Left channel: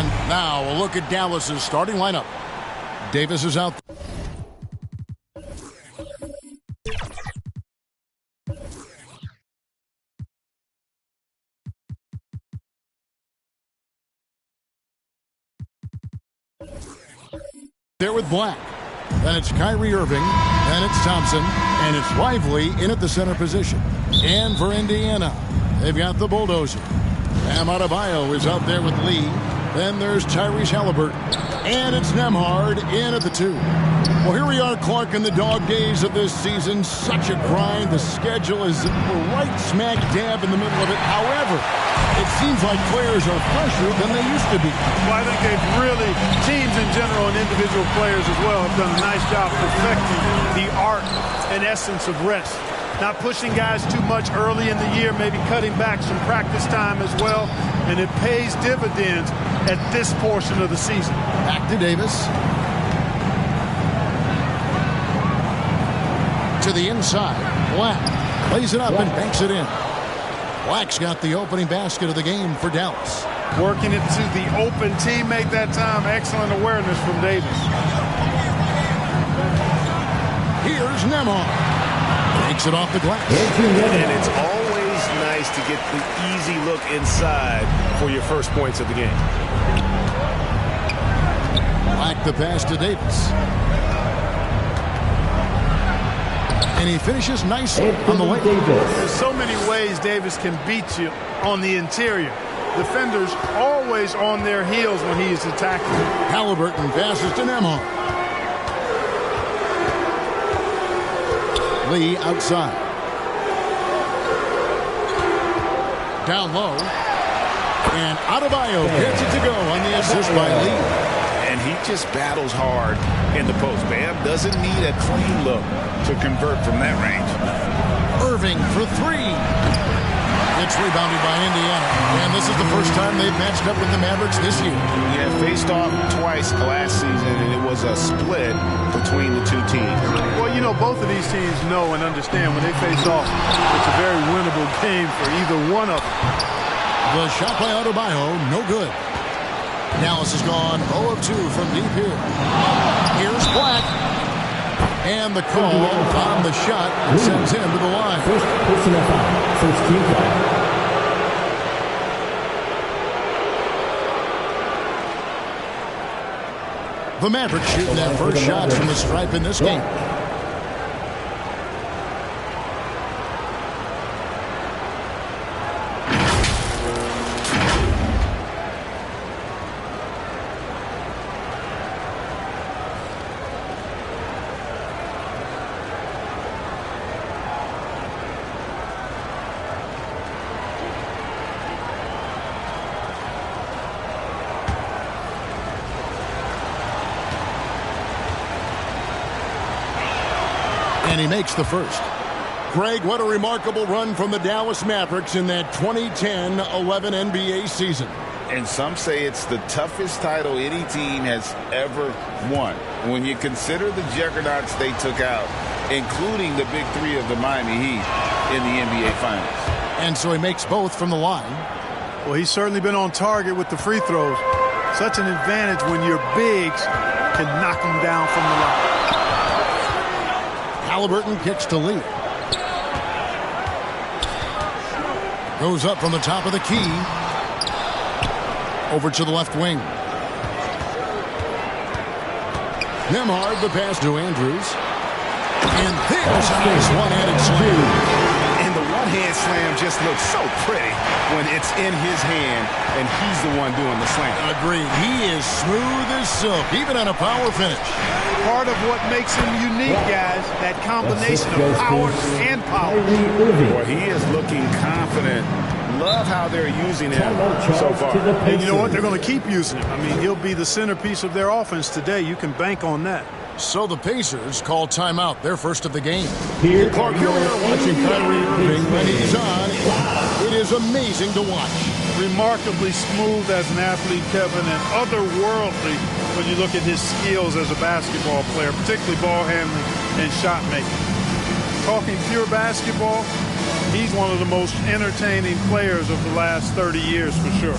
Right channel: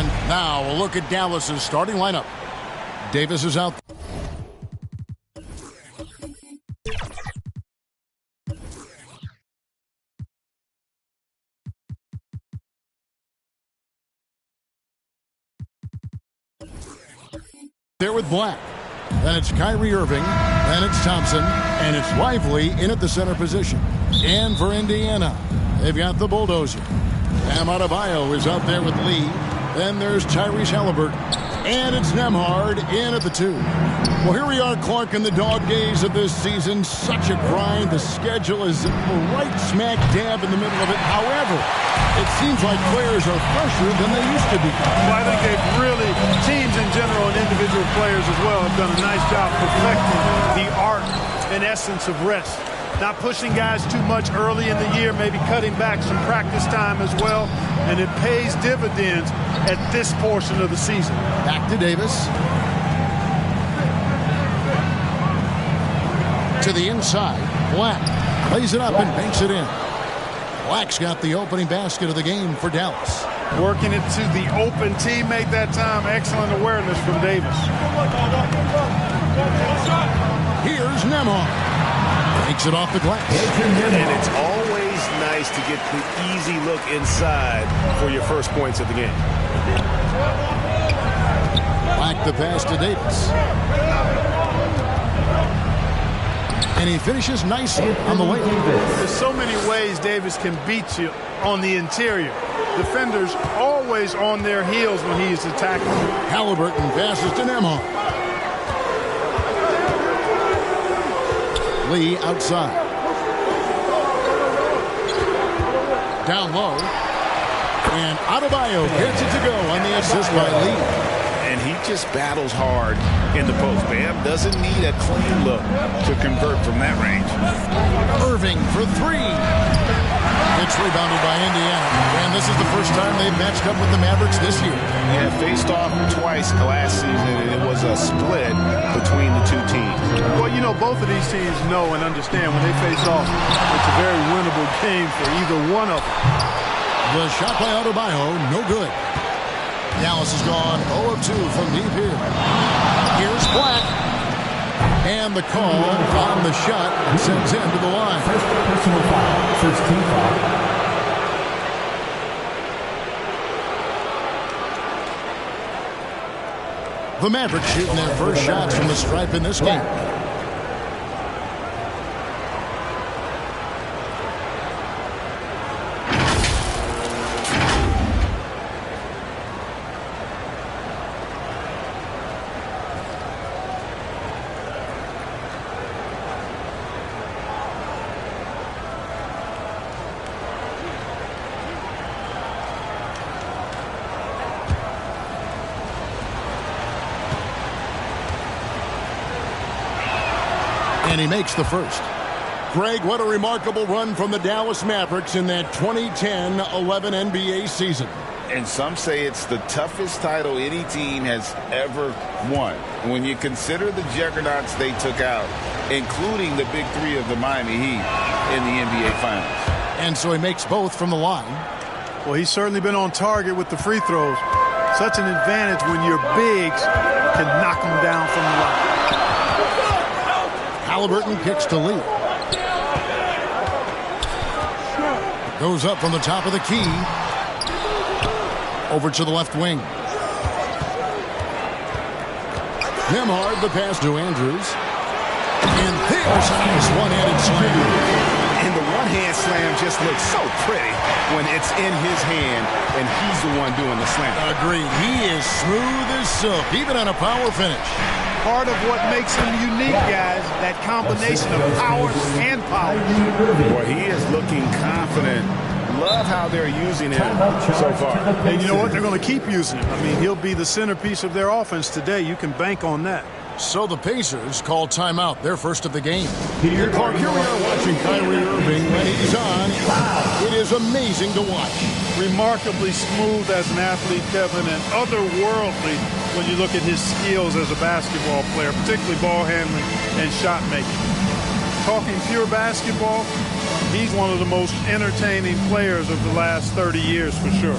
And now a look at Dallas's starting lineup. Davis is out. There with Black. Then it's Kyrie Irving. Then it's Thompson. And it's Lively in at the center position. And for Indiana, they've got the bulldozer. Bam Adebayo is out there with Lee. Then there's Tyrese Halliburton. And it's Nembhard in at the 2. Well, here we are, Clark, in the dog days of this season. Such a grind. The schedule is right smack dab in the middle of it. However, it seems like players are fresher than they used to be. Well, I think they've really, teams in general and individual players as well, have done a nice job perfecting the art and essence of rest. Not pushing guys too much early in the year, maybe cutting back some practice time as well, and it pays dividends at this portion of the season. Back to Davis. To the inside, Black lays it up and banks it in. Black's got the opening basket of the game for Dallas. Working it to the open teammate that time. Excellent awareness from Davis. Here's Nembhard. Takes it off the glass. And it's always nice to get the easy look inside for your first points of the game. Black the pass to Davis. And he finishes nicely on the way. There's so many ways Davis can beat you on the interior. Defenders always on their heels when he's attacking. Halliburton passes to Nembhard. Lee outside. Down low. And Adebayo gets it to go on the assist by Lee. And he just battles hard in the post. Bam doesn't need a clean look to convert from that range. Irving for 3. It's rebounded by Indiana. And this is the first time they've matched up with the Mavericks this year. Yeah, faced off twice last season, and it was a split between the two teams. Well, you know, both of these teams know and understand when they face off, it's a very winnable game for either one of them. The shot by Adebayo, no good. Dallas has gone 0 of 2 from deep here. Here's Black. And the call on the shot and sends him to the line. First personal foul. First team foul. The Mavericks shooting their first shots from the stripe in this game. And he makes the first. Greg, what a remarkable run from the Dallas Mavericks in that 2010-11 NBA season. And some say it's the toughest title any team has ever won. When you consider the juggernauts they took out, including the big three of the Miami Heat in the NBA Finals. And so he makes both from the line. Well, he's certainly been on target with the free throws. Such an advantage when your bigs can knock them down from the line. Halliburton kicks to Lee. Goes up from the top of the key. Over to the left wing. Nembhard, the pass to Andrews. And there's a nice one-handed slam. And the one-hand slam just looks so pretty when it's in his hand and he's the one doing the slam. Agreed. He is smooth as silk, even on a power finish. Part of what makes him unique, guys, that combination of power and power. Boy, he is looking confident. Love how they're using him so far. And you know what? They're going to keep using him. I mean, he'll be the centerpiece of their offense today. You can bank on that. So the Pacers call timeout, their first of the game. Clark, here we are watching Kyrie Irving. When he's on, it is amazing to watch. Remarkably smooth as an athlete, Kevin, and otherworldly when you look at his skills as a basketball player, particularly ball handling and shot making. Talking pure basketball, he's one of the most entertaining players of the last 30 years for sure.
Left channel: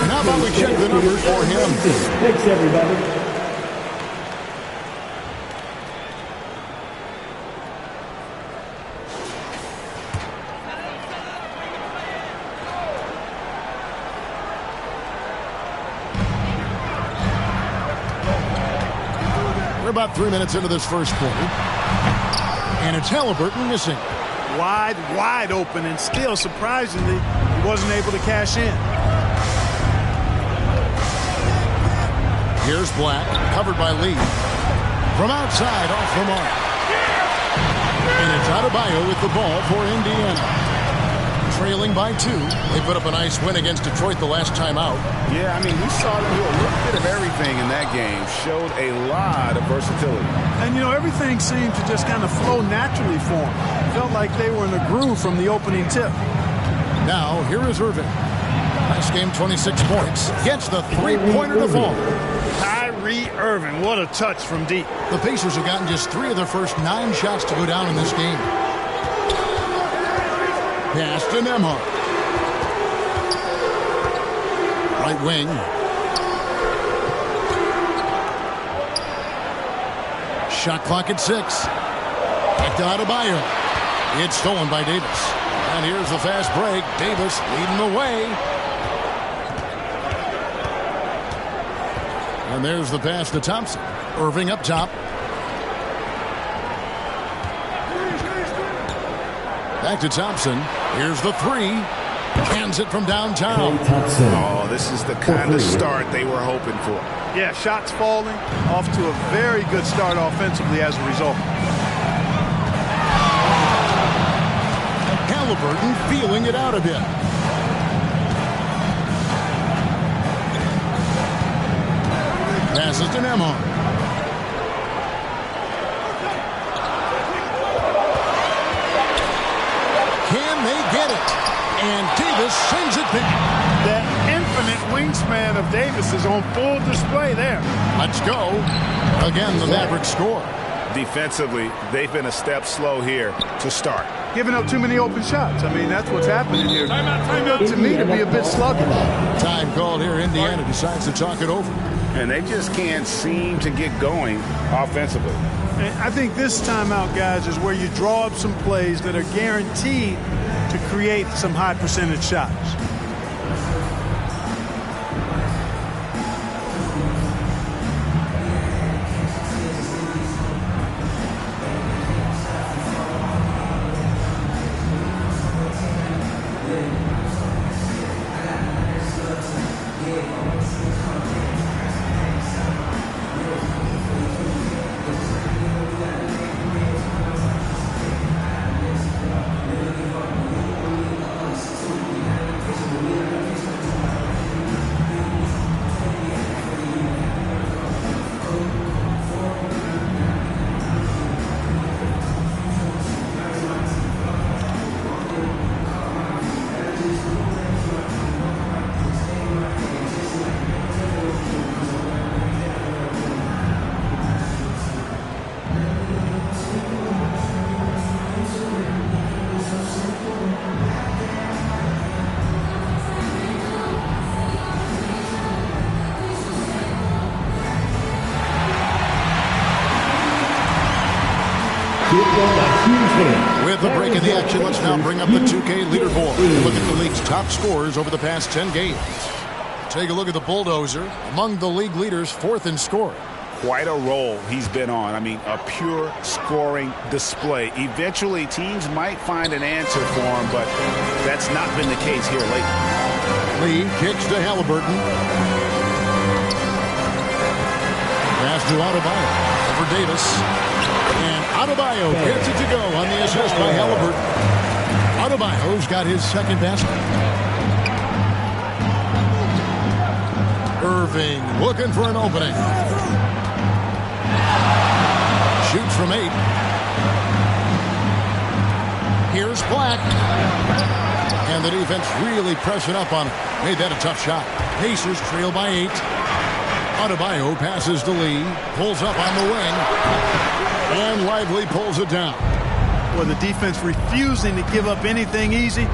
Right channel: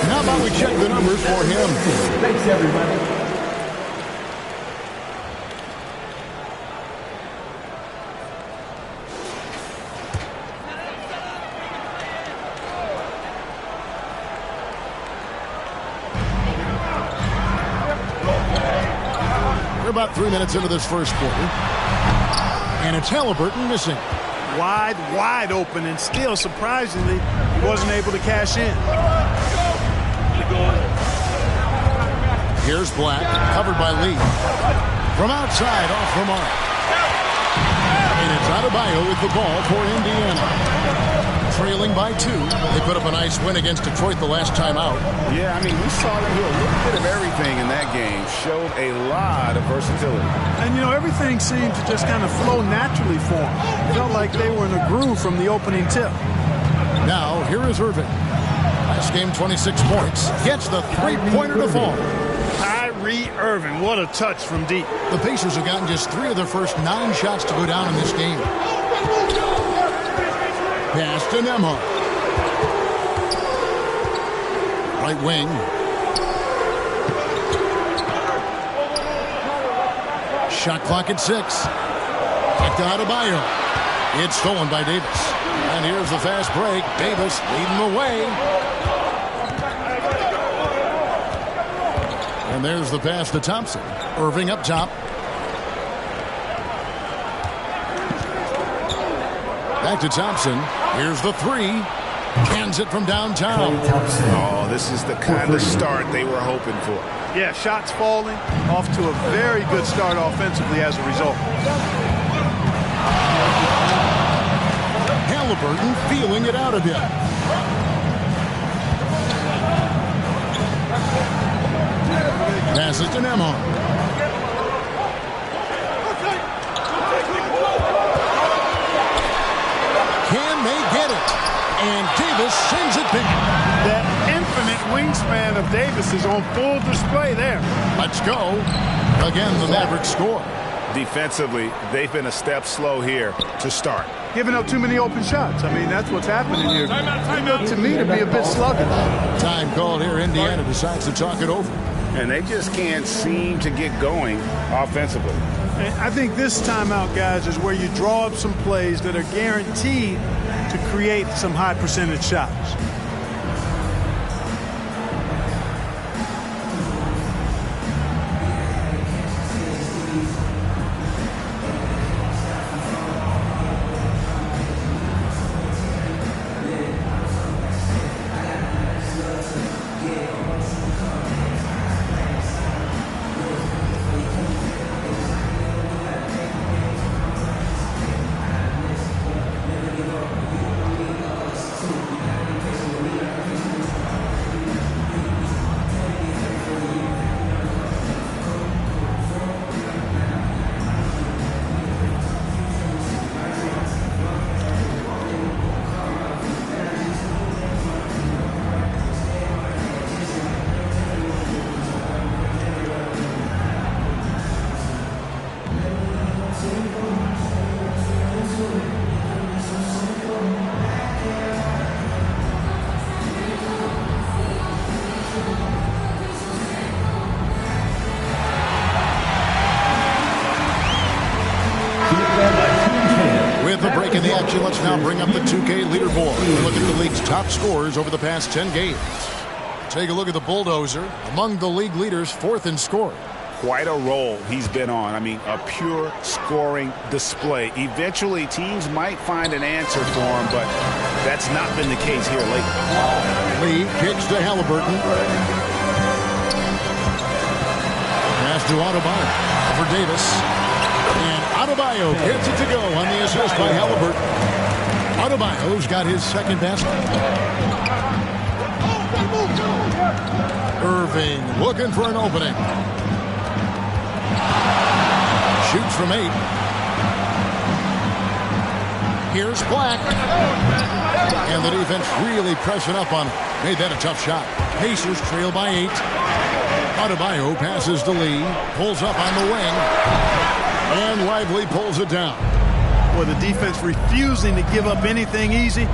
And how about we check the numbers for him? Thanks, everybody. We're about 3 minutes into this first quarter. And it's Halliburton missing. Wide open, and still, surprisingly, he wasn't able to cash in. Here's Black, covered by Lee. From outside, off the mark. And it's Adebayo with the ball for Indiana. Trailing by 2. They put up a nice win against Detroit the last time out. Yeah, I mean, we saw them do a little bit of everything in that game. Showed a lot of versatility. And, you know, everything seemed to just kind of flow naturally for them. Felt like they were in a groove from the opening tip. Now, here is Irving. Last game, 26 points. Gets the three-pointer to fall. Kyrie Irving, what a touch from deep. The Pacers have gotten just 3 of their first 9 shots to go down in this game. Pass to Nembhard. Right wing. Shot clock at 6. Back to Adebayo. It's stolen by Davis. And here's the fast break. Davis leading the way. And there's the pass to Thompson. Irving up top. Back to Thompson. Here's the 3. Cans it from downtown. Oh, this is the kind of start they were hoping for. Yeah, shots falling. Off to a very good start offensively as a result. Halliburton feeling it out a bit. Passes to Nembhard. Can they get it? And Davis sends it back. That infinite wingspan of Davis is on full display there. Let's go. Again, the Mavericks score. Defensively, they've been a step slow here to start. Giving up too many open shots. I mean, that's what's happening here. It looked to me to be a bit sluggish. Time called here. Indiana decides to talk it over. And they just can't seem to get going offensively. And I think this timeout, guys, is where you draw up some plays that are guaranteed to create some high percentage shots. With the break in the action, let's now bring up the 2K leaderboard and look at the league's top scorers over the past 10 games. Take a look at the Bulldozer, among the league leaders, 4th in scoring. Quite a role he's been on. I mean, a pure scoring display. Eventually, teams might find an answer for him, but that's not been the case here lately. Lee kicks to Halliburton. Pass to Adebayo over Davis. And Adebayo gets it to go on the assist by Halliburton. Adebayo's got his second basket. Irving looking for an opening. Shoots from 8. Here's Black. And the defense really pressing up on him. Made that a tough shot. Pacers trail by 8. Adebayo passes to Lee. Pulls up on the wing. And Lively pulls it down. Well, the defense refusing to give up anything easy.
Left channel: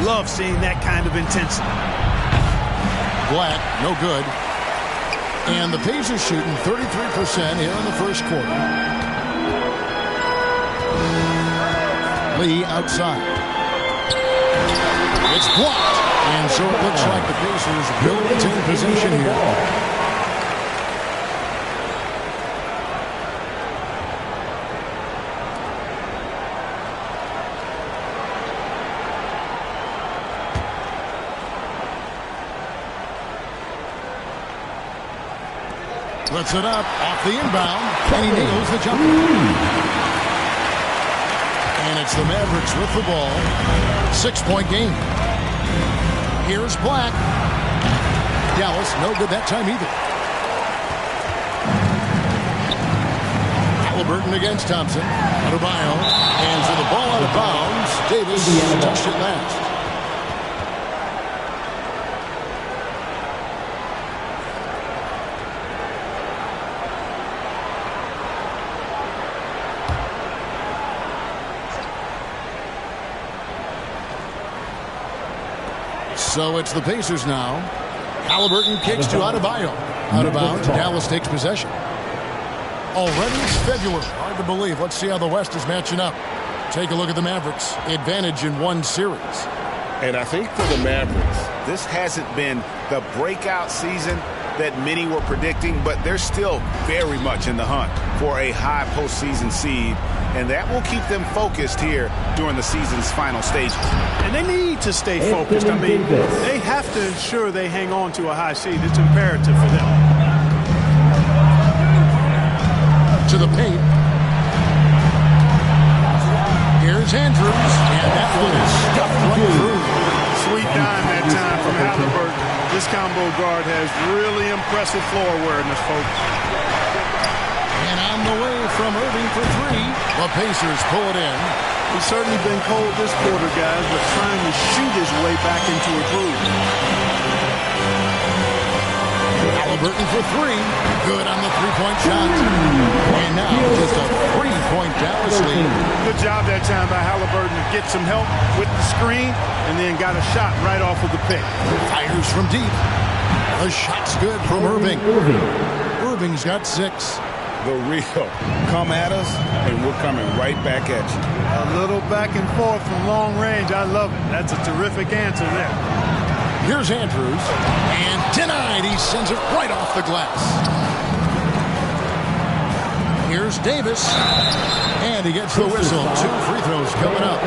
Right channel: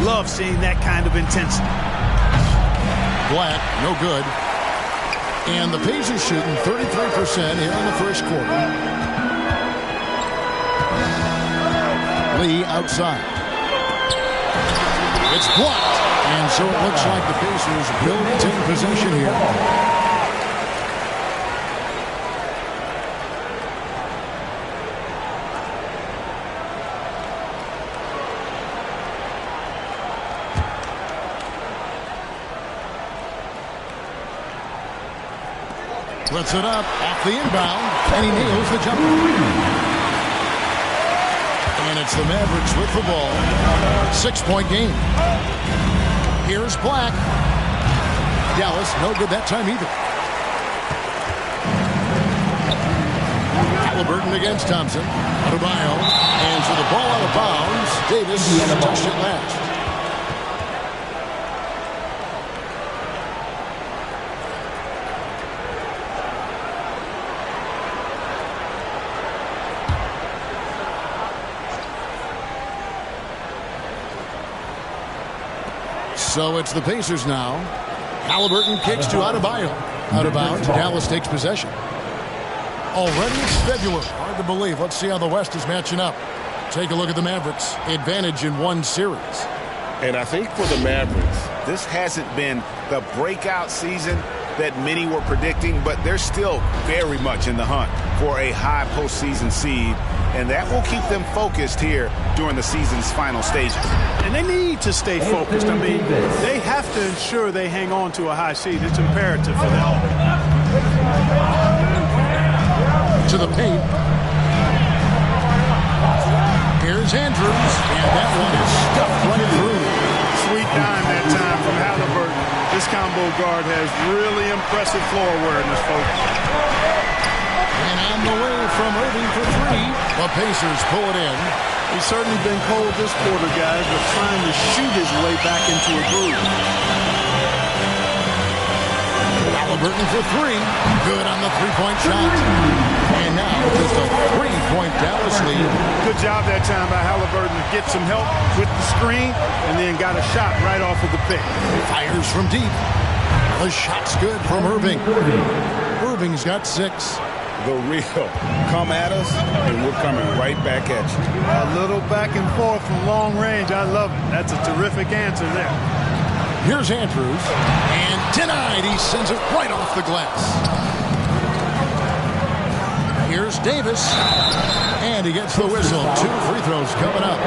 Love seeing that kind of intensity. Black, no good. And the Pacers shooting 33% here in the first quarter. Lee outside. It's blocked. And so it looks like the Pacers will retain possession here. Puts it up off the inbound, and he nails the jumper. And it's the Mavericks with the ball. 6-point game. Here's Black. Dallas, no good that time either. Halliburton against Thompson. Adebayo, and so the ball out of bounds. Davis touched it last. So it's the Pacers now. Halliburton kicks to Adebayo. Out of bounds. Dallas takes possession. Already it's February. Hard to believe. Let's see how the West is matching up. Take a look at the Mavericks. Advantage in one series. And I think for the Mavericks, this hasn't been the breakout season that many were predicting, but they're still very much in the hunt for a high postseason seed, and that will keep them focused here during the season's final stages. And they need to stay focused. I mean, they have to ensure they hang on to a high seed. It's imperative for them. To the paint. Here's Andrews, and that one is stuffed right through. Sweet dime that time from Halliburton. This combo guard has really impressive floor awareness, folks. And on the way from Irving for three. The Pacers pull it in. He's certainly been cold this quarter, guys, but trying to shoot his way back into a groove. Halliburton for three. Good on the three-point shot. And now just a three-point Dallas lead. Good job that time by Halliburton to get some help with the screen and then got a shot right off of the pick. Fires from deep. The shot's good from Irving. Irving's got 6. The real come at us, and we're coming right back at you. A little back and forth from long range. I love it. That's a terrific answer there. Here's Andrews, and denied. He sends it right off the glass. Here's Davis, and he gets the whistle. 2 free throws coming up.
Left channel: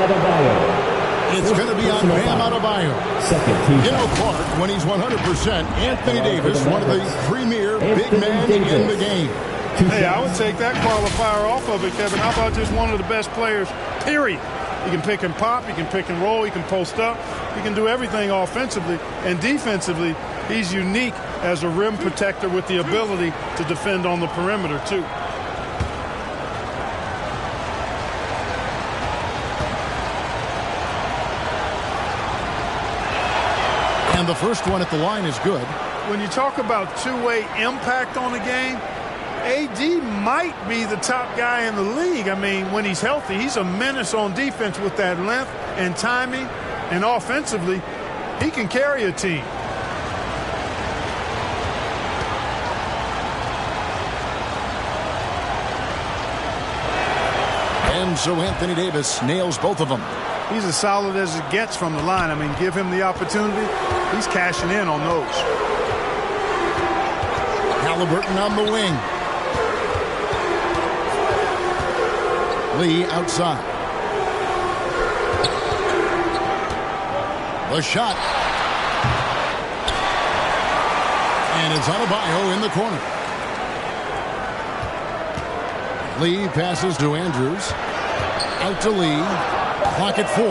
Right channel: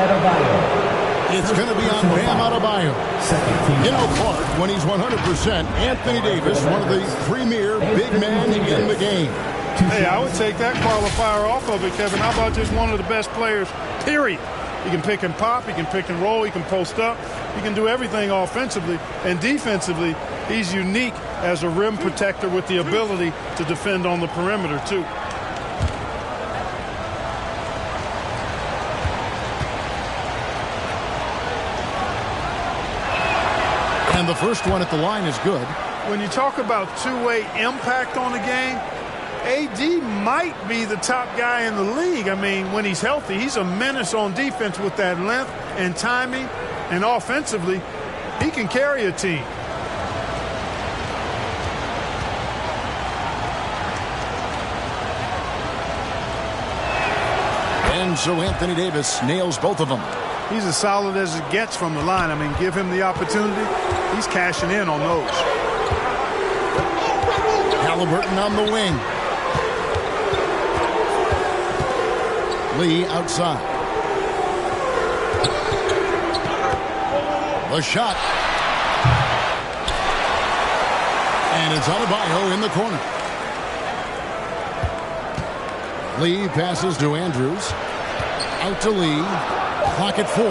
It's going to be on Bam Adebayo. You know, Clark, when he's 100%, Anthony Davis, one of the premier big men in the game. Hey, I would take that qualifier off of it, Kevin. How about just one of the best players, period? He can pick and pop, he can pick and roll, he can post up, he can do everything offensively. And defensively, he's unique as a rim protector with the ability to defend on the perimeter, too. And the first one at the line is good. When you talk about two-way impact on the game, AD might be the top guy in the league. I mean, when he's healthy, he's a menace on defense with that length and timing. And offensively, he can carry a team. And so Anthony Davis nails both of them. He's as solid as it gets from the line. I mean, give him the opportunity. He's cashing in on those. Halliburton on the wing. Lee outside. The shot. And it's Adebayo in the corner. Lee passes to Andrews. Out to Lee. Clock at 4.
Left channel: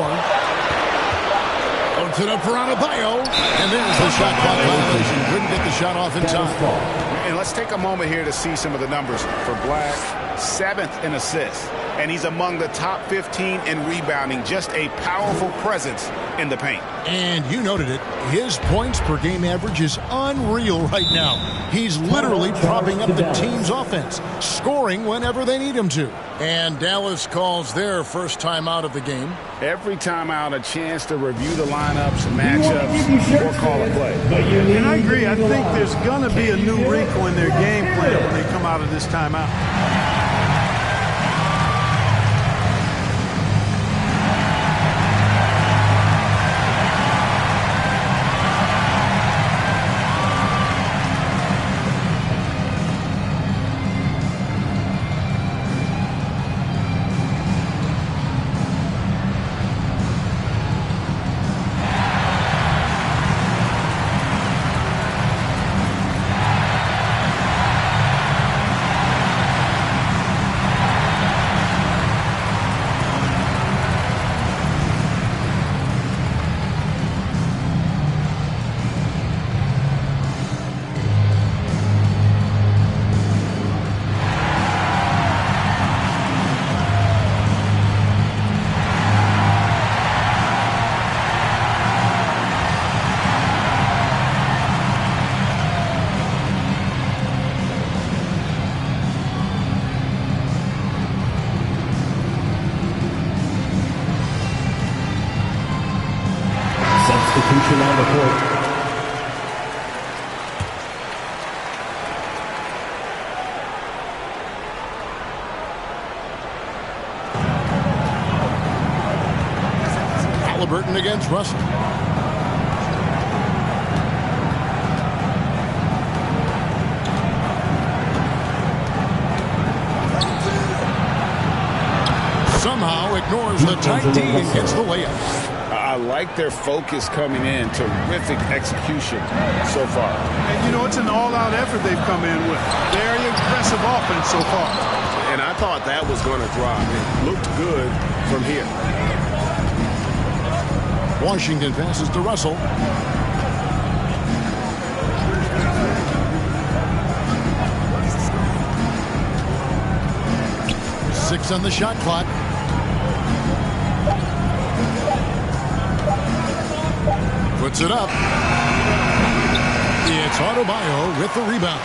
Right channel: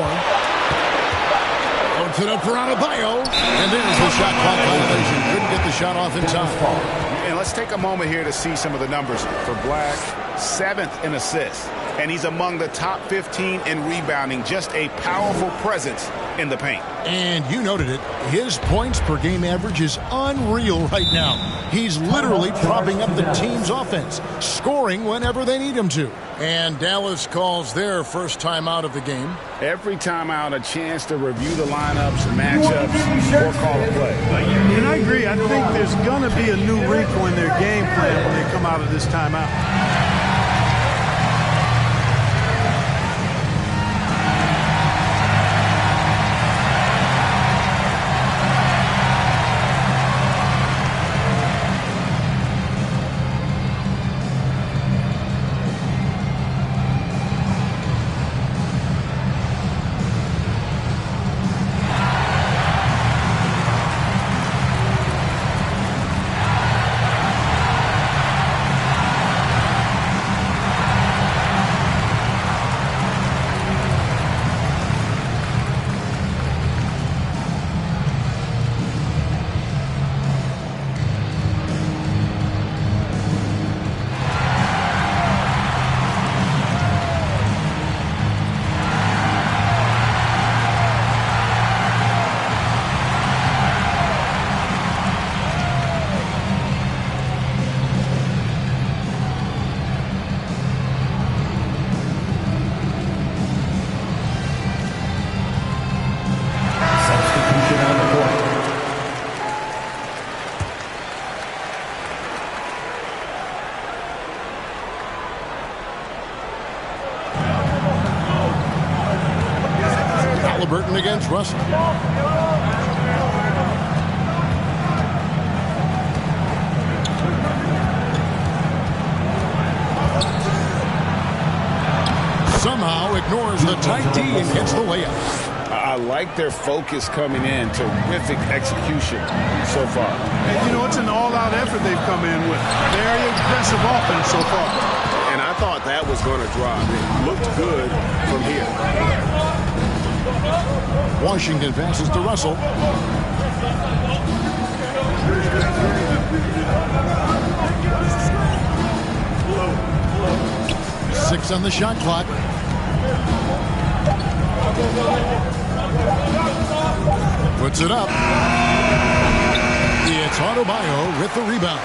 Puts it up for Adebayo. And there's the shot clock violation. Couldn't get the shot off in time. And let's take a moment here to see some of the numbers for Black. 7th in assists. and he's among the top 15 in rebounding. Just a powerful presence in the paint. And you noted it. His points per game average is unreal right now. He's literally propping up the team's offense, scoring whenever they need him to. And Dallas calls their first timeout of the game. Every timeout, a chance to review the lineups, matchups, or call a play. And I agree. I think there's going to be a new wrinkle in their game plan when they come out of this timeout. Substitution on the court. Halliburton against Russell. Somehow ignores the tight D and gets the layup. I like their focus coming in. Terrific execution so far. And, you know, it's an all-out effort they've come in with. Very aggressive offense so far. And I thought that was going to drop. It looked good from here. Washington passes to Russell. Six on the shot clock. Puts it up. It's Adebayo with the rebound.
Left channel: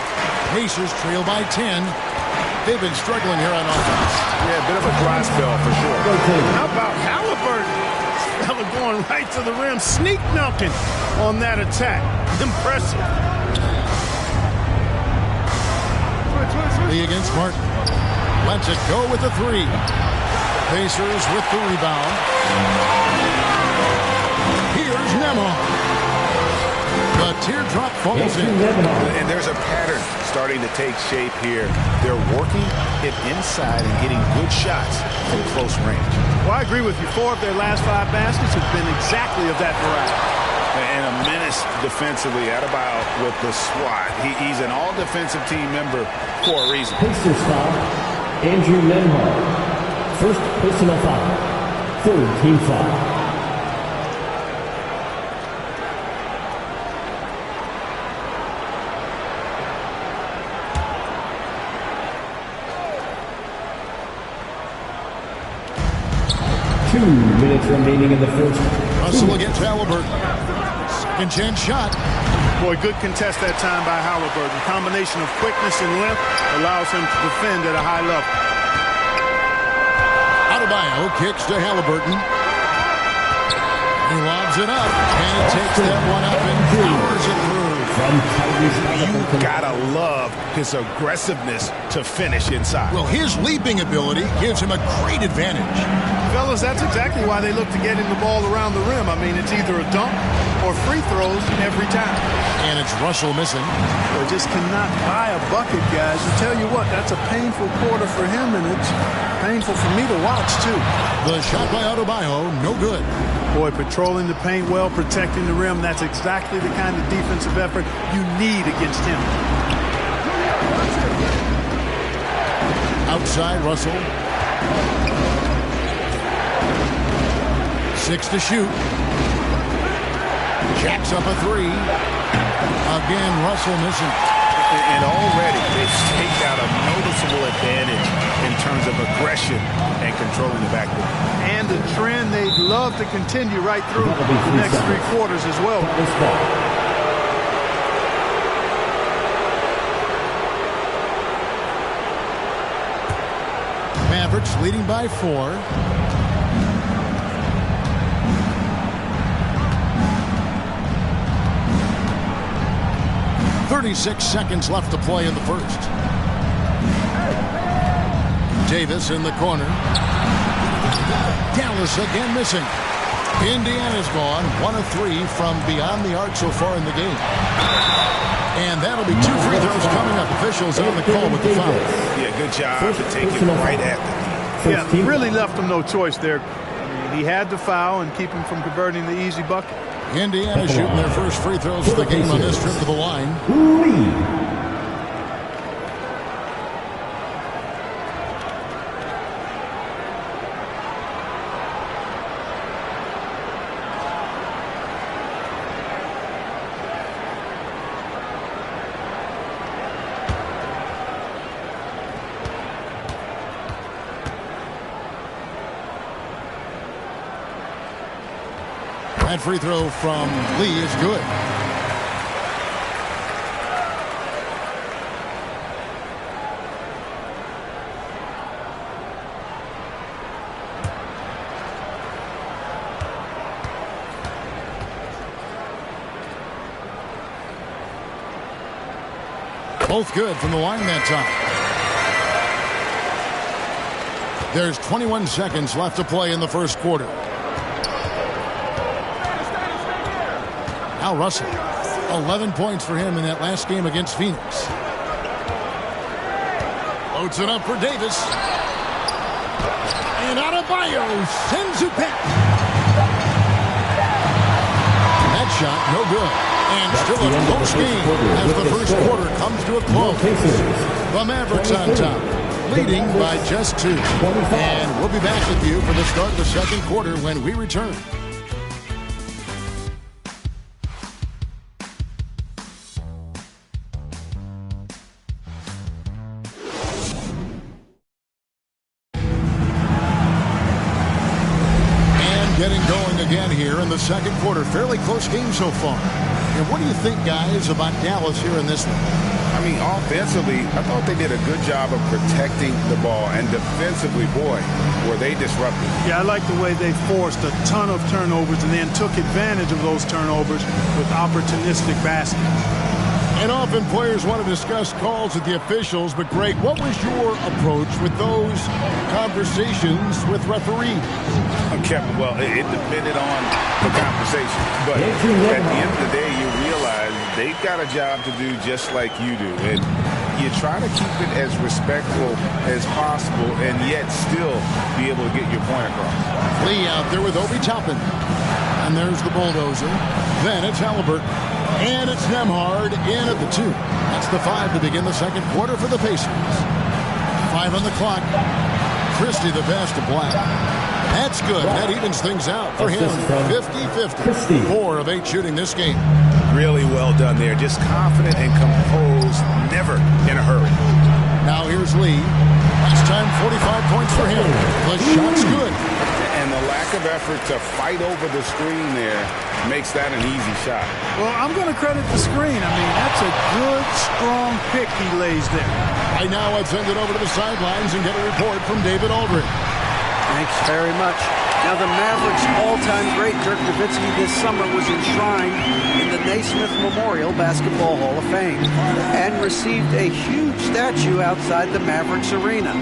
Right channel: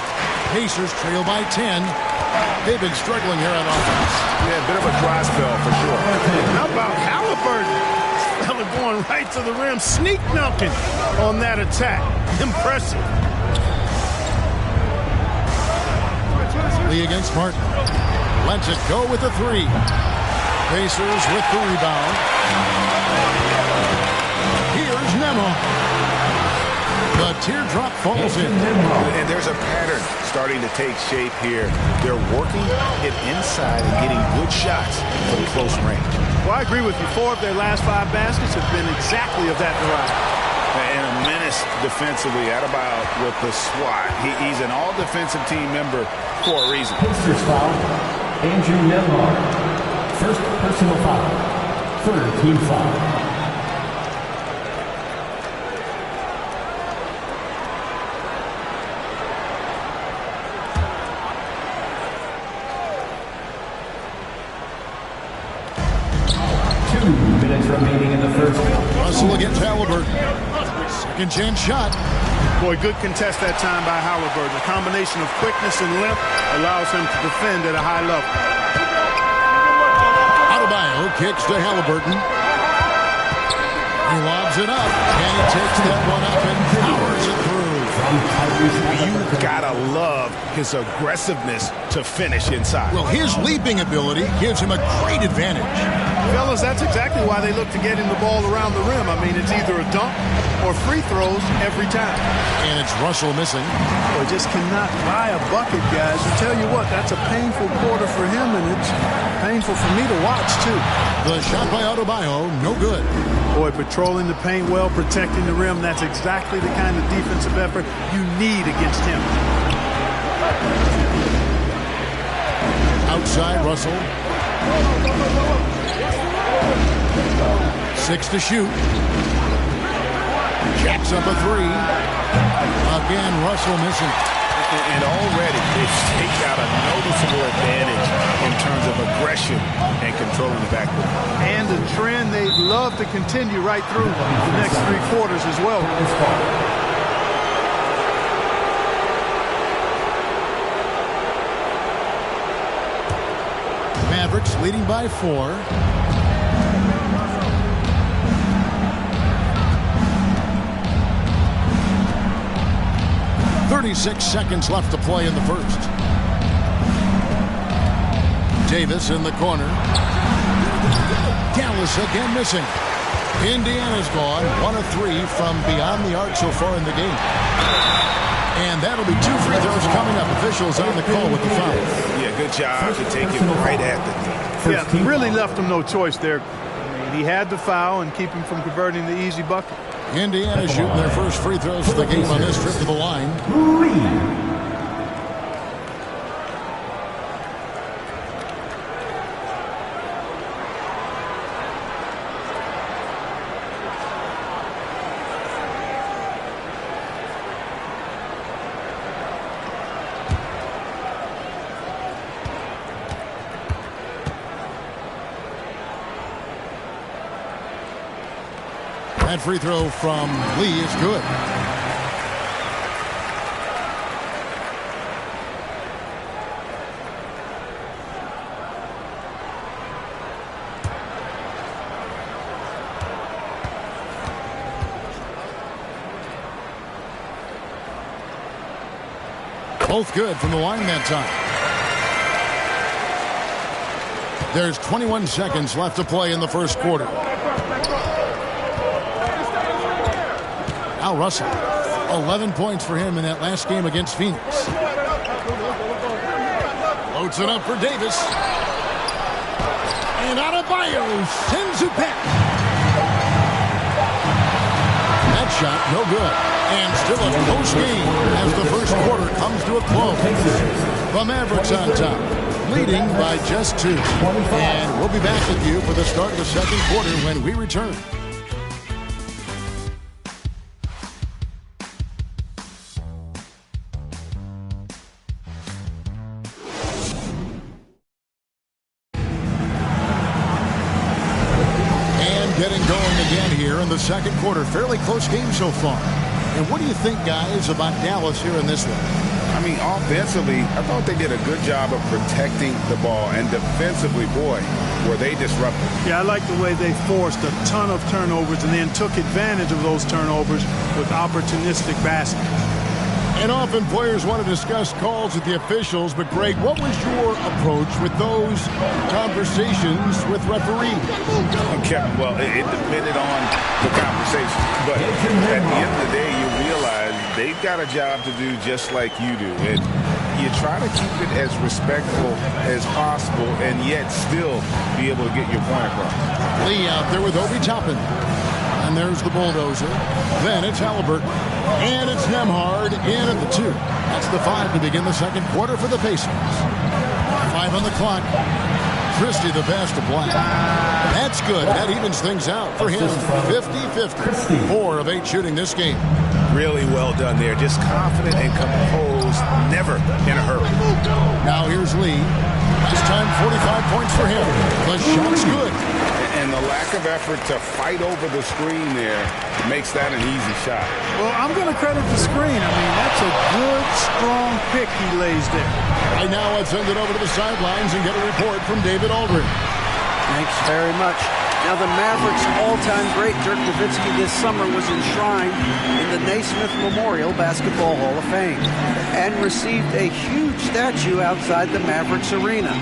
Pacers trail by 10. They've been struggling here on offense. Yeah, a bit of a dry spell for sure. How about Halliburton? This fella going right to the rim, sneak dunking on that attack. Impressive. Lee against Martin. Lets it go with the three. Pacers with the rebound. Here's Nembhard. The teardrop falls in. And there's a pattern starting to take shape here. They're working it inside and getting good shots from close range. Well, I agree with you. 4 of their last 5 baskets have been exactly of that variety. And a menace defensively. Adebayo with the swat. He's an all-defensive team member for a reason. Pacers foul. Andrew Nembhard. First personal foul. Third team foul. Minutes remaining in the first. Russell against Halliburton. Second chance shot. Boy, good contest that time by Halliburton. A combination of quickness and length allows him to defend at a high level. Adebayo kicks to Halliburton. He lobs it up, and he takes that one up and powers it through. You gotta love his aggressiveness to finish inside. Well, his leaping ability gives him a great advantage. Fellas, that's exactly why they look to get him the ball around the rim. I mean, it's either a dunk or free throws every time. And it's Russell missing. Boy, just cannot buy a bucket, guys. I tell you what, that's a painful quarter for him, and it's painful for me to watch, too. The shot by Adebayo, no good. Boy, patrolling the paint well, protecting the rim, that's exactly the kind of defensive effort you need against him. Outside, Russell. 6 to shoot. Jacks up a 3. Again, Russell missing. And already they've staked out a noticeable advantage in terms of aggression and controlling the backcourt. And a trend they'd love to continue right through the next 3 quarters as well. Mavericks leading by 4. "36 seconds left to play in the first." Davis in the corner. Dallas again missing. Indiana's gone 1 of 3 from beyond the arc so far in the game. And that'll be 2 free throws coming up. Officials on the call with the foul. Yeah, good job to take it right at the knee. Yeah, really left him no choice there. I mean, he had to foul and keep him from converting the easy bucket. Indiana shooting their first free throws of the game on this trip to the line. That free throw from Lee is good. Both good from the line that time. There's 21 seconds left to play in the first quarter. Al Russell, 11 points for him in that last game against Phoenix. Loads it up for Davis. And Adebayo sends it back. That shot, no good. And still a close game as the first quarter comes to a close. The Mavericks on top, leading by just 2. And we'll be back with you for the start of the second quarter when we return. Getting going again here in the second quarter. Fairly close game so far. And what do you think, guys, about Dallas here in this one? I mean, offensively, I thought they did a good job of protecting the ball. And defensively, boy, were they disruptive. Yeah, I like the way they forced a ton of turnovers and then took advantage of those turnovers with opportunistic baskets. And often players want to discuss calls with the officials, but Greg, what was your approach with those conversations with referees? Kevin, well, it depended on the conversation. But at the end of the day, you realize they've got a job to do just like you do. And you try to keep it as respectful as possible and yet still be able to get your point across. Lee out there with Obi Toppin. And there's the bulldozer. Then it's Halliburton. And it's Nembhard in at the 2. That's the 5 to begin the second quarter for the Pacers. 5 on the clock. Christie the pass to Black. That's good. That evens things out for him. 50-50. 4 of 8 shooting this game. Really well done there. Just confident and composed. Never in a hurry. Now here's Lee. Last time 45 points for him. The shot's good. And the lack of effort to fight over the screen there makes that an easy shot. Well, I'm going to credit the screen. I mean, that's a good, strong pick he lays there. Right now, let's send it over to the sidelines and get a report from David Aldridge. Thanks very much. Now, the Mavericks' all-time great Dirk Nowitzki this summer was enshrined in the Naismith Memorial Basketball Hall of Fame and received a huge statue outside the Mavericks arena.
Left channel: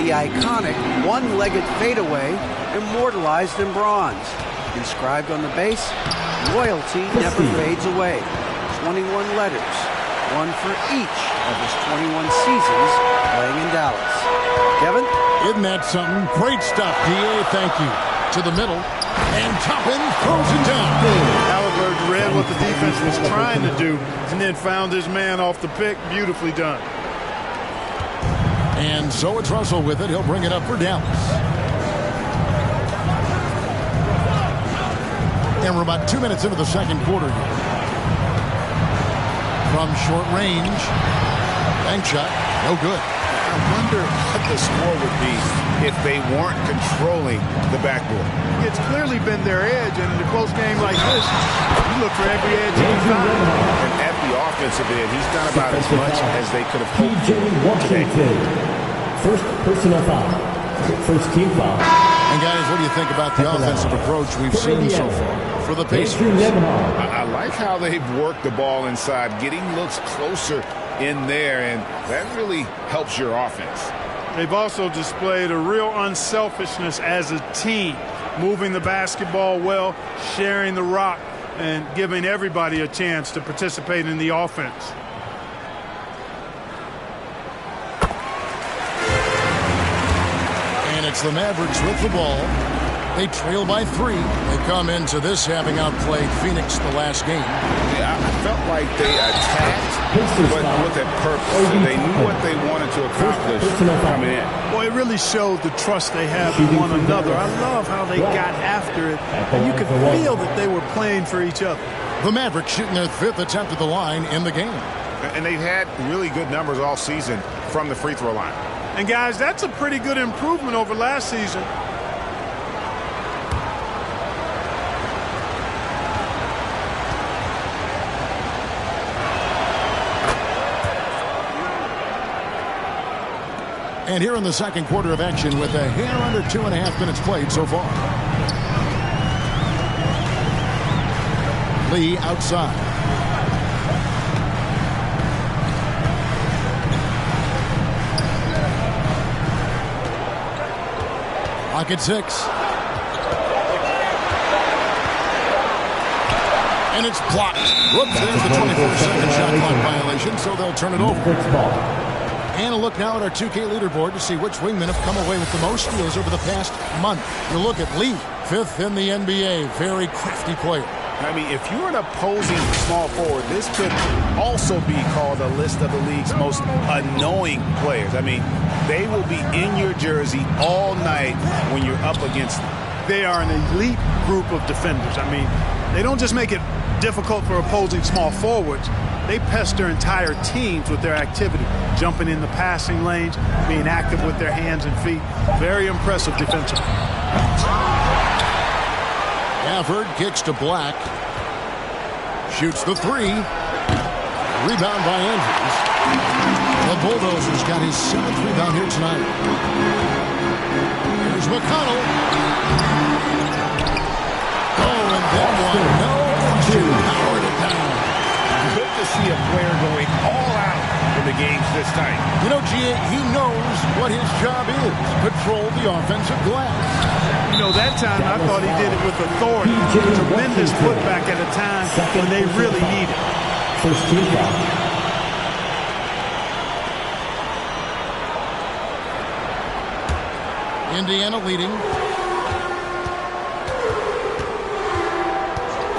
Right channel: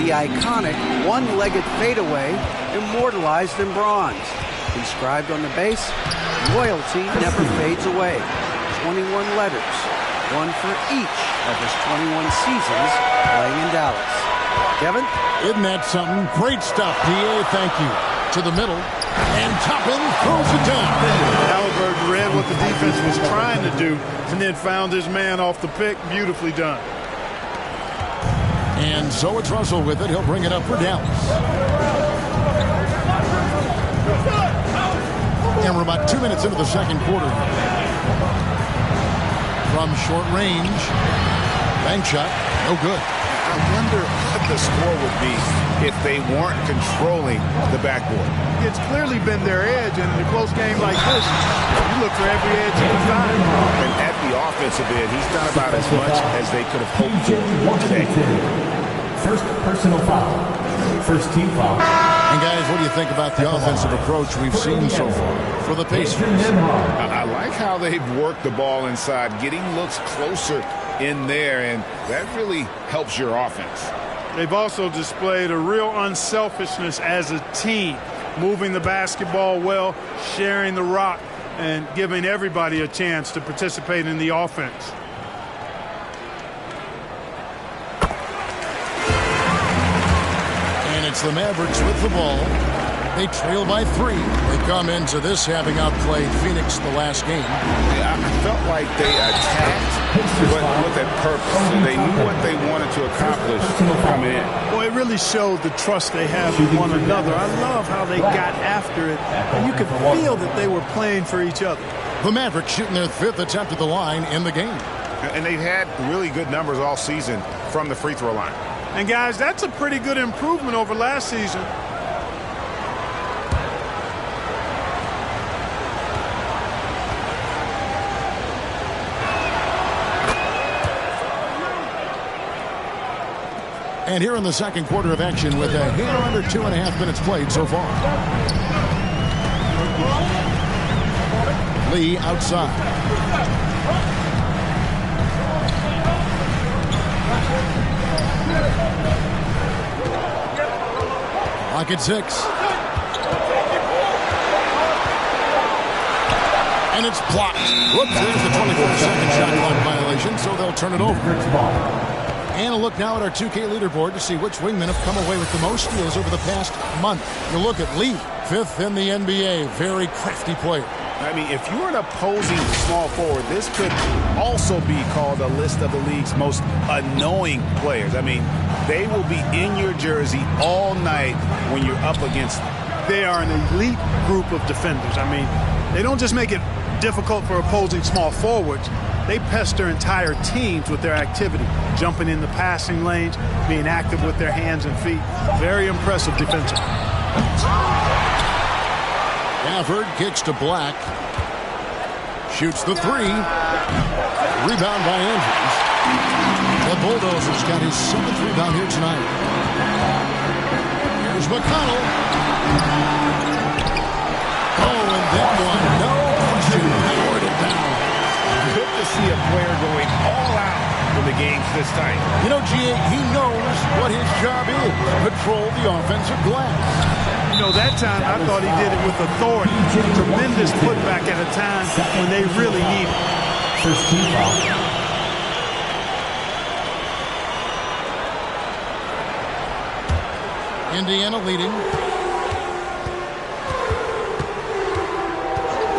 The iconic one-legged fadeaway immortalized in bronze. Inscribed on the base, loyalty never fades away. 21 letters, one for each of his 21 seasons playing in Dallas. Kevin? Isn't that something? Great stuff, D.A. Thank you. To the middle, and Toppin throws it down. Halliburton read what the defense was trying to do and then found his man off the pick. Beautifully done. And so it's Russell with it. He'll bring it up for Dallas. And we're about 2 minutes into the second quarter here. From short range, Bank shot, no good. I wonder what the score would be if they weren't controlling the backboard. It's clearly been their edge, and in a close game like this, you look for every edge you can find. And at the offensive end, he's done about as much as they could have hoped P.J. for today. Washington. First personal foul. First team foul. And guys, what do you think about the offensive approach we've seen so far for the Pacers? I like how they've worked the ball inside, getting looks closer in there, and that really helps your offense. They've also displayed a real unselfishness as a team, moving the basketball well, sharing the rock, and giving everybody a chance to participate in the offense. And it's the Mavericks with the ball. They trail by 3. They come into this having outplayed Phoenix the last game. Yeah, I felt like they attacked, but with a purpose. So they knew what they wanted to accomplish coming in. Boy, it really showed the trust they have in one another. I love how they got after it, and you could feel that they were playing for each other. The Mavericks shooting their 5th attempt at the line in the game. And they've had really good numbers all season from the free throw line. And guys, that's a pretty good improvement over last season. And here in the second quarter of action with a hair under 2.5 minutes played so far. Lee outside. Clock at 6. And it's blocked. Whoops, there's the 24-second shot clock violation, so they'll turn it over. And a look now at our 2K leaderboard to see which wingmen have come away with the most steals over the past month. You look at Lee, 5th in the NBA. Very crafty player. I mean, if you're an opposing small forward, this could also be called a list of the league's most annoying players. I mean, they will be in your jersey all night when you're up against them. They are an elite group of defenders. I mean, they don't just make it difficult for opposing small forwards. They pester entire teams with their activity, jumping in the passing lanes, being active with their hands and feet. Very impressive defensively. Gafford kicks to Black. Shoots the 3. Rebound by Andrews. The Bulldozers got his 7th rebound here tonight. Here's McConnell. Oh, and that one, no question, powered it down. Good to see a player going all out in the games this time. You know, G.A., he knows what his job is. Patrol the offensive glass. You know, that time I thought he did it with authority. Tremendous putback at a time when they really need it. First team foul. Indiana leading.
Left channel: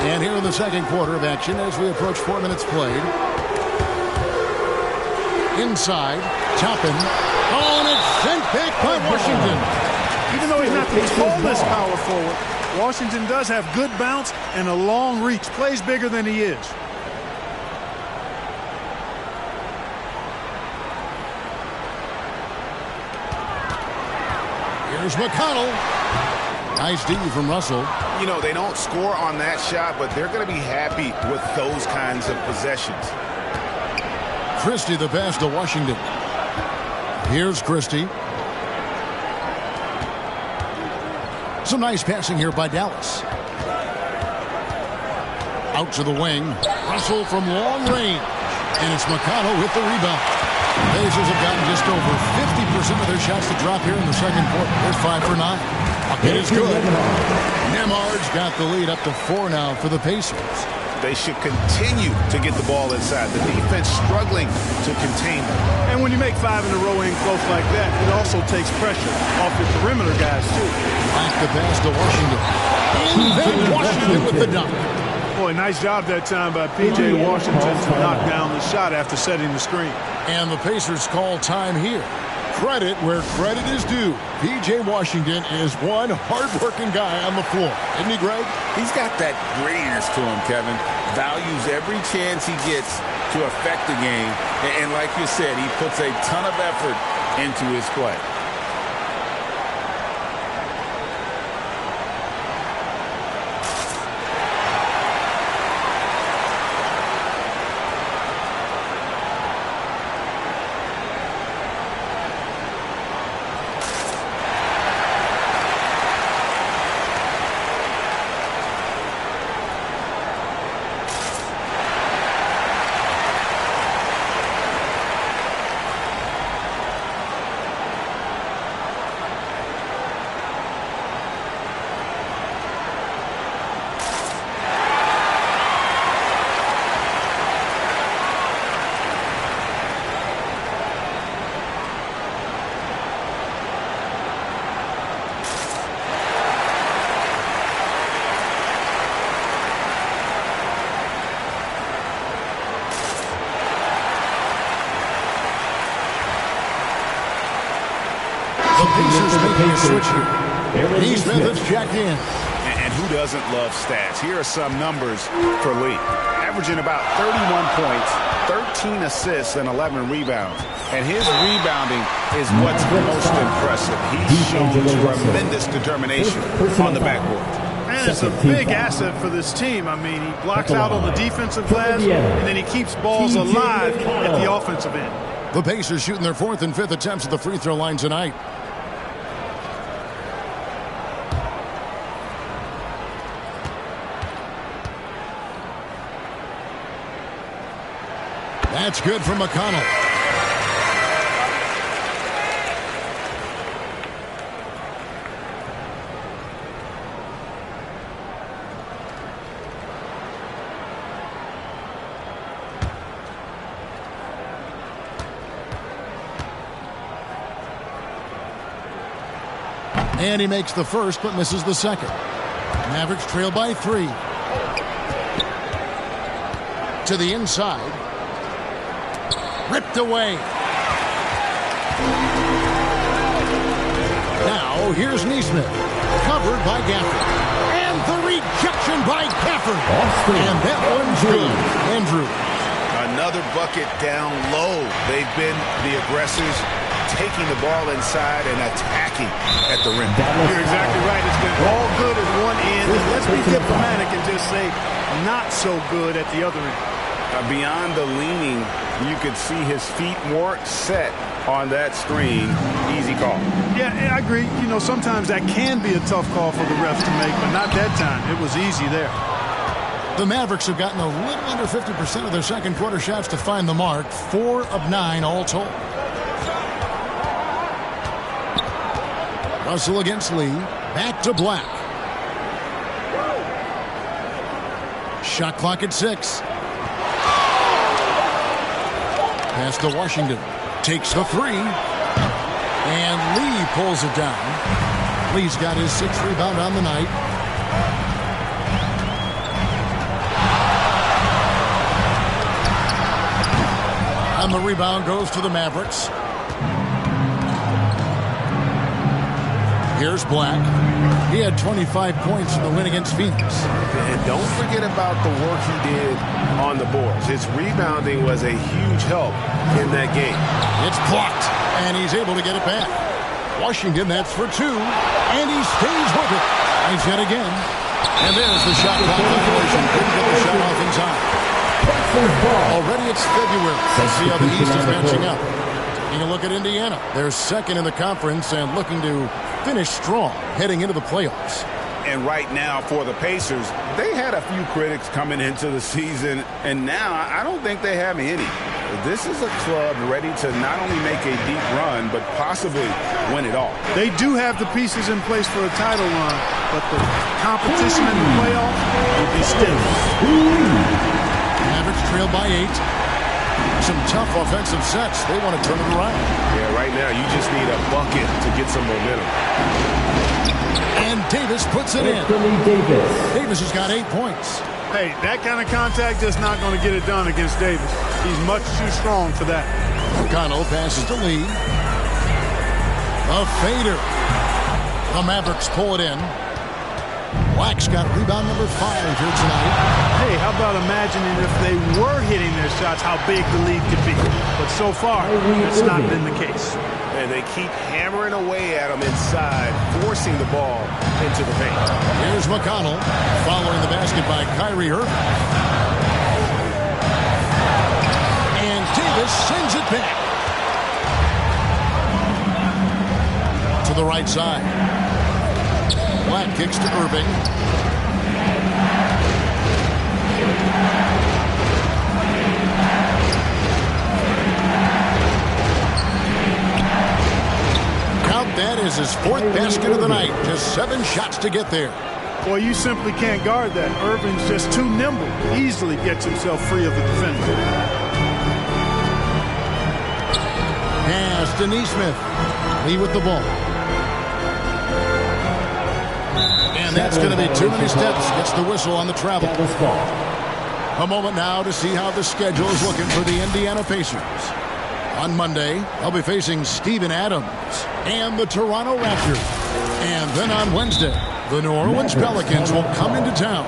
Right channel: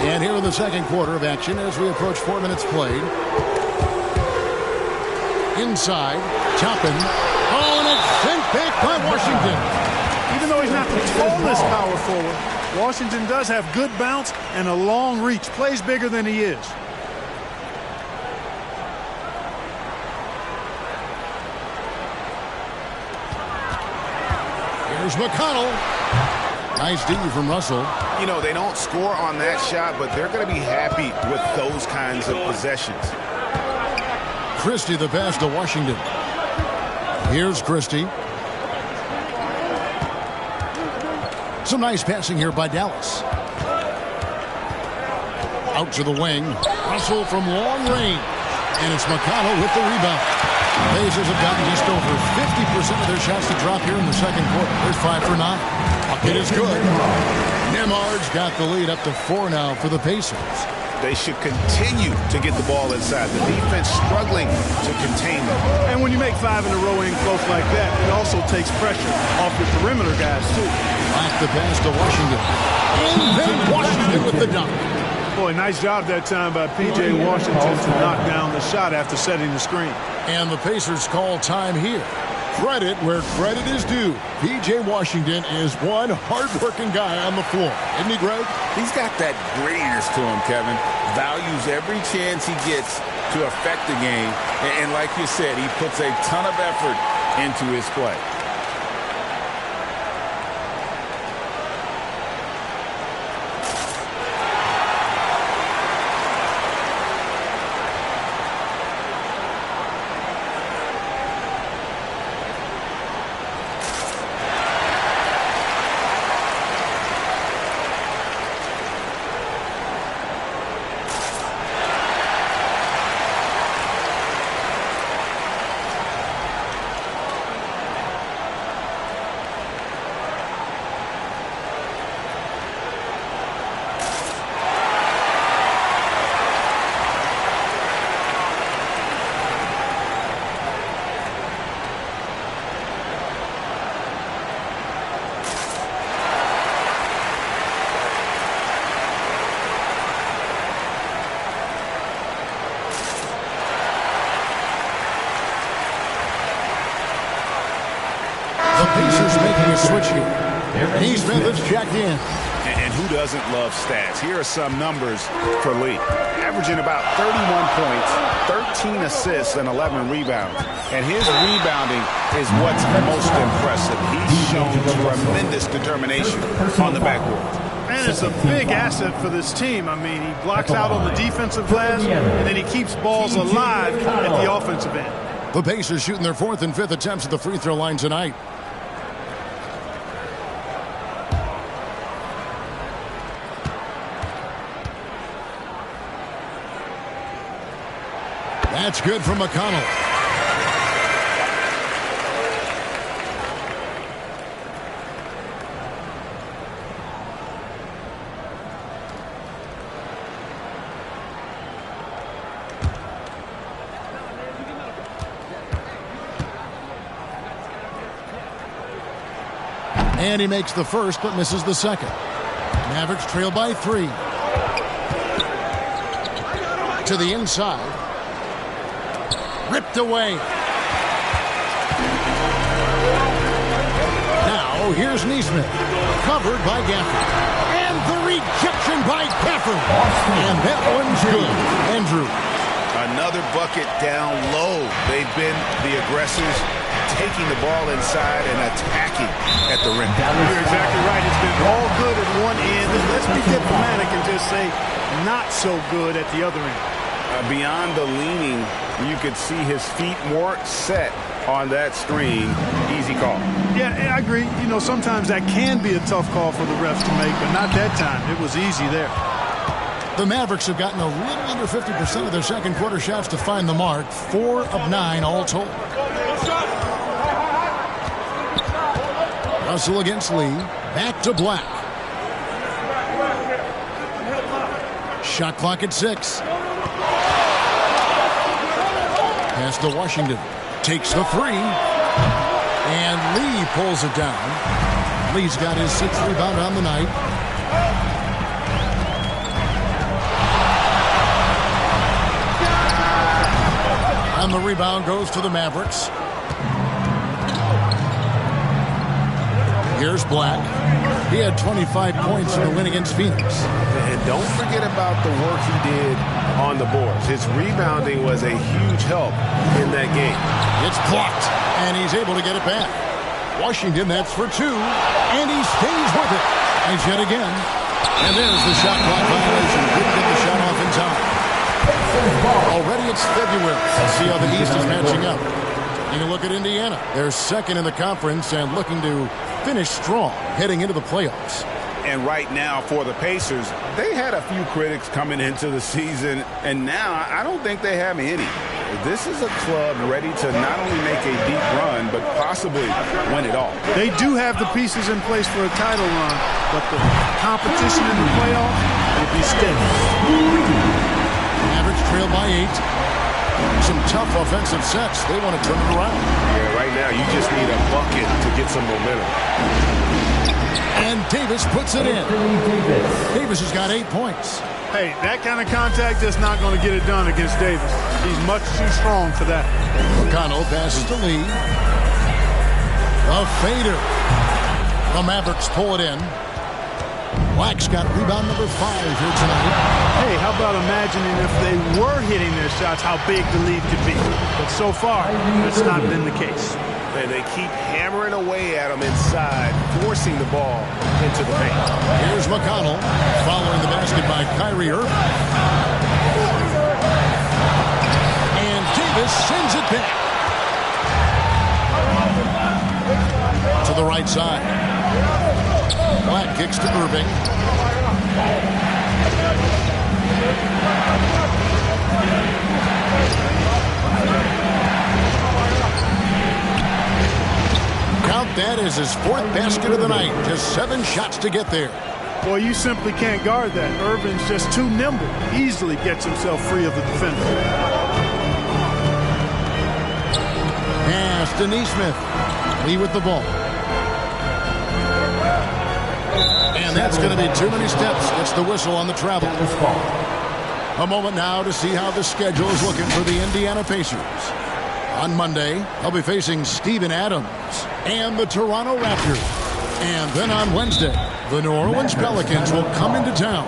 And here in the second quarter of action as we approach 4 minutes played. Inside, Toppin. Oh, and it's sent back by Washington. Even though he's not the tallest power forward, Washington does have good bounce and a long reach. Plays bigger than he is. Here's McConnell. Nice D from Russell. You know, they don't score on that shot, but they're going to be happy with those kinds of possessions. Christie the pass to Washington. Here's Christie. Some nice passing here by Dallas. Out to the wing. Russell from long range. And it's McConnell with the rebound. Pacers have gotten just over 50% of their shots to drop here in the second quarter. They're 5 for 9. Bucket is good. Nembhard's got the lead up to 4 now for the Pacers. They should continue to get the ball inside. The defense struggling to contain them. And when you make 5 in a row in close like that, it also takes pressure off your perimeter guys, too. Back the pass to Washington. And then Washington with the dunk. Boy, nice job that time by P.J. Washington to knock down the shot after setting the screen. And the Pacers call time here. Credit where credit is due. P.J. Washington is one hard-working guy on the floor. Isn't he, Greg? He's got that grittiness to him, Kevin. Values every chance he gets to affect the game. And like you said, he puts a ton of effort into his play. The Pacers making a switch here. Neesmith is checked in. And who doesn't love stats? Here are some numbers for Lee. Averaging about 31 points, 13 assists, and 11 rebounds. And his rebounding is what's most impressive. He's shown tremendous determination on the backboard. And it's a big asset for this team. I mean, he blocks out on the defensive glass, and then he keeps balls alive at the offensive end. The Pacers shooting their 4th and 5th attempts at the free throw line tonight. That's good from McConnell. And he makes the first but misses the second. Mavericks trail by 3. To the inside. Ripped away. Now here's Neesmith. Covered by Gafford. And the rejection by Gafford. And that one's good. Andrews. Another bucket down low. They've been the aggressors, taking the ball inside and attacking at the rim. You're exactly right. It's been all good at one end. And let's be diplomatic and just say not so good at the other end. Beyond the leaning, you could see his feet more set on that screen. Easy call. Yeah, I agree. You know, sometimes that can be a tough call for the refs to make, but not that time. It was easy there. The Mavericks have gotten a little under 50% of their second quarter shots to find the mark. 4 of 9 all told. Russell against Lee. Back to Black. Shot clock at 6. Pass to Washington. Takes the 3. And Lee pulls it down. Lee's got his 6th rebound on the night. And the rebound goes to the Mavericks. Here's Black. He had 25 points in the win against Phoenix. And don't forget about the work he did on the boards. His rebounding was a huge help in that game. It's blocked, and he's able to get it back. Washington, that's for 2, and he stays with it. Tries yet again. And there's the shot clock violation. Couldn't get the shot off in time. Already it's February. Let's see how the East is matching up. Taking a look at Indiana. They're second in the conference and looking to finish strong heading into the playoffs. And right now for the Pacers, they had a few critics coming into the season, and now I don't think they have any. This is a club ready to not only make a deep run, but possibly win it all. They do have the pieces in place for a title run, but the competition in the playoffs will be stiff. Mavericks trail by 8. Some tough offensive sets. They want to turn it around. Yeah, right now you just need a bucket to get some momentum. And Davis puts it in. Davis has got 8 points. Hey, that kind of contact is not going to get it done against Davis. He's much too strong for that. McConnell passes to Lee. The fader. The Mavericks pull it in. Black's got rebound number 5 here tonight. Hey, how about imagining if they were hitting their shots, how big the lead could be. But so far, that's not been the case. And they keep hammering away at him inside, forcing the ball into the paint. Here's McConnell following the basket by Kyrie Irving. And Davis sends it back to the right side. Black kicks to Irving. Count that as his 4th basket of the night. Just 7 shots to get there. Well, you simply can't guard that. Irving's just too nimble. Easily gets himself free of the defender. Pass to Nesmith. Lee with the ball. And that's going to be too many steps. Gets the whistle on the travel. A moment now to see how the schedule is looking for the Indiana Pacers. On Monday, they'll be facing Steven Adams and the Toronto Raptors. And then on Wednesday, the New Orleans Pelicans will come into town.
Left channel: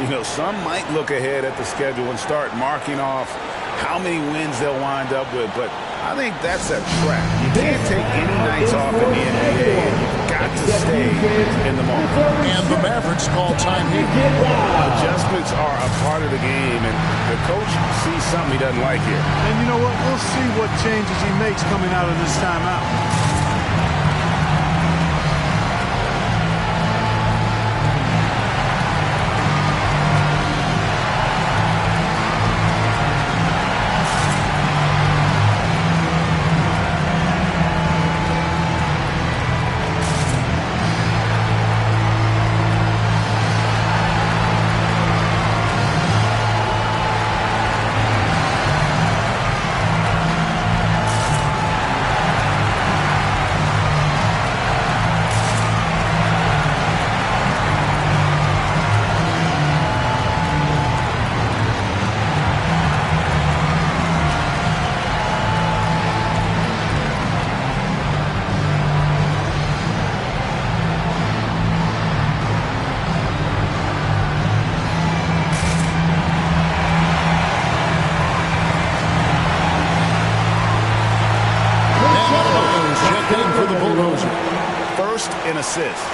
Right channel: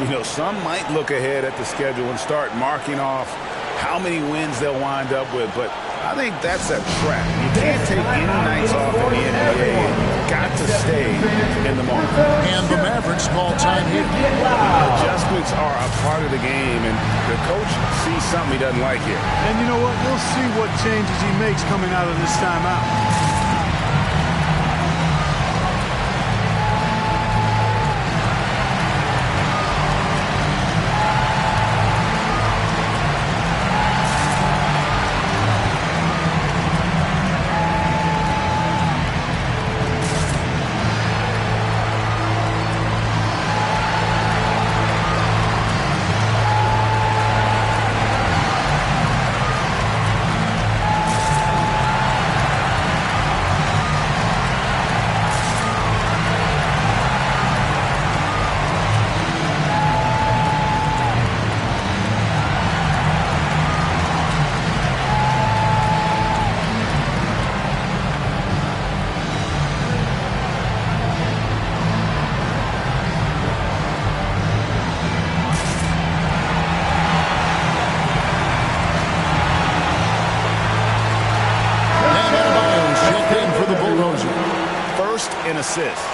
You know, some might look ahead at the schedule and start marking off how many wins they'll wind up with, but I think that's a trap. You can't take any nights off in the NBA, and you've got to stay in the moment. And the Mavericks call time here. Adjustments are a part of the game, and the coach sees something he doesn't like here. And you know what? We'll see what changes he makes coming out of this timeout. First in assists,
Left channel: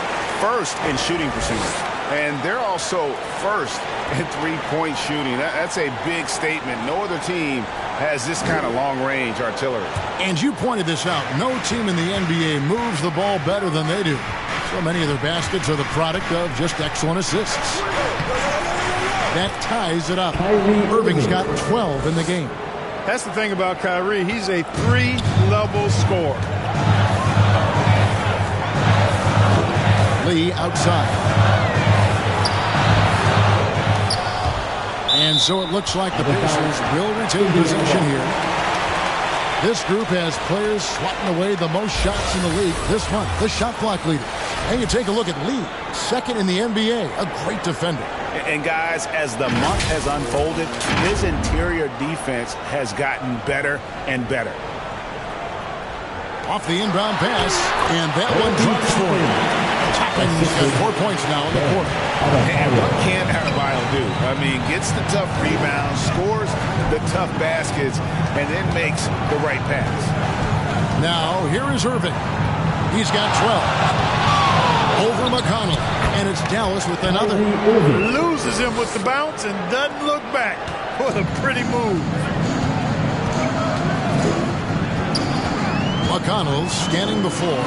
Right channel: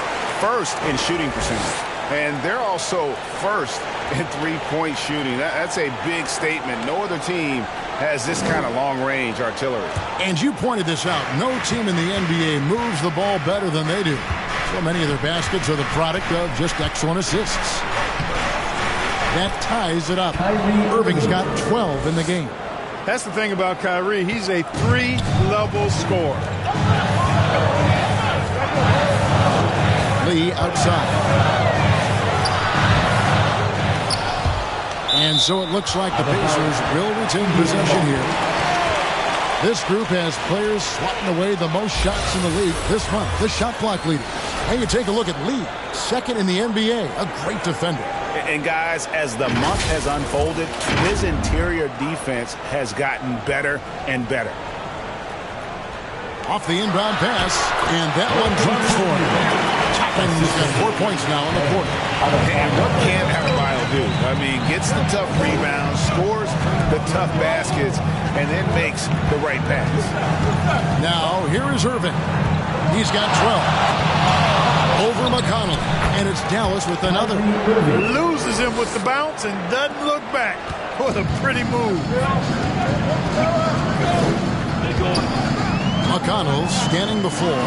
first in shooting percentage, and they're also first in three-point shooting. That's a big statement. No other team has this kind of long-range artillery. And you pointed this out. No team in the NBA moves the ball better than they do. So many of their baskets are the product of just excellent assists. That ties it up. Irving's got 12 in the game. That's the thing about Kyrie. He's a 3-level scorer. Lee outside. And so it looks like the Pacers will retain possession here. This group has players swatting away the most shots in the league this month, the shot block leaders. And you take a look at Lee, second in the NBA, a great defender. And guys, as the month has unfolded, his interior defense has gotten better and better. Off the inbound pass, and that one drops for him. Toppin's got 4 points now in the quarter. And what can Adebayo do? I mean, gets the tough rebounds, scores the tough baskets, and then makes the right pass. Now, here is Irving. He's got 12. Over McConnell, and it's Dallas with another. Loses him with the bounce and doesn't look back. What a pretty move. McConnell scanning the floor.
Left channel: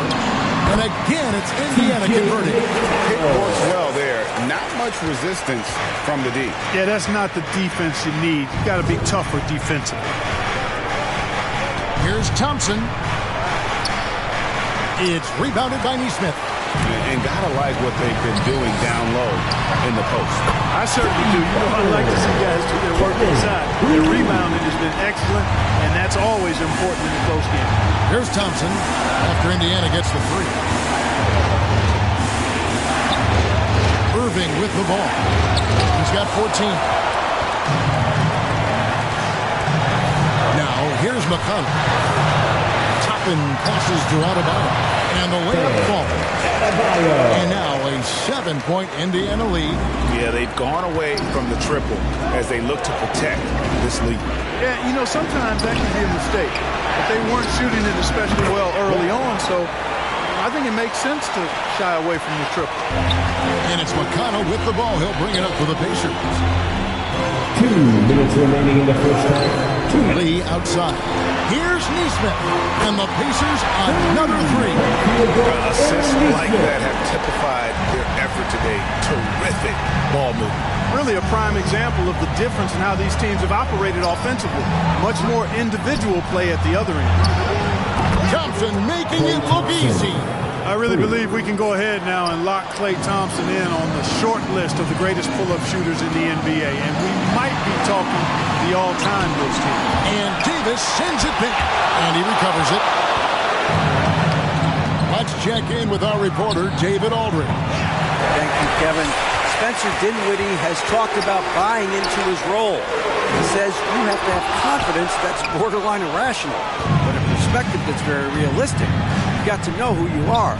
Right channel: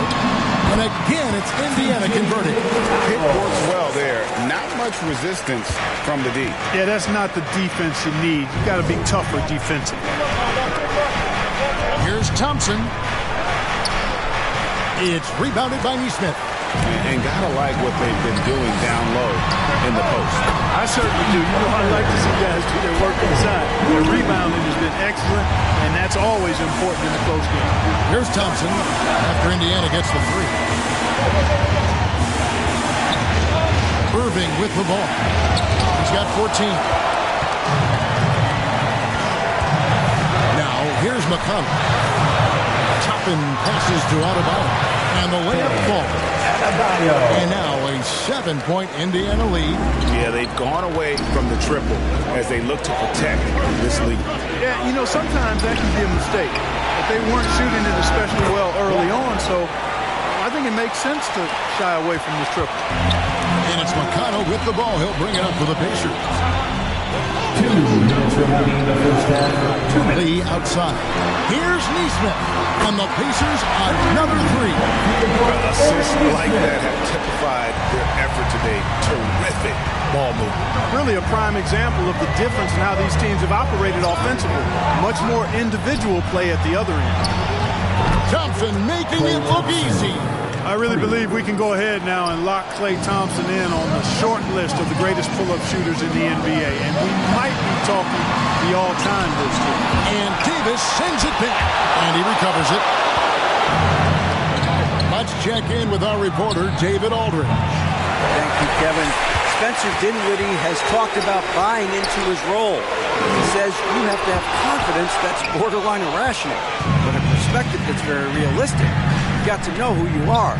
And again, it's Indiana converting. It works well there. Not much resistance from the D. Yeah, that's not the defense you need. You got to be tougher defensively. Here's Thompson. It's rebounded by Nesmith. And gotta like what they've been doing down low in the post. I certainly do. You know, I like to see guys do their work inside. Their rebounding has been excellent, and that's always important in a close game. Here's Thompson after Indiana gets the three. Irving with the ball. He's got 14. Now, here's McConnell. Toppin passes to Adebayo. And the layup falls. And now a 7-point Indiana lead. Yeah, they've gone away from the triple as they look to protect this lead. Yeah, you know, sometimes that can be a mistake. But they weren't shooting it especially well early on, so I think it makes sense to shy away from the triple. And it's McConnell with the ball. He'll bring it up for the Pacers. 2 minutes remaining in the first half. 2 minutes. Lee outside. Here's Neesmith. And the Pacers another 3. Assists like that have typified their effort today. Terrific ball movement. Really a prime example of the difference in how these teams have operated offensively. Much more individual play at the other end. Thompson making it look easy. I really believe we can go ahead now and lock Klay Thompson in on the short list of the greatest pull-up shooters in the NBA. And we might be talking the all-time list here. And Davis sends it back. And he recovers it. Let's check in with our reporter, David Aldridge. Thank you, Kevin. Spencer Dinwiddie has talked about buying into his role. He says you have to have confidence that's borderline irrational, but a perspective that's very realistic. You've got to know who you are.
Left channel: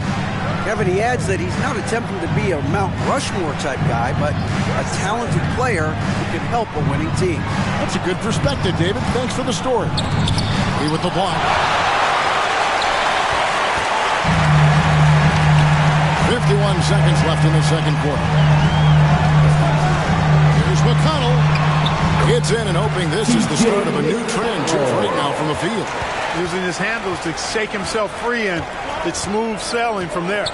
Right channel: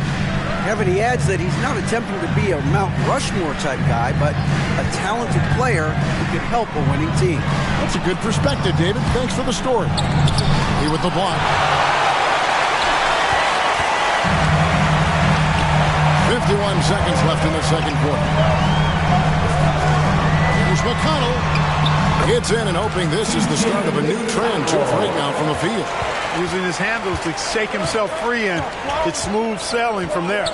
Kevin, he adds that he's not attempting to be a Mount Rushmore type guy, but a talented player who can help a winning team. That's a good perspective, David. Thanks for the story. He with the block. 51 seconds left in the second quarter. Here's McConnell. Gets in and hoping this is the start of a new trend. 2 for 8 now from the field. Using his handles to shake himself free, and it's smooth sailing from there.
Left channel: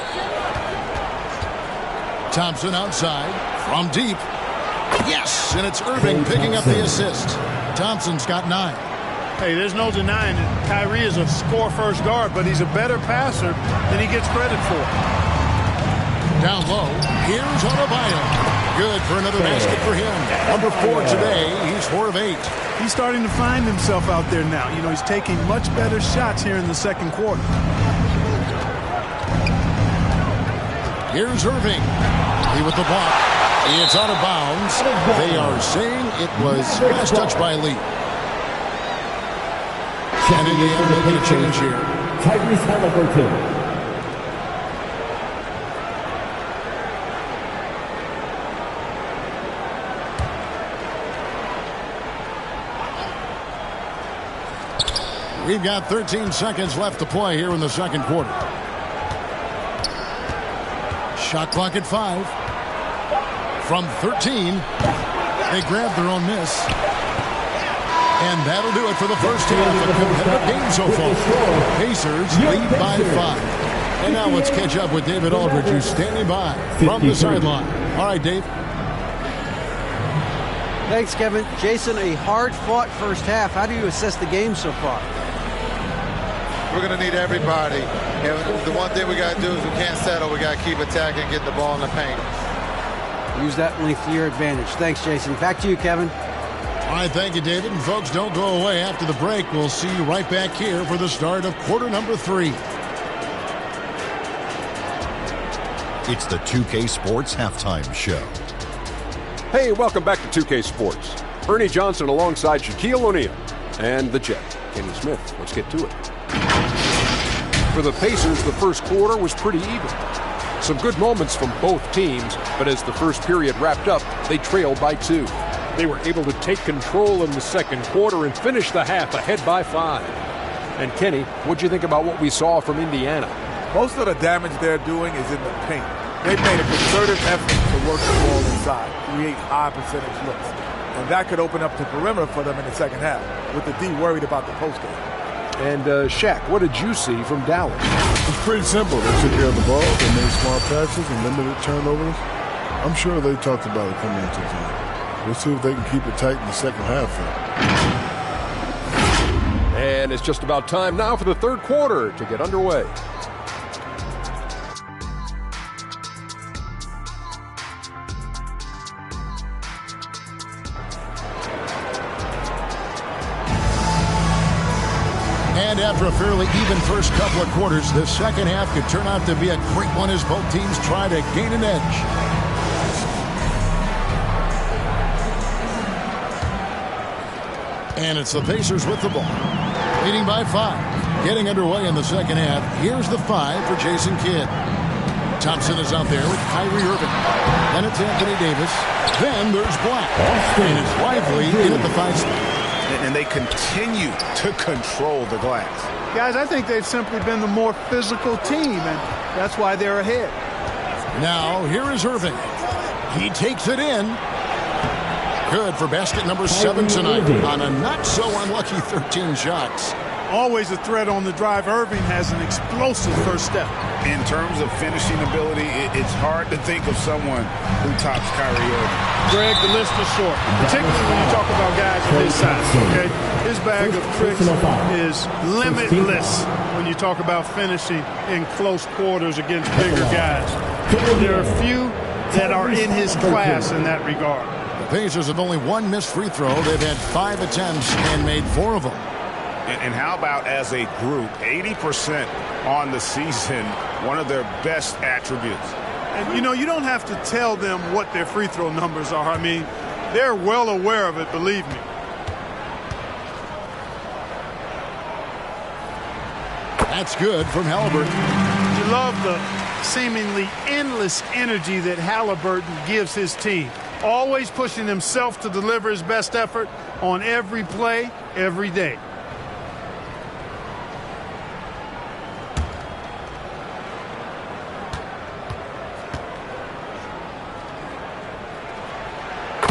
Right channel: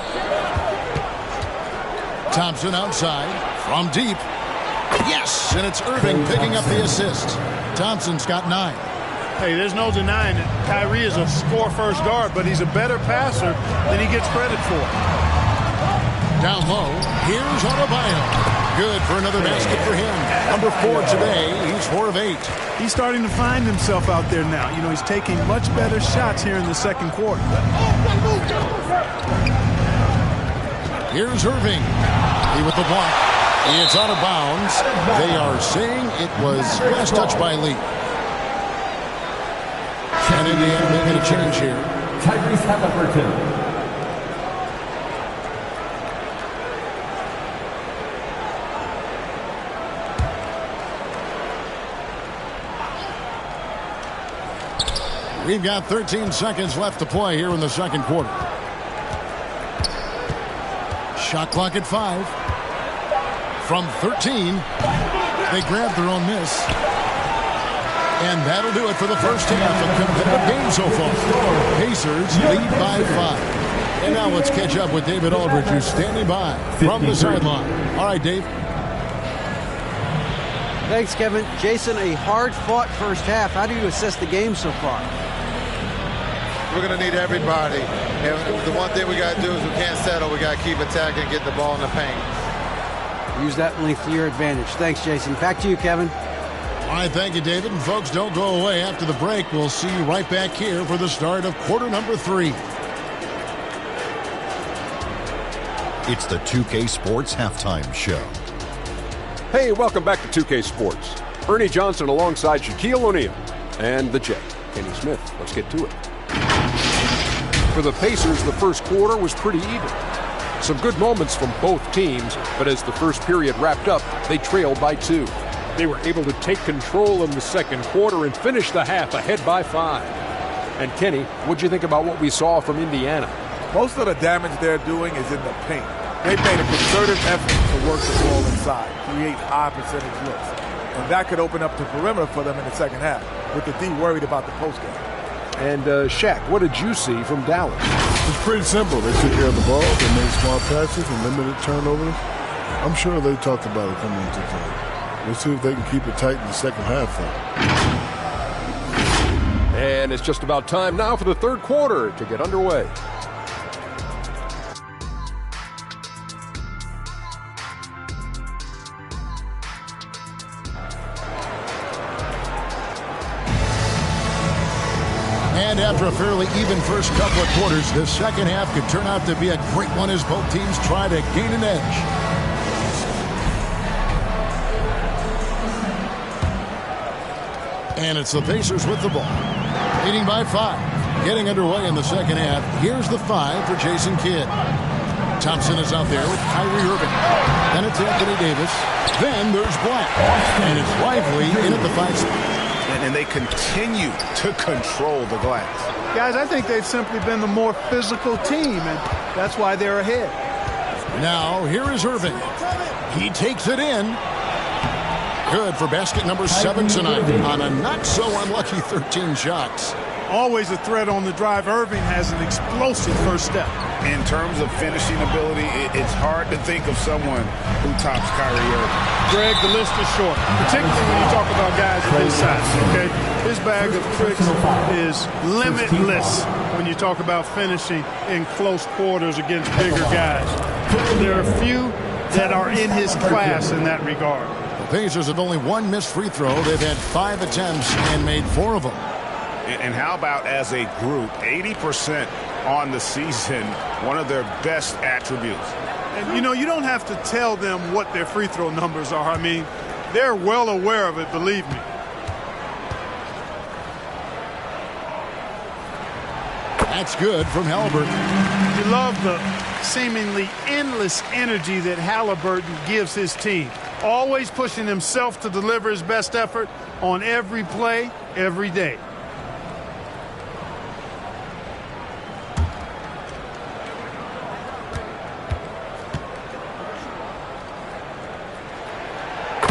Thompson outside from deep. Yes, and it's Irving picking up the assist. Thompson's got 9. Hey, there's no denying it. Kyrie is a score-first guard, but he's a better passer than he gets credit for. Down low, here's Adebayo. Good for another basket for him. Number 4 today. He's 4 of 8. He's starting to find himself out there now. You know, he's taking much better shots here in the second quarter. Here's Irving. He with the block. It's out of bounds. They are saying it was last touch by Lee. And Indiana making a change here. Tyrese Halliburton. We've got 13 seconds left to play here in the second quarter. Shot clock at 5. From 13, they grabbed their own miss. And that'll do it for the first half. A competitive game so far. Pacers lead by 5. And now let's catch up with David Aldridge, who's standing by from the sideline. All right, Dave. Thanks, Kevin. Jason, a hard-fought first half. How do you assess the game so far? We're going to need everybody. And the one thing we got to do is we can't settle. We got to keep attacking, get the ball in the paint. Use that length to your advantage. Thanks, Jason. Back to you, Kevin. All right, thank you, David. And folks, don't go away. After the break, we'll see you right back here for the start of quarter number 3. It's the 2K Sports Halftime Show. Hey, welcome back to 2K Sports. Ernie Johnson alongside Shaquille O'Neal and the Jet, Kenny Smith. Let's get to it. For the Pacers, the first quarter was pretty even. Some good moments from both teams, but as the first period wrapped up, they trailed by 2. They were able to take control in the second quarter and finish the half ahead by 5. And Kenny, what'd you think about what we saw from Indiana? Most of the damage they're doing is in the paint. They've made a concerted effort to work the ball inside, create high percentage looks. And that could open up the perimeter for them in the second half, with the D worried about the postgame. And Shaq, what did you see from Dallas? It's pretty simple. They took care of the ball, they made smart passes and limited turnovers. I'm sure they talked about it coming into time. We'll see if they can keep it tight in the second half, though. And it's just about time now for the third quarter to get underway. And after a fairly even first couple of quarters, the second half could turn out to be a great one as both teams try to gain an edge. And it's the Pacers with the ball, leading by 5. Getting underway in the second half. Here's the 5 for Jason Kidd. Thompson is out there with Kyrie Irving. Then it's Anthony Davis. Then there's Black. And it's Lively in at the 5 spot. And they continue to control the glass. Guys, I think they've simply been the more physical team, and that's why they're ahead. Now, here is Irving. He takes it in. Good for basket number 7 tonight on a not-so-unlucky 13 shots. Always a threat on the drive. Irving has an explosive first step. In terms of finishing ability, it's hard to think of someone who tops Kyrie Irving. Greg, the list is short, particularly when you talk about guys of his size, okay? His bag of tricks is limitless when you talk about finishing in close quarters against bigger guys. There are few that are in his class in that regard. The Pacers have only one missed free throw. They've had 5 attempts and made 4 of them. And how about as a group, 80% on the season, one of their best attributes. And, you know, you don't have to tell them what their free throw numbers are. I mean, they're well aware of it, believe me. That's good from Halliburton. You love the seemingly endless energy that Halliburton gives his team. Always pushing himself to deliver his best effort on every play, every day.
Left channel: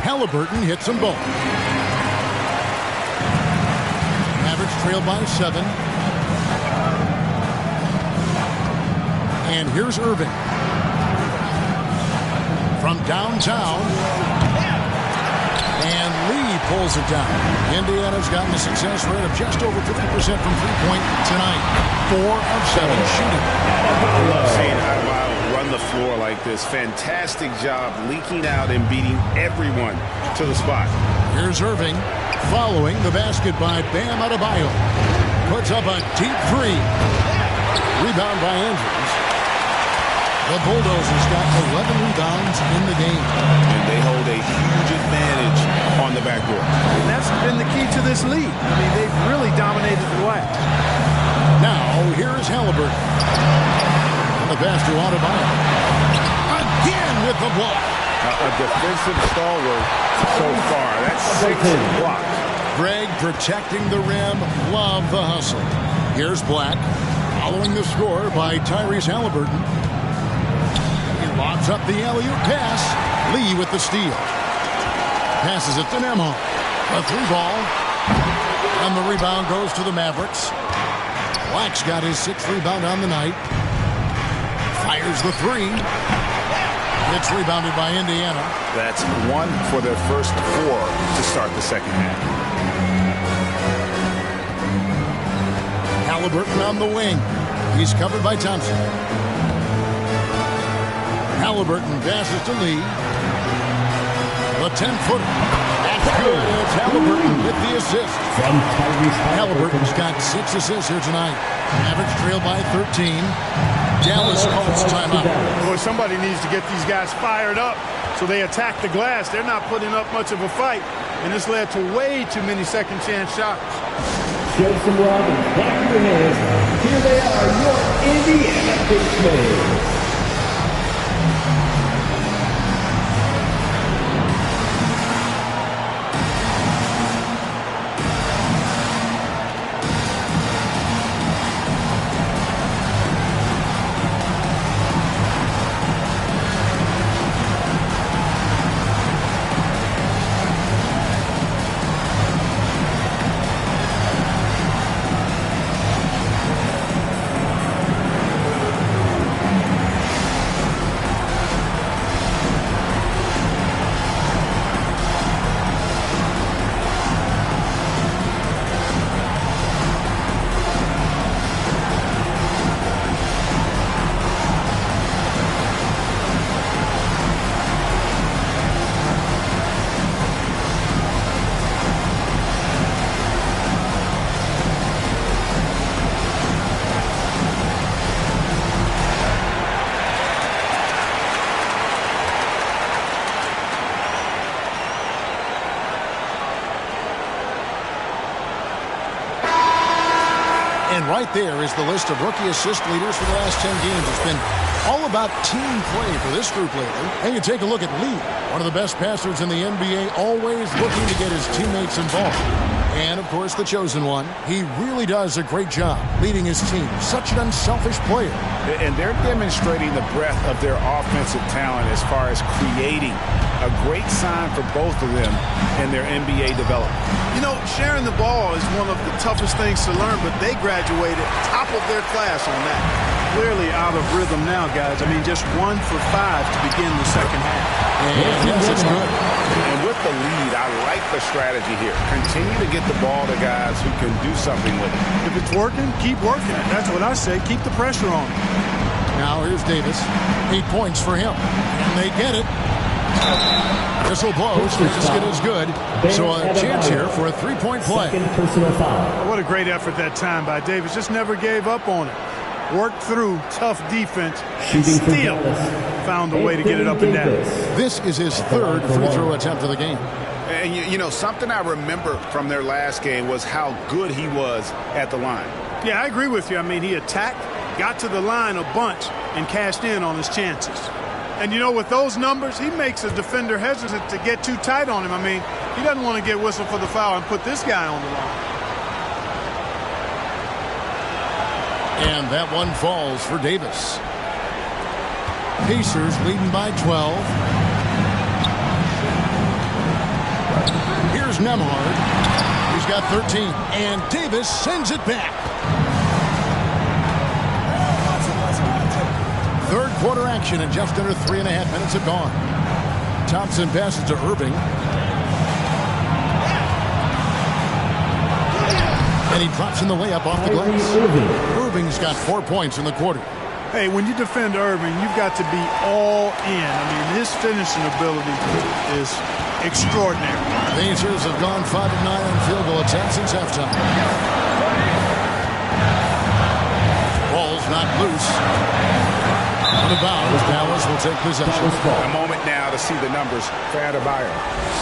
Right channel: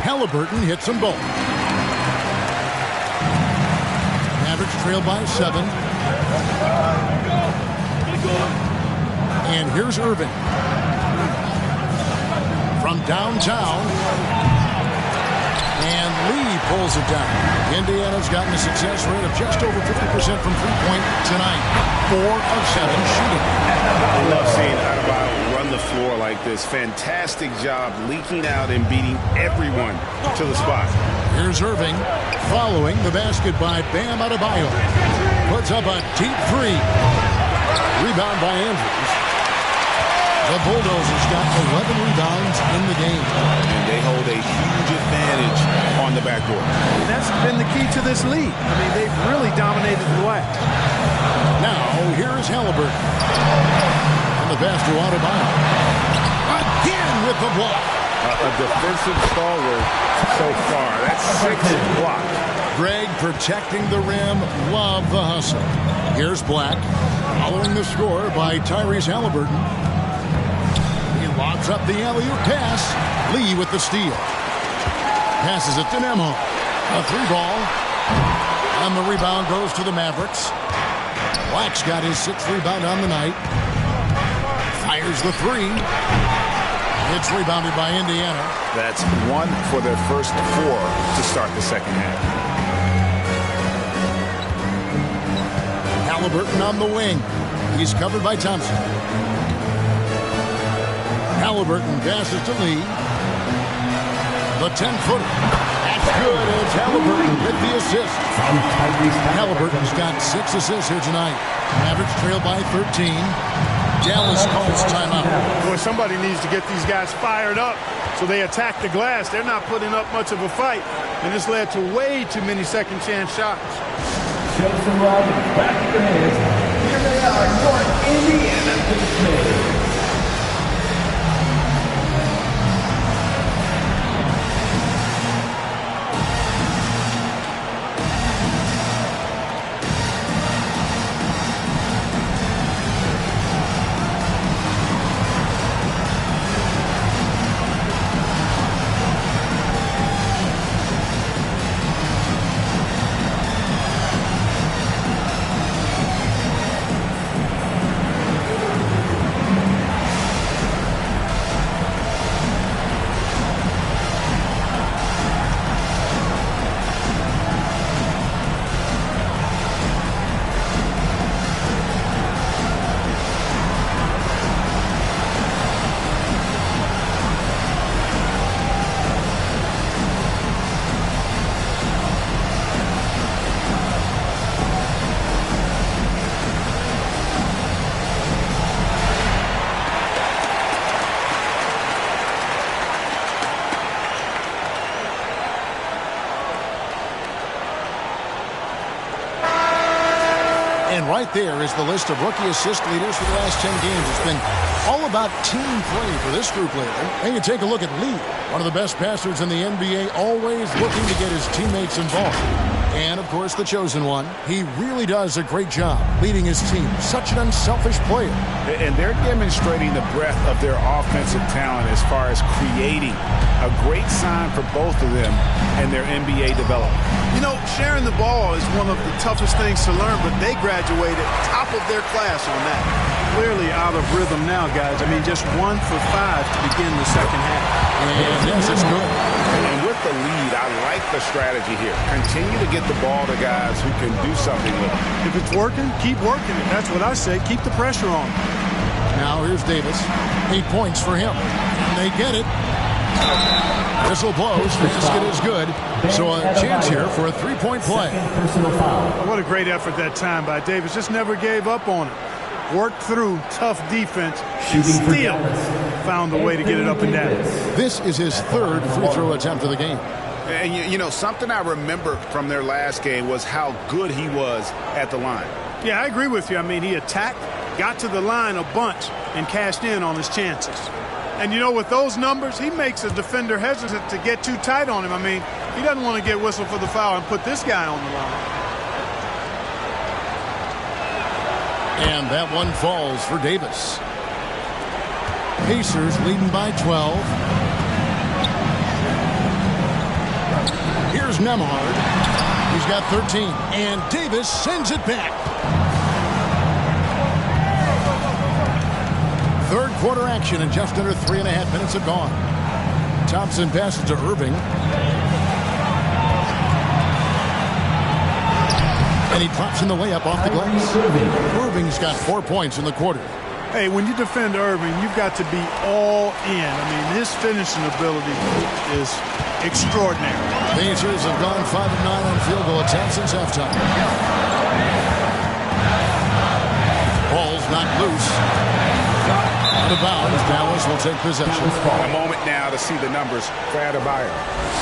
Halliburton hits them both. Mavericks trail by 7. And here's Irving. From downtown. And Lee pulls it down. Indiana's gotten a success rate of just over 50% from three-point tonight. 4 of 7 shooting. I love seeing Adebayo run the floor like this. Fantastic job leaking out and beating everyone to the spot. Here's Irving following the basket by Bam Adebayo. Puts up a deep 3. Rebound by Andrews. The Bulldozers got 11 rebounds in the game. And they hold a huge advantage on the backboard. And that's been the key to this league. I mean, they've really dominated the glass. Now, here is Halliburton. On the pass to Adebayo. Again with the block. A defensive stalwart so far. That's 6 blocks. Greg protecting the rim. Love the hustle. Here's Black. Following the score by Tyrese Halliburton. He lobs up the alley-oop pass. Lee with the steal. Passes it to Nembhard. A 3-ball. And the rebound goes to the Mavericks. Black's got his 6th rebound on the night. Fires the 3. It's rebounded by Indiana. That's 1 for their first 4 to start the second half. Halliburton on the wing. He's covered by Thompson. Halliburton passes to Lee. The 10-footer. That's good. It's Halliburton with the assist. Halliburton's got 6 assists here tonight. Mavericks trail by 13. Dallas calls timeout. Boy, somebody needs to get these guys fired up so they attack the glass. They're not putting up much of a fight, and this led to way too many second-chance shots. Joseph Robbins, back to your hands. Here they are, your Indiana Pacers. And right there is the list of rookie assist leaders for the last 10 games. It's been all about team play for this group lately. And you take a look at Lee, one of the best passers in the NBA, always looking to get his teammates involved. And, of course, the chosen one. He really does a great job leading his team. Such an unselfish player. And they're demonstrating the breadth of their offensive talent as far as creating. A great sign for both of them in their NBA development. You know, sharing the ball is one of the toughest things to learn, but they graduated top of their class on that. Clearly out of rhythm now, guys. I mean, just 1 for 5 to begin the second half. And yes, it's good. And with the lead, I like the strategy here. Continue to get the ball to guys who can do something with it. If it's working, keep working it. That's what I say. Keep the pressure on. Now here's Davis. 8 points for him. And they get it. Whistle blows. Basket is good. So a chance here for a three-point play. Personal foul. What a great effort that time by Davis. Just never gave up on it. Worked through tough defense and still found a way to get it up and down. This is his third free throw attempt of the game. And, you know, something I remember from their last game was how good he was at the line. Yeah, I agree with you. I mean, he attacked, got to the line a bunch, and cashed in on his chances. And, you know, with those numbers, he makes a defender hesitant to get too tight on him. I mean, he doesn't want to get whistled for the foul and put this guy on the line. And that one falls for Davis. Pacers leading by 12. Here's Nembhard. He's got 13. And Davis sends it back. Third quarter action and just under 3.5 minutes have gone. Thompson passes to Irving. And he drops in the way up off the glass. Irving's got 4 points in the quarter. Hey, when you defend Irving, you've got to be all in. I mean, his finishing ability is extraordinary. Pacers have gone 5 of 9 on field goal attempts since halftime. Ball's knocked loose. Out of bounds, Dallas will take possession. A moment now to see the numbers for Adebayo.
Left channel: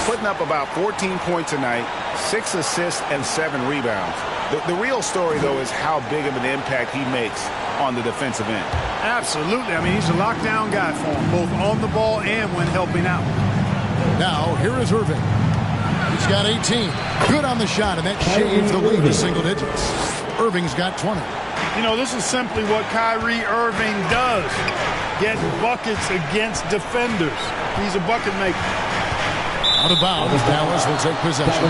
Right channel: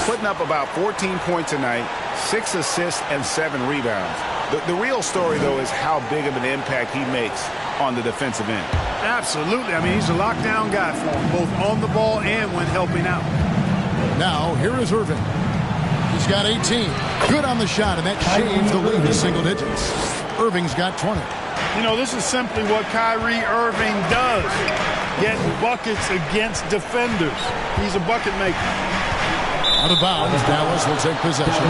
Putting up about 14 points tonight, 6 assists and 7 rebounds. The real story, though, is how big of an impact he makes on the defensive end. Absolutely. I mean, he's a lockdown guy for him, both on the ball and when helping out. Now, here is Irving. He's got 18. Good on the shot, and that shaves the lead to single digits. Irving's got 20. You know, this is simply what Kyrie Irving does. Get buckets against defenders. He's a bucket maker. Out of bounds, Dallas will take possession.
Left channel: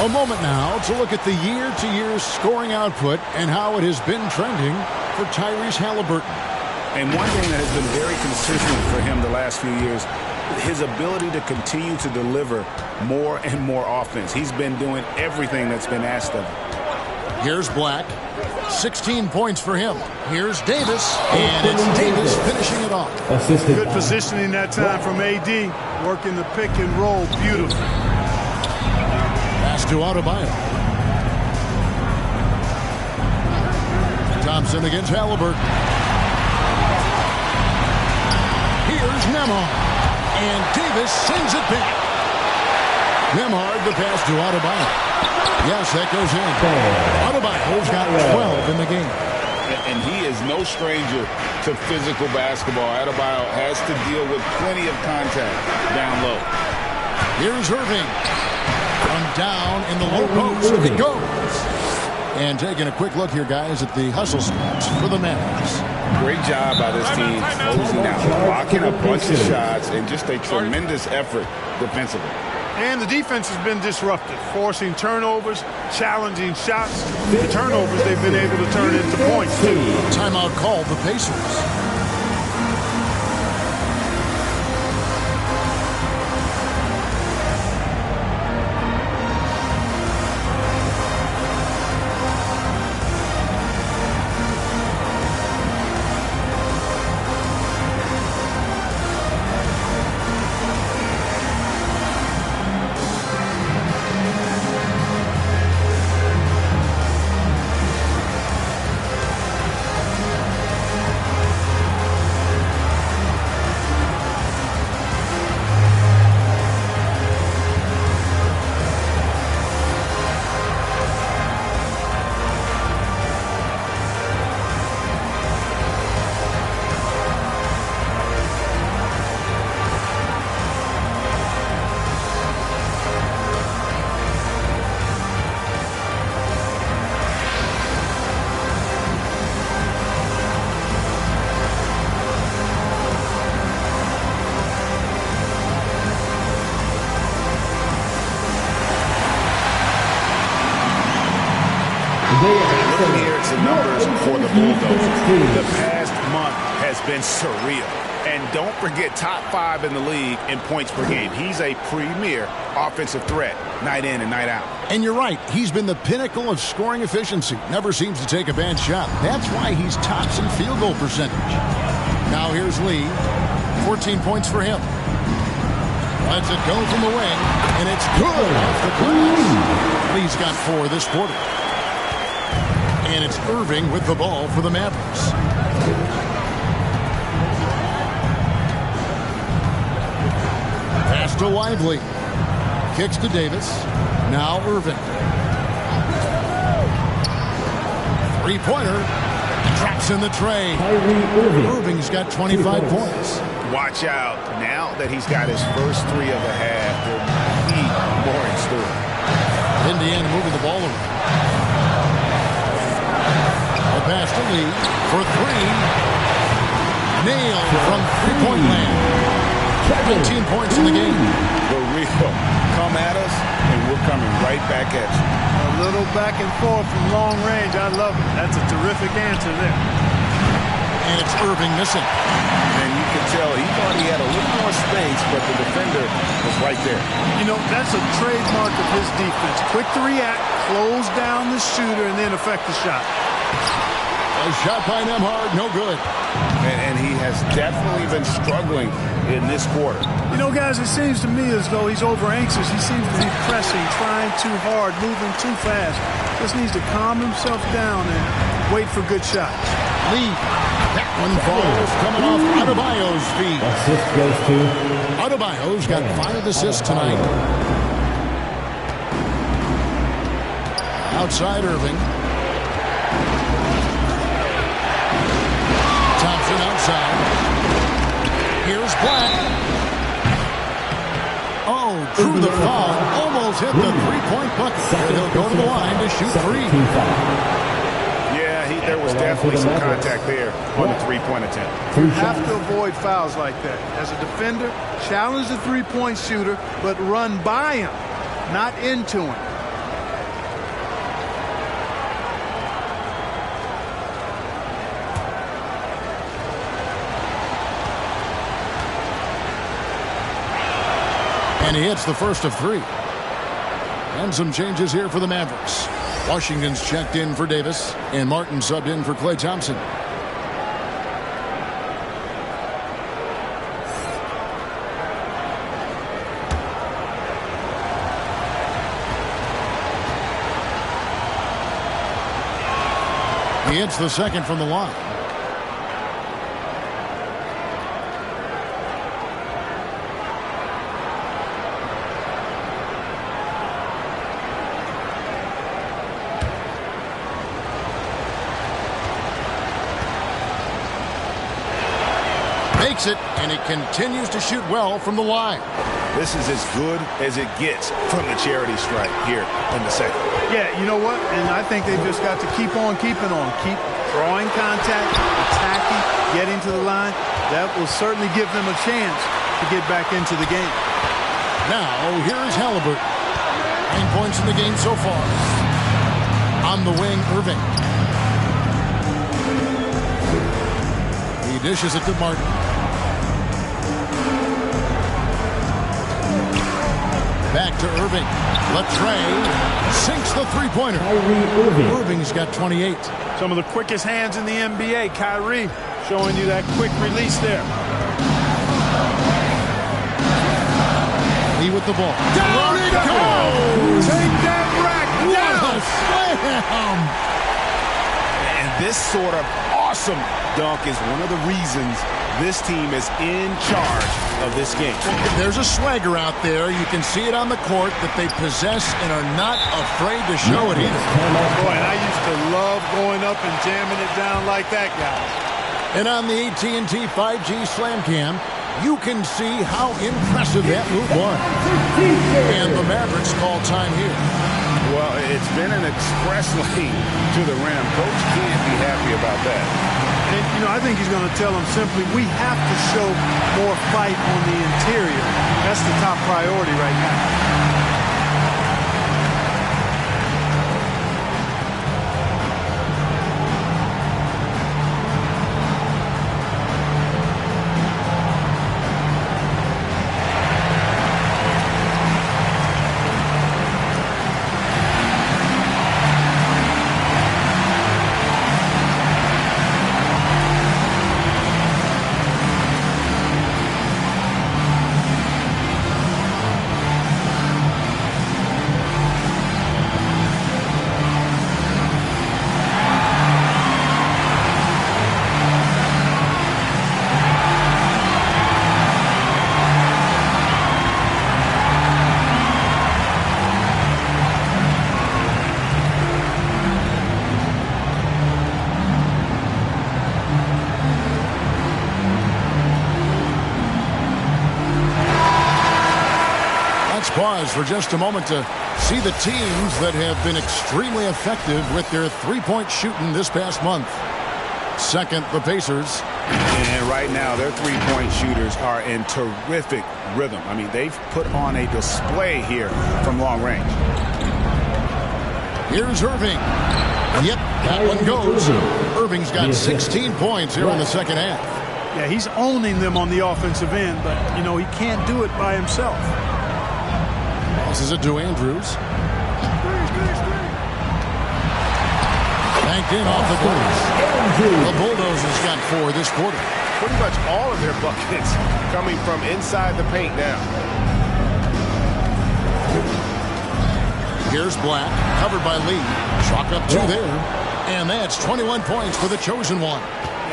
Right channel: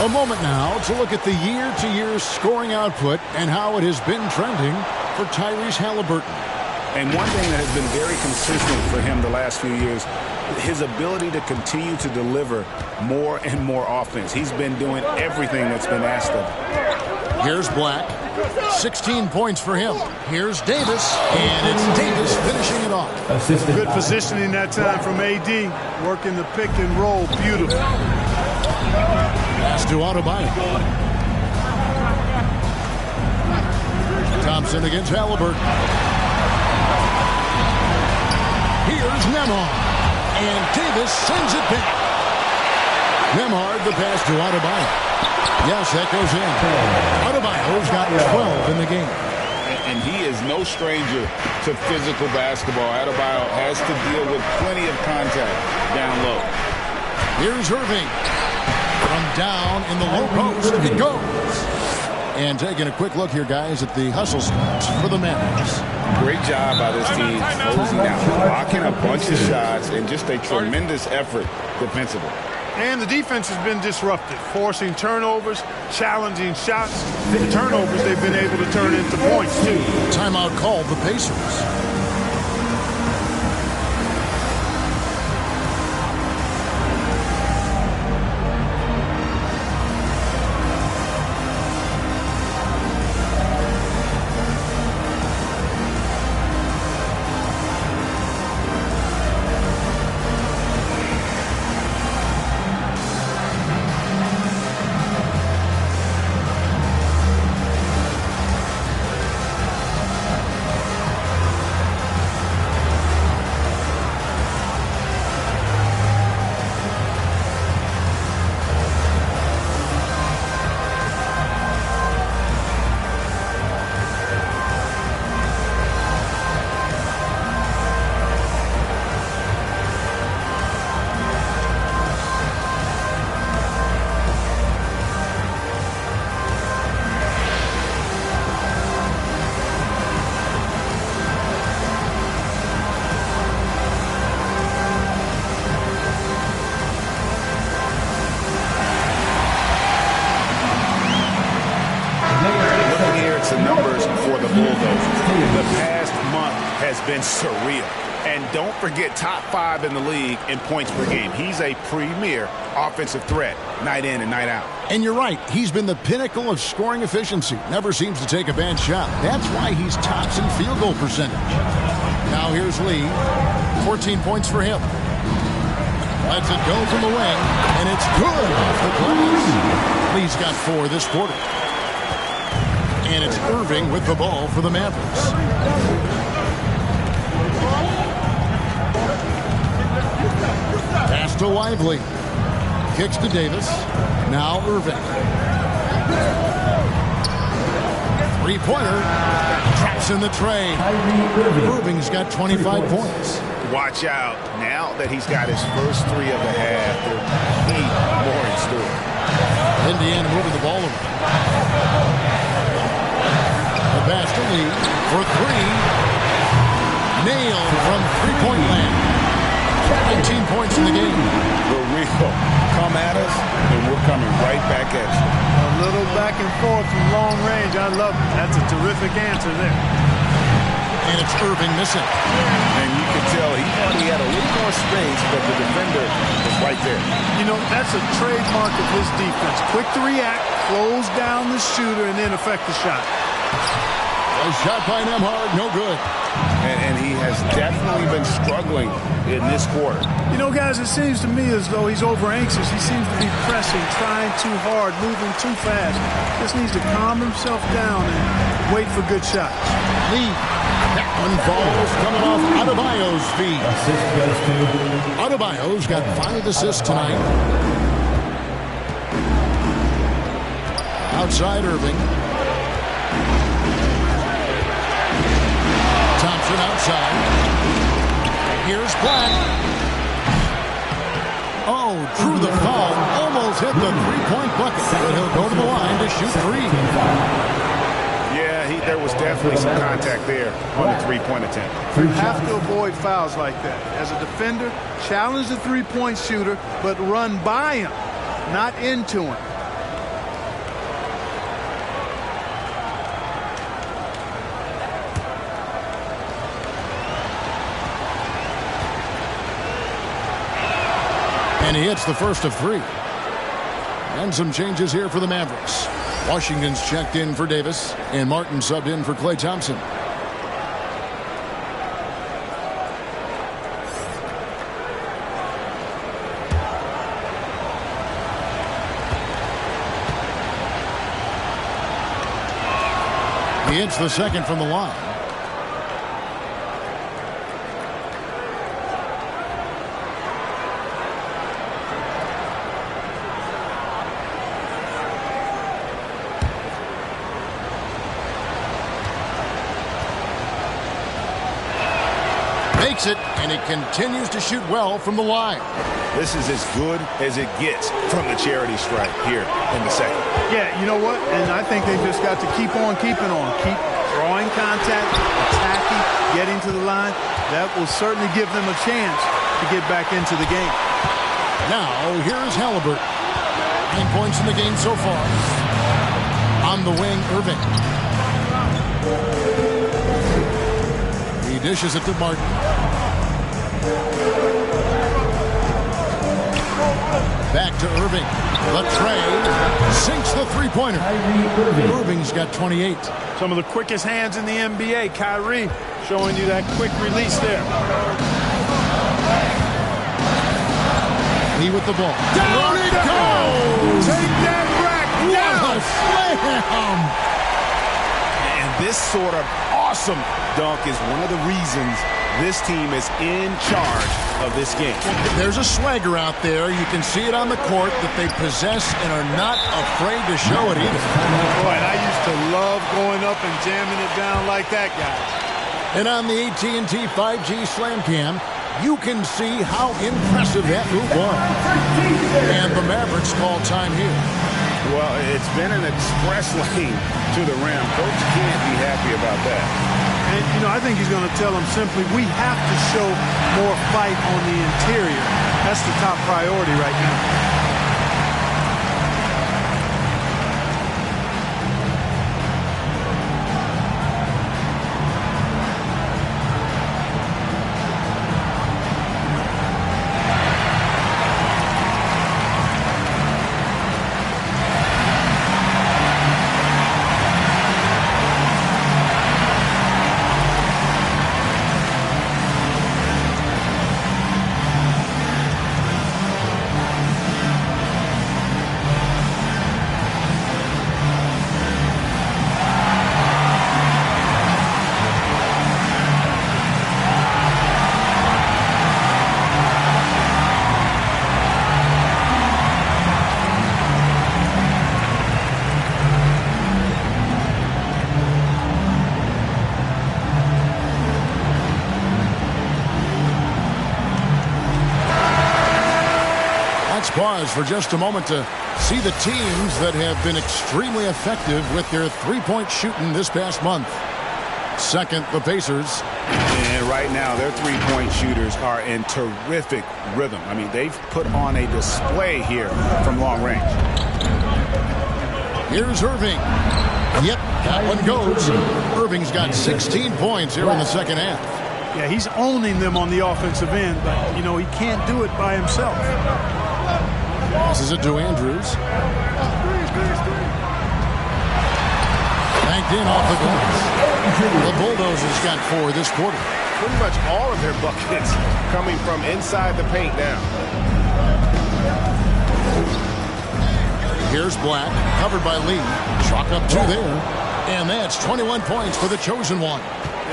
A moment now to look at the year-to-year scoring output and how it has been trending for Tyrese Halliburton. And one thing that has been very consistent for him the last few years, his ability to continue to deliver more and more offense. He's been doing everything that's been asked of him. Here's Black. 16 points for him. Here's Davis, and it's Davis finishing it off. Good positioning that time from AD. Working the pick and roll beautifully. Pass to Adebayo. Thompson against Halliburton. Here's Nembhard, and Davis sends it back. Nembhard, the pass to Adebayo. Yes, that goes in. Adebayo's got 12 in the game. And he is no stranger to physical basketball. Adebayo has to deal with plenty of contact down low. Here's Irving. From down in the low post. It goes. And taking a quick look here, guys, at the hustle stats for the Mavericks. Great job by this team closing out, blocking a bunch of shots, and just a tremendous effort defensively. And the defense has been disruptive, forcing turnovers, challenging shots. The turnovers they've been able to turn into points, too. Timeout called the Pacers. numbers for the Bulldogs. The past month has been surreal. And don't forget, top 5 in the league in points per game. He's a premier offensive threat, night in and night out. And you're right. He's been the pinnacle of scoring efficiency. Never seems to take a bad shot. That's why he's tops in field goal percentage. Now here's Lee. 14 points for him. Lets it go from the wing, and it's good off the glass. Lee's got 4 this quarter. And it's Irving with the ball for the Mavericks. Pass to Lively. Kicks to Davis. Now Irving. Three-pointer. Traps in the tray. Irving's got 25 points. Watch out. Now that he's got his first 3 of the half, there might be more in store. Indiana moving the ball around. The pass to Lee for 3. Nailed from three-point land. 19 points in the game. The real come at us, and we're coming right back at you. A little back and forth from long range. I love it. That's a terrific answer there. And it's Irving missing. And you can tell he thought he had a little more space, but the defender was right there. You know, that's a trademark of his defense. Quick to react, close down the shooter, and then affect the shot. A shot by Nembhard, no good. And he has definitely been struggling in this quarter. You know, guys, it seems to me as though he's over-anxious. He seems to be pressing, trying too hard, moving too fast. Just needs to calm himself down and wait for good shots. Lee. That one falls coming off Adebayo's feet. Assist goes to Adebayo's got 5 assists tonight. Outside Irving. Thompson outside. Here's Black. Oh, drew the foul. Almost hit the three-point bucket. But he'll go to the line to shoot 3. Yeah, there was definitely some contact there on the three-point attempt. You have to avoid fouls like that. As a defender, challenge the three-point shooter, but run by him, not into him. And he hits the first of 3. And some changes here for the Mavericks. Washington's checked in for Davis, and Martin subbed in for Klay Thompson. He hits the second from the line. Makes it, and he continues to shoot well from the line. This is as good as it gets from the charity stripe here in the second. Yeah, you know what? And I think they've just got to keep on keeping on. Keep drawing contact, attacking, getting to the line. That will certainly give them a chance to get back into the game. Now, here is Halliburton. 9 points in the game so far. On the wing, Irving. He dishes it to Martin. Back to Irving. The tray sinks the three-pointer. Irving's got 28. Some of the quickest hands in the NBA. Kyrie showing you that quick release there. Lee with the ball. Down it goes! Take that rack down! What a slam! And this sort of awesome dunk is one of the reasons this team is in charge of this game. There's a swagger out there. You can see it on the court that they possess and are not afraid to show it either. Boy, and I used to love going up and jamming it down like that, guys. And on the AT&T 5G Slam Cam, you can see how impressive that move was. And the Mavericks call time here. Well, it's been an express lane to the rim. Coach can't be happy about that. And, you know, I think he's going to tell them simply, we have to show more fight on the interior. That's the top priority right now. Let's pause for just a moment to see the teams that have been extremely effective with their three-point shooting this past month. Second, the Pacers. And right now, their three-point shooters are in terrific rhythm. I mean, they've put on a display here from long range. Here's Irving. Yep, that one goes. Irving's got 16 points here in the second half. Yeah, he's owning them on the offensive end, but, you know, he can't do it by himself. This is it to Andrews. Banked in off the glass. The Bulldozers got 4 this quarter. Pretty much all of their buckets coming from inside the paint now. Here's Black, covered by Lee. Chalk up 2 there. And that's 21 points for the chosen one.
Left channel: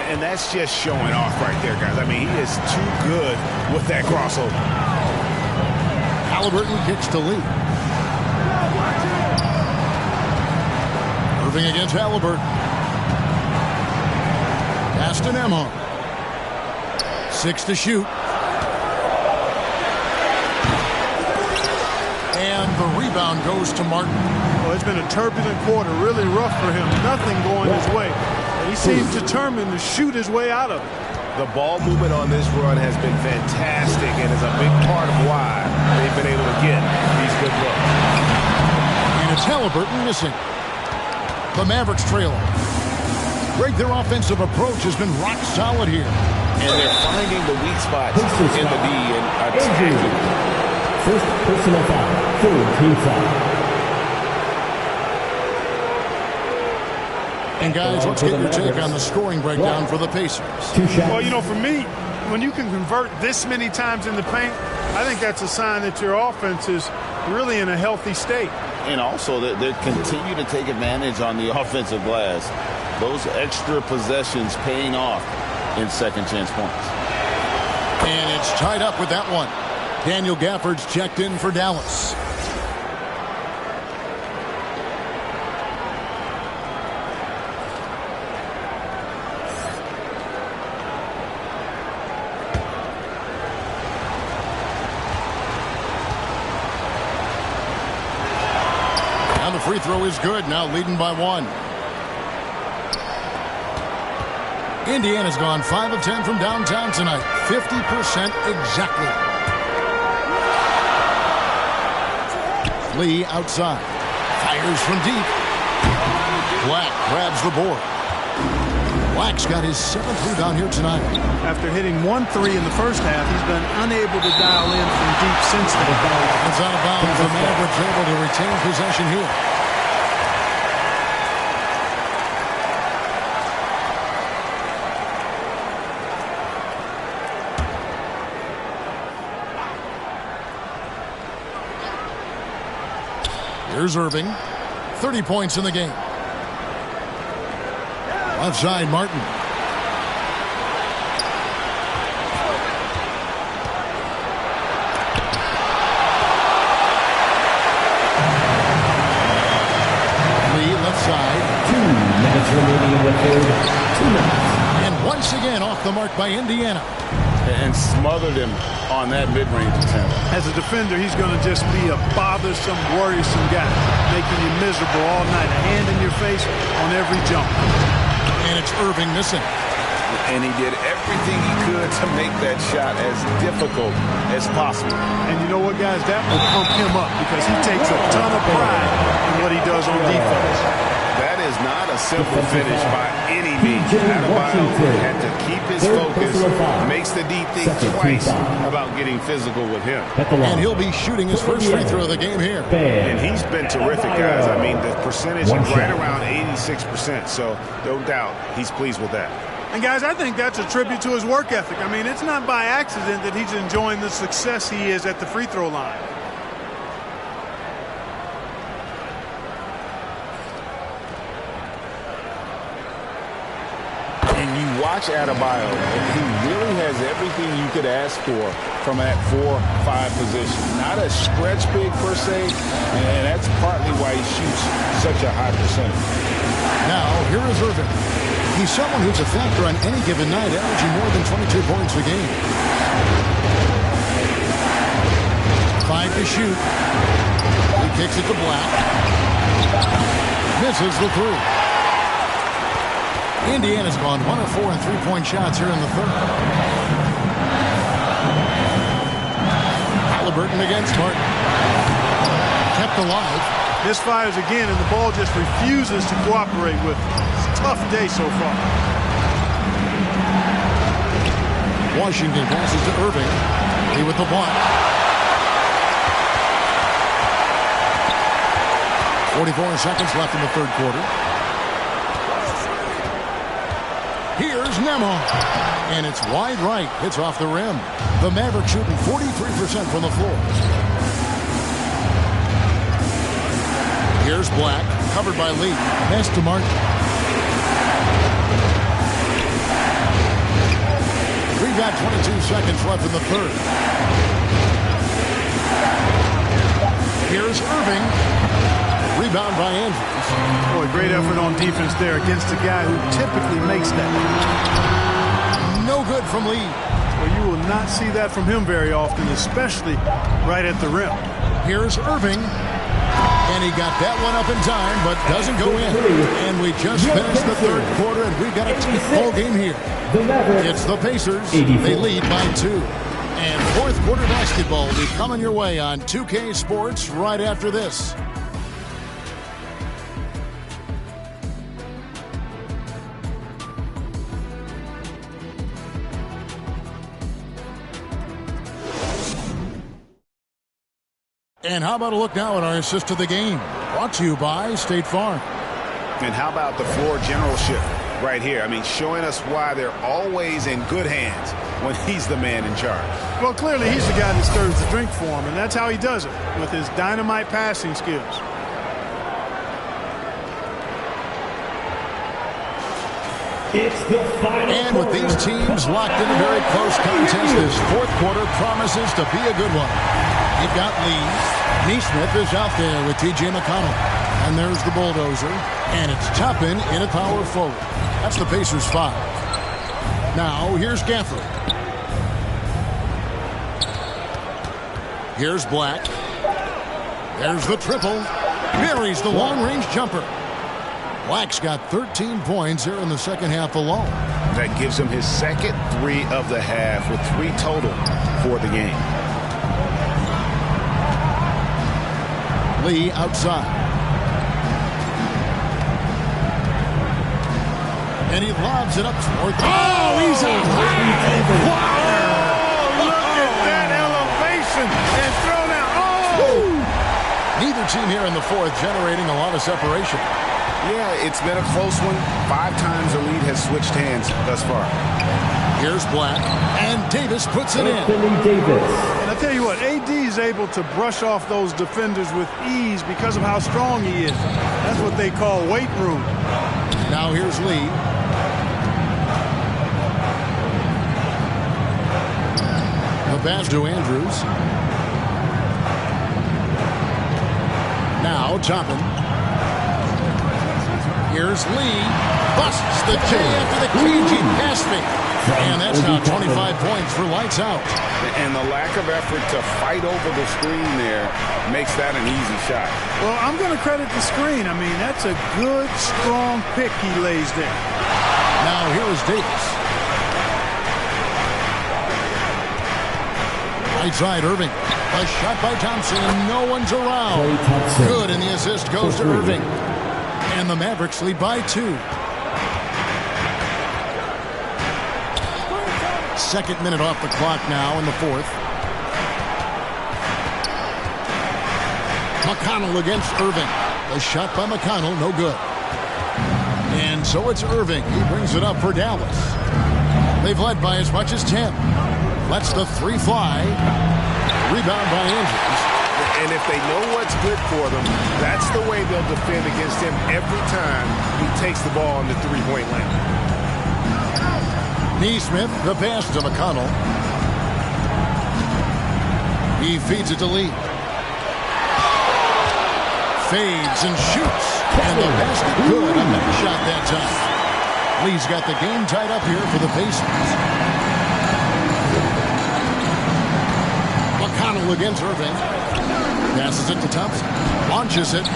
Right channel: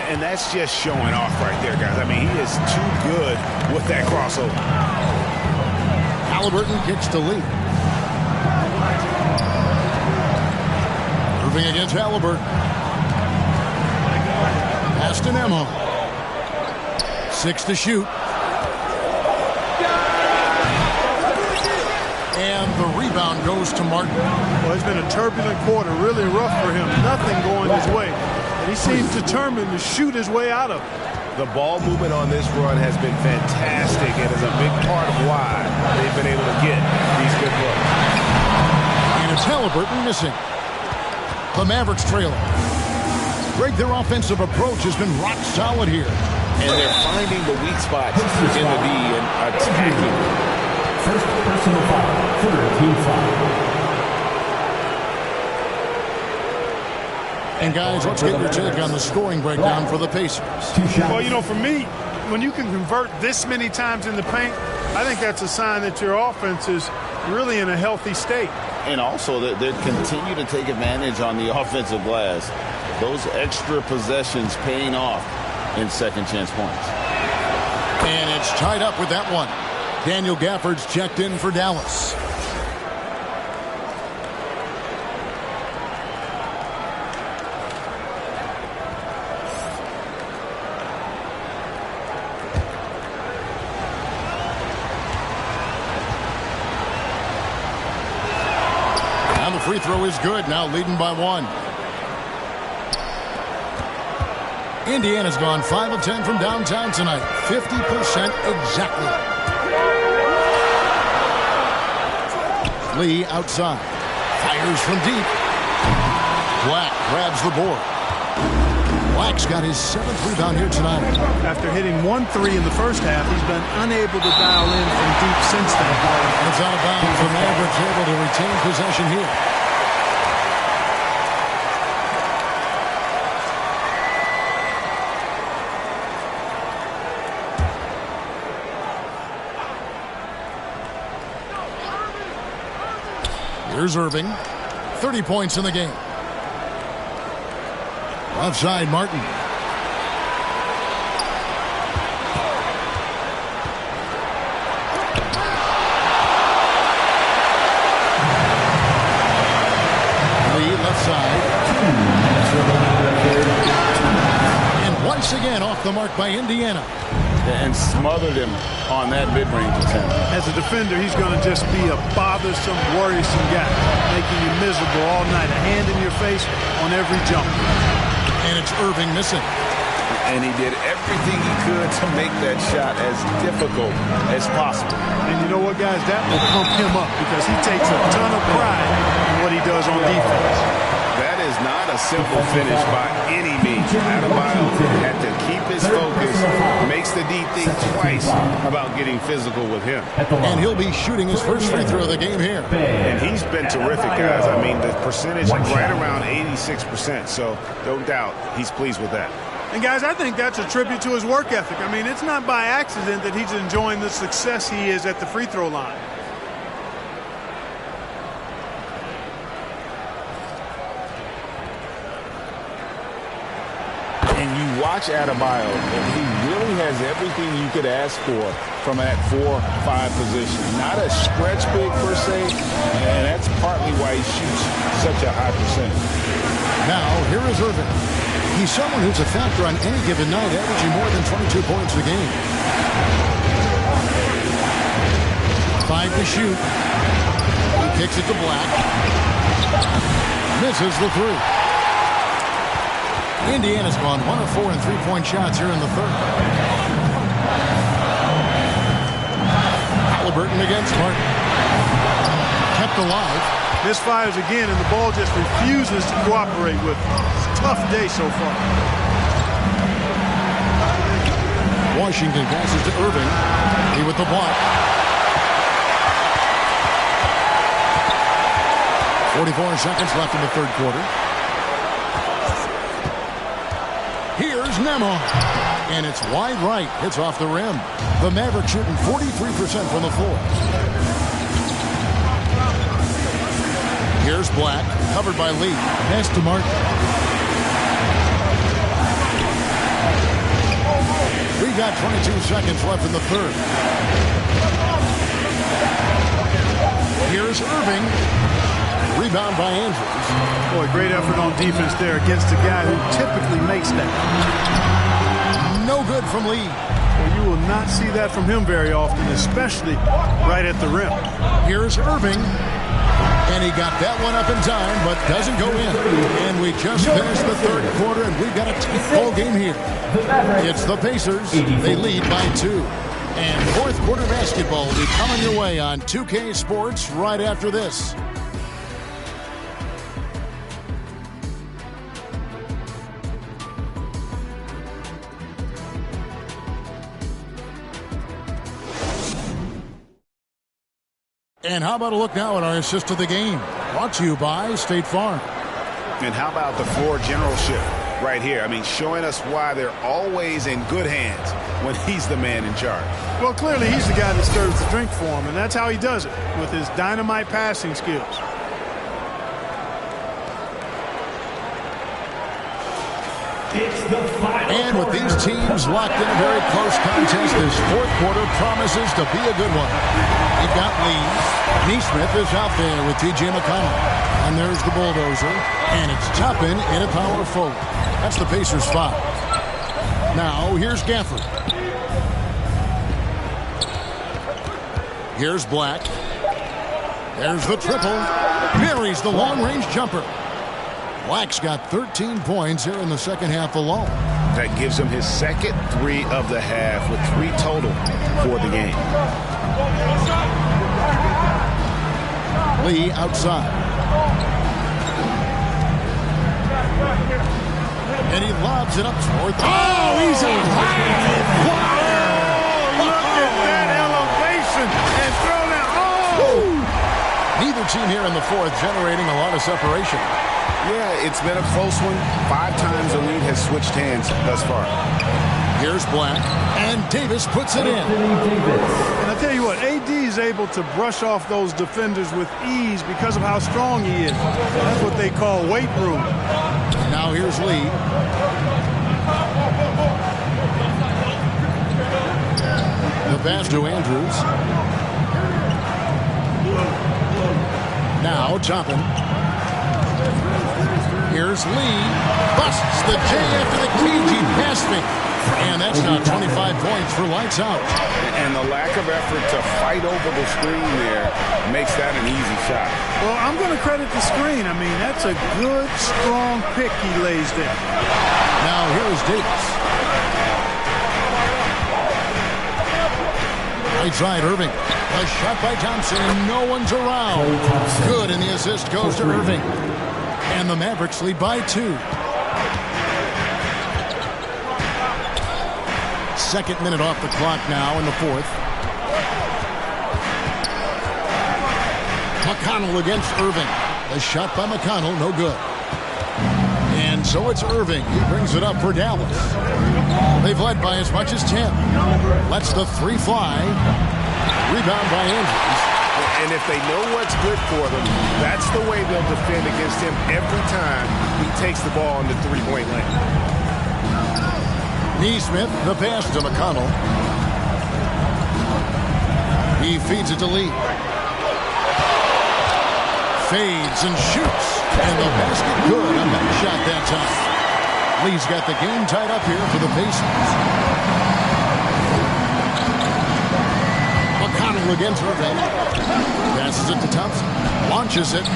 And that's just showing off right there, guys. I mean, he is too good with that crossover. Halliburton kicks to Lee. Irving against Halliburton. Pass to Nembhard. 6 to shoot. And the rebound goes to Martin. Well, it's been a turbulent quarter, really rough for him. Nothing going his way. But he seems determined to shoot his way out of it. The ball movement on this run has been fantastic and is a big part of why they've been able to get these good looks. And it's Halliburton missing. The Mavericks trailer. Greg, their offensive approach has been rock solid here. And they're finding the weak spots in the D and attacking. First personal foul, third team foul. And guys, let's get your take on the scoring breakdown for the Pacers. Well, you know, for me, when you can convert this many times in the paint, I think that's a sign that your offense is really in a healthy state. And also that they continue to take advantage on the offensive glass. Those extra possessions paying off in second chance points. And it's tied up with that one. Daniel Gafford's checked in for Dallas. Now the free throw is good, now leading by 1. Indiana's gone 5 of 10 from downtown tonight. 50% exactly. Lee outside. Fires from deep. Black grabs the board. Black's got his 7th rebound here tonight. After hitting 1 3 in the first half, he's been unable to dial in from deep since then. It's out of bounds. The Mavericks able to retain possession here. Here's Irving. 30 points in the game. Left side, Martin. Lee, left side. 2 minutes remaining in the third. 2 minutes. And once again off the mark by Indiana. And smothered him on that mid-range attempt. As a defender, he's going to just be a bothersome, worrisome guy, making you miserable all night. A hand in your face on every jump. And it's Irving missing. And he did everything he could to make that shot as difficult as possible. And you know what, guys? That will pump him up because he takes a ton of pride in what he does on defense. That is not a simple finish by any means. Adebayo had to keep his focus, makes the D think twice about getting physical with him. And he'll be shooting his first free throw of the game here. And he's been terrific, guys. I mean, the percentage right around 86%, so no doubt he's pleased with that. And, guys, I think that's a tribute to his work ethic. I mean, it's not by accident that he's enjoying the success he is at the free throw line. And you watch Adebayo, he really has everything you could ask for from that 4-5 position. Not a stretch big per se, and that's partly why he shoots such a high percentage. Now, here is Irving. He's someone who's a factor on any given night, averaging more than 22 points a game. 5 5 to shoot. He kicks it to Black. Misses the 3. Indiana's gone 1 of 4 in three-point shots here in the third. Halliburton against Martin. Kept alive. Misfires again, and the ball just refuses to cooperate with him. It's a tough day so far. Washington passes to Irving. He with the block. 44 seconds left in the third quarter. Here's Nembhard. And it's wide right. Hits off the rim. The Mavericks shooting 43% from the floor. Here's Black. Covered by Lee. Pass to Martin. We've got 22 seconds left in the third. Here's Irving. Rebound by Andrews. Boy, great effort on defense there against a guy who typically makes that. No good from Lee. Well, you will not see that from him very often, especially right at the rim. Here's Irving. And he got that one up in time, but doesn't go in. And we just finished the third quarter, and we've got a tight ball game here. It's the Pacers. They lead by 2. And fourth quarter basketball will be coming your way on 2K Sports right after this. And how about a look now at our assist of the game? Brought to you by State Farm. And how about the floor generalship right here? I mean, showing us why they're always in good hands when he's the man in charge. Well, clearly he's the guy that stirs the drink for him, and that's how he does it, with his dynamite passing skills. It's the final and with these teams locked in a very close contest, this fourth quarter promises to be a good one. You've got Lee. Neesmith is out there with T.J. McConnell. And there's the bulldozer. And it's Toppin in a power forward. That's the Pacers 5. Now, here's Gafford. Here's Black. There's the triple. Buries the long-range jumper. Black's got 13 points here in the second half alone. That gives him his second 3 of the half with 3 total for the game. Lee outside. And he lobs it up toward. Oh, he's a high flyer! Oh, look at that elevation and throw down. Oh! Neither team here in the fourth generating a lot of separation. Yeah, it's been a close one. 5 times the lead has switched hands thus far. Here's Black, and Davis puts it in. And I tell you what, AD is able to brush off those defenders with ease because of how strong he is. That's what they call weight room. Now here's Lee. The pass to Andrews. Now Toppin. Here's Lee. Busts the J after the cagey pass fake. And that's now 25 points for lights out. And the lack of effort to fight over the screen there makes that an easy shot. Well, I'm going to credit the screen. I mean, that's a good, strong pick he lays there. Now here is Davis. Right side, Irving. A shot by Thompson, and no one's around. Good, and the assist goes to Irving. And the Mavericks lead by 2. Second minute off the clock now in the fourth. McConnell against Irving. The shot by McConnell, no good. And so it's Irving. He brings it up for Dallas. They've led by as much as 10. Lets the 3 fly. Rebound by Andrews. And if they know what's good for them, that's the way they'll defend against him every time he takes the ball in the three-point lane. Neesmith, the pass to McConnell. He feeds it to Lee. Fades and shoots. And the basket good. A bank shot that time. Lee's got the game tied up here for the Pacers. McConnell against Irving. Passes it to Thompson. Launches it.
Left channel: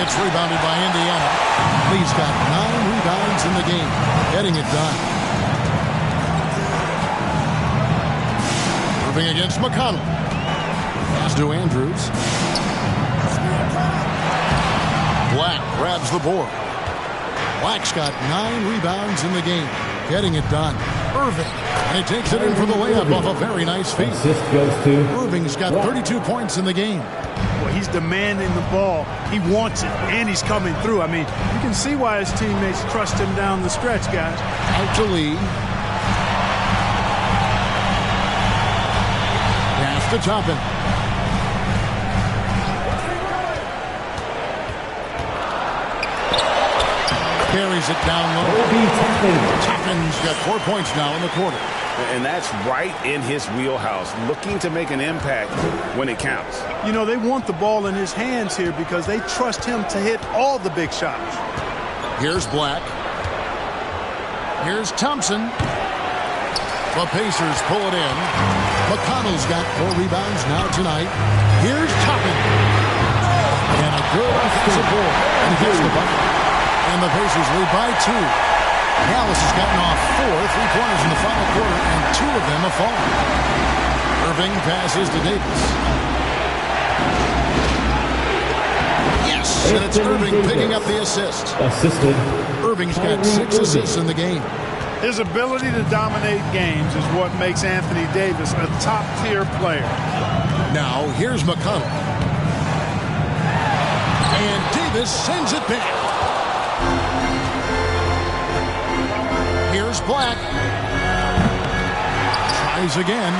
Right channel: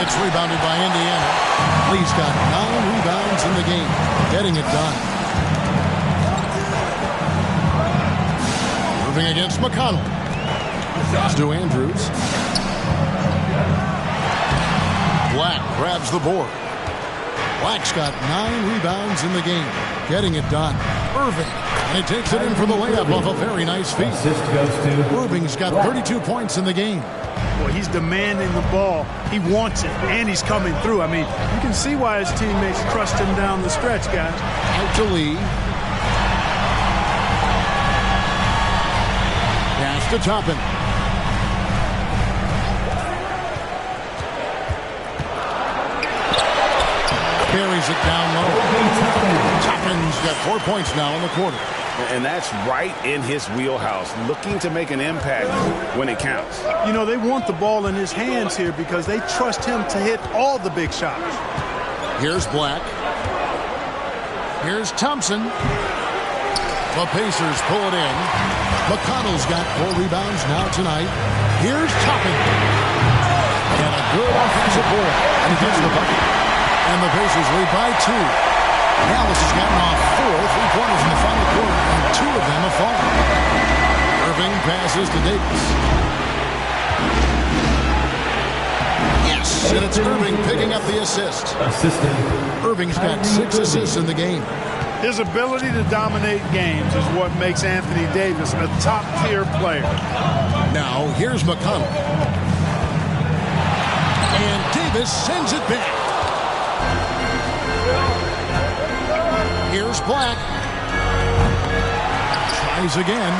It's rebounded by Indiana. Lee's got 9 rebounds in the game. Getting it done. Irving against McConnell. Pass to Andrews. Black grabs the board. Black's got 9 rebounds in the game. Getting it done. Irving. And he takes it in for the layup off a very nice feed. Assist goes to Irving's got 32 points in the game. Boy, he's demanding the ball. He wants it, and he's coming through. I mean, you can see why his teammates trust him down the stretch, guys. Out to Lee. Pass to Toppin. Carries it down low. Toppin's got 4 points now in the quarter. And that's right in his wheelhouse, looking to make an impact when it counts. You know, they want the ball in his hands here because they trust him to hit all the big shots. Here's Black. Here's Thompson. The Pacers pull it in. McConnell's got 4 rebounds now tonight. Here's Toppin. And a good offensive board. And he gets the bucket. And the Pacers lead by 2. Dallas has gotten off 4 3-pointers in the final quarter, and 2 of them have fallen. Irving passes to Davis. Yes, and it's Irving picking up the assist. Assisted. Irving's got 6 assists in the game. His ability to dominate games is what makes Anthony Davis a top-tier player. Now, here's McConnell. And Davis sends it back. Here's Black. Tries again.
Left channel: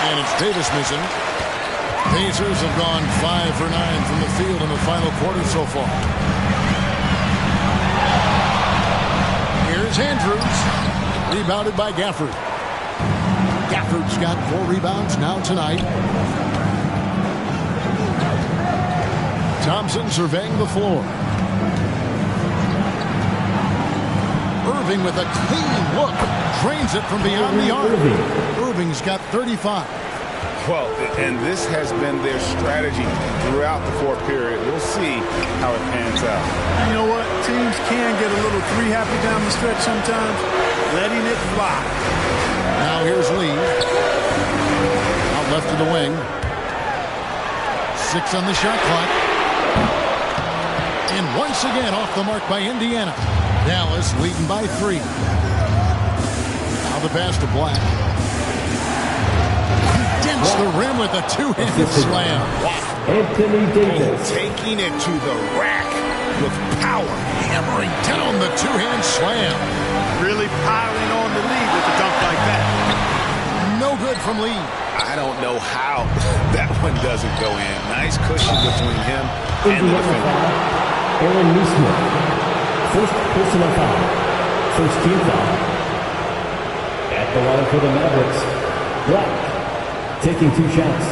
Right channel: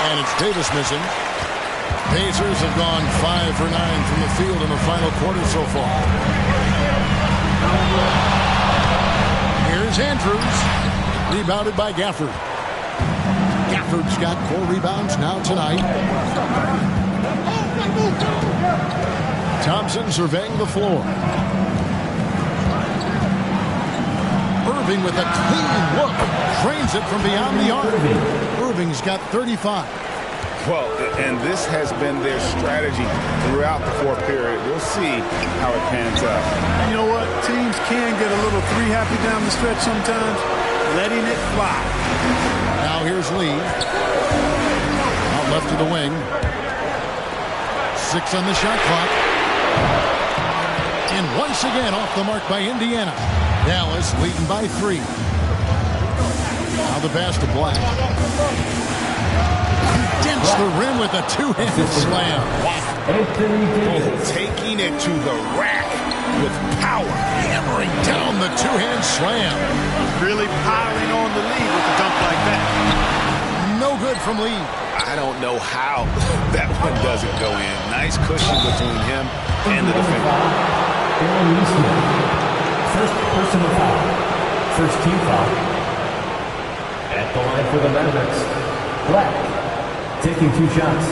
And it's Davis missing. Pacers have gone 5 for 9 from the field in the final quarter so far. Here's Andrews. Rebounded by Gafford. Gafford's got 4 rebounds now tonight. Thompson surveying the floor. Irving with a clean look. Drains it from beyond the arc. Irving's got 35. Well, and this has been their strategy throughout the fourth period. We'll see how it pans out. You know what? Teams can get a little 3-happy down the stretch sometimes. Letting it fly. Now here's Lee. Out left to the wing. 6 on the shot clock. And once again off the mark by Indiana. Dallas leading by 3. Now the pass to Black. He dents the rim with a 2-handed slam. Wow. Anthony Davis. Taking it to the rack with power. Hammering down the 2-hand slam. Really piling on the lead with a dunk like that. No good from Lee. I don't know how that one doesn't go in. Nice cushion between him and the defender. Aaron Neesmith. First personal foul. First team foul. At the line for the Mavericks, Black taking 2 shots.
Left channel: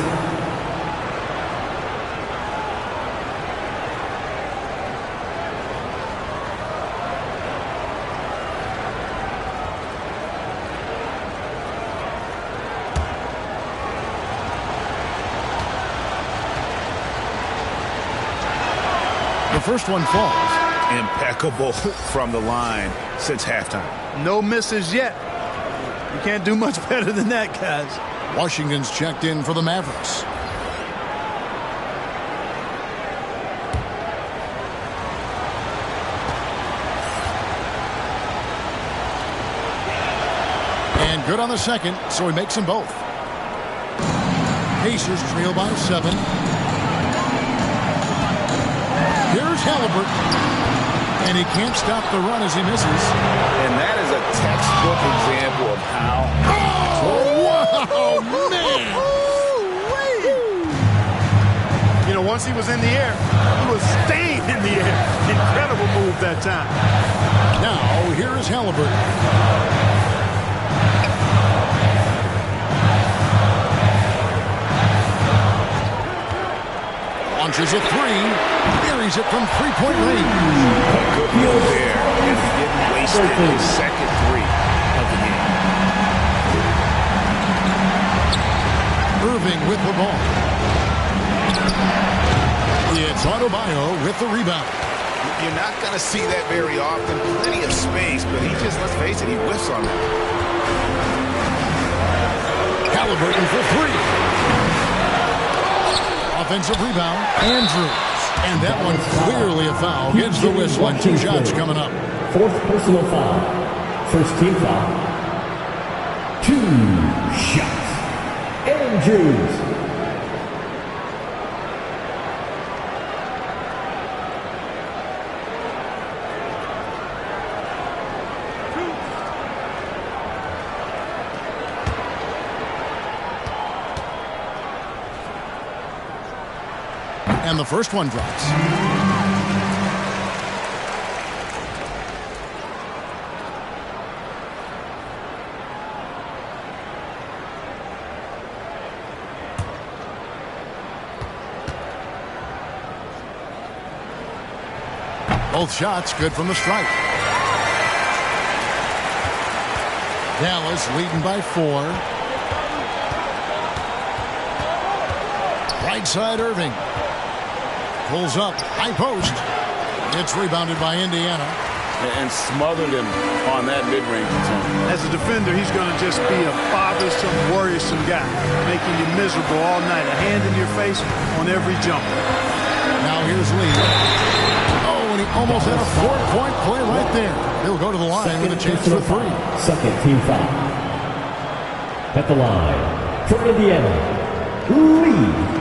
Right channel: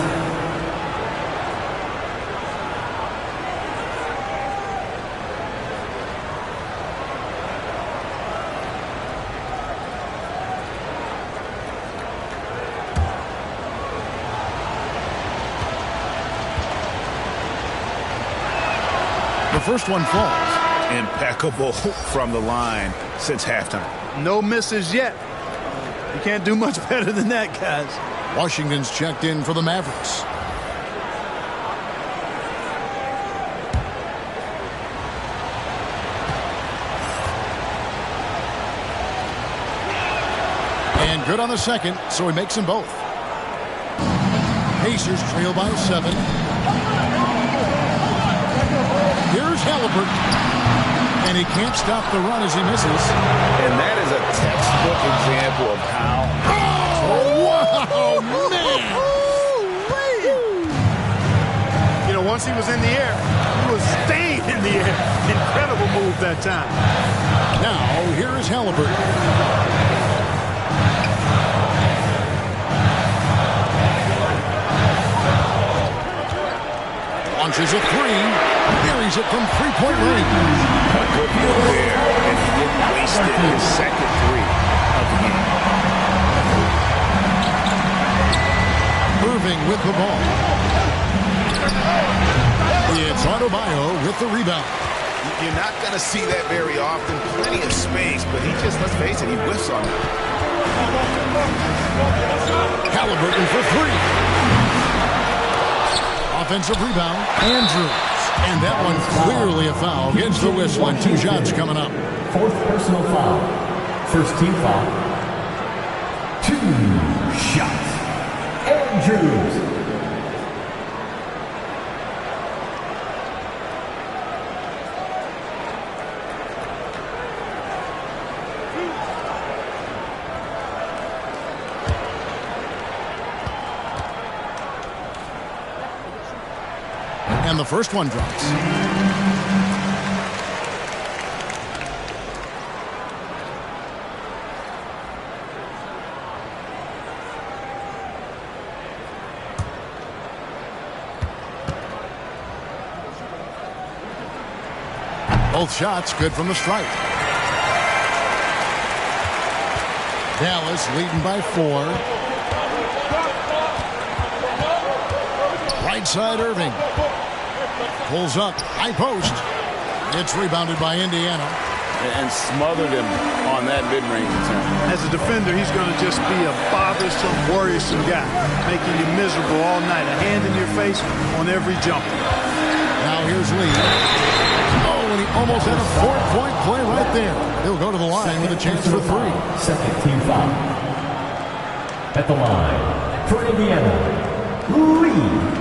The first one falls. Impeccable from the line since halftime. No misses yet. You can't do much better than that, guys. Washington's checked in for the Mavericks. And good on the second, so he makes them both. Pacers trail by 7. Here's Halliburton. And he can't stop the run as he misses. And that is a textbook example of how... Oh, wow, man! You know, once he was in the air, he was staying in the air. Incredible move that time. Now, here is Halliburton. Launches a 3. Buries it from 3-point range. A good move there, and he didn't waste it. His second 3 of the game. Irving with the ball. It's Adebayo with the rebound. You're not going to see that very often. Plenty of space, but he just, let's face it, he whiffs on that. Halliburton for three. Offensive rebound. Andrews. And that one clearly a foul. Gets the whistle and 2 shots coming up. Fourth personal foul. First team foul. 2 shots. Andrews. And the first one drops. Both shots good from the stripe. Dallas leading by 4. Right side Irving. Pulls up, high post. It's rebounded by Indiana. And smothered him on that mid-range attempt. As a defender, he's going to just be a bothersome, worrisome guy, making you miserable all night. A hand in your face on every jumper. Now here's Lee. Oh, and he almost had a 4-point play right there. He'll go to the line with a chance for 3. Second team foul. At the line for Indiana, Lee.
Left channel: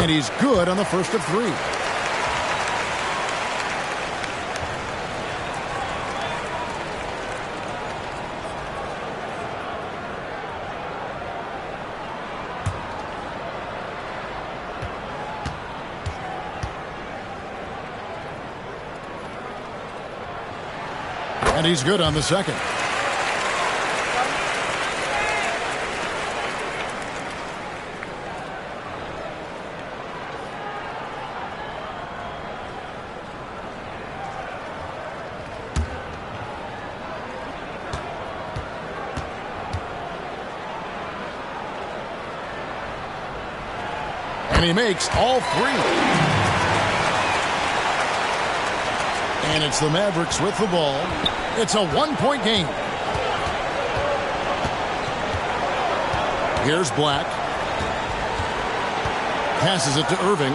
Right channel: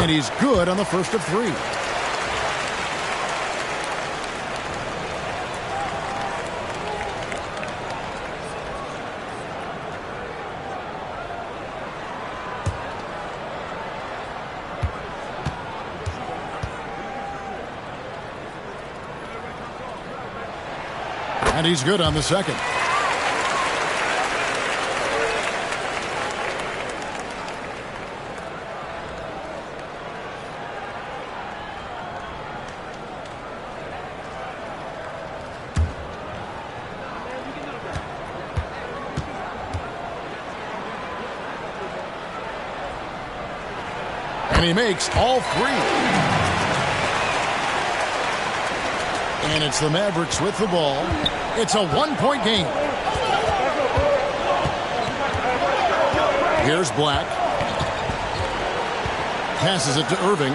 And he's good on the first of 3. And he's good on the second. And he makes all 3. And it's the Mavericks with the ball. It's a 1-point game. Here's Black. Passes it to Irving.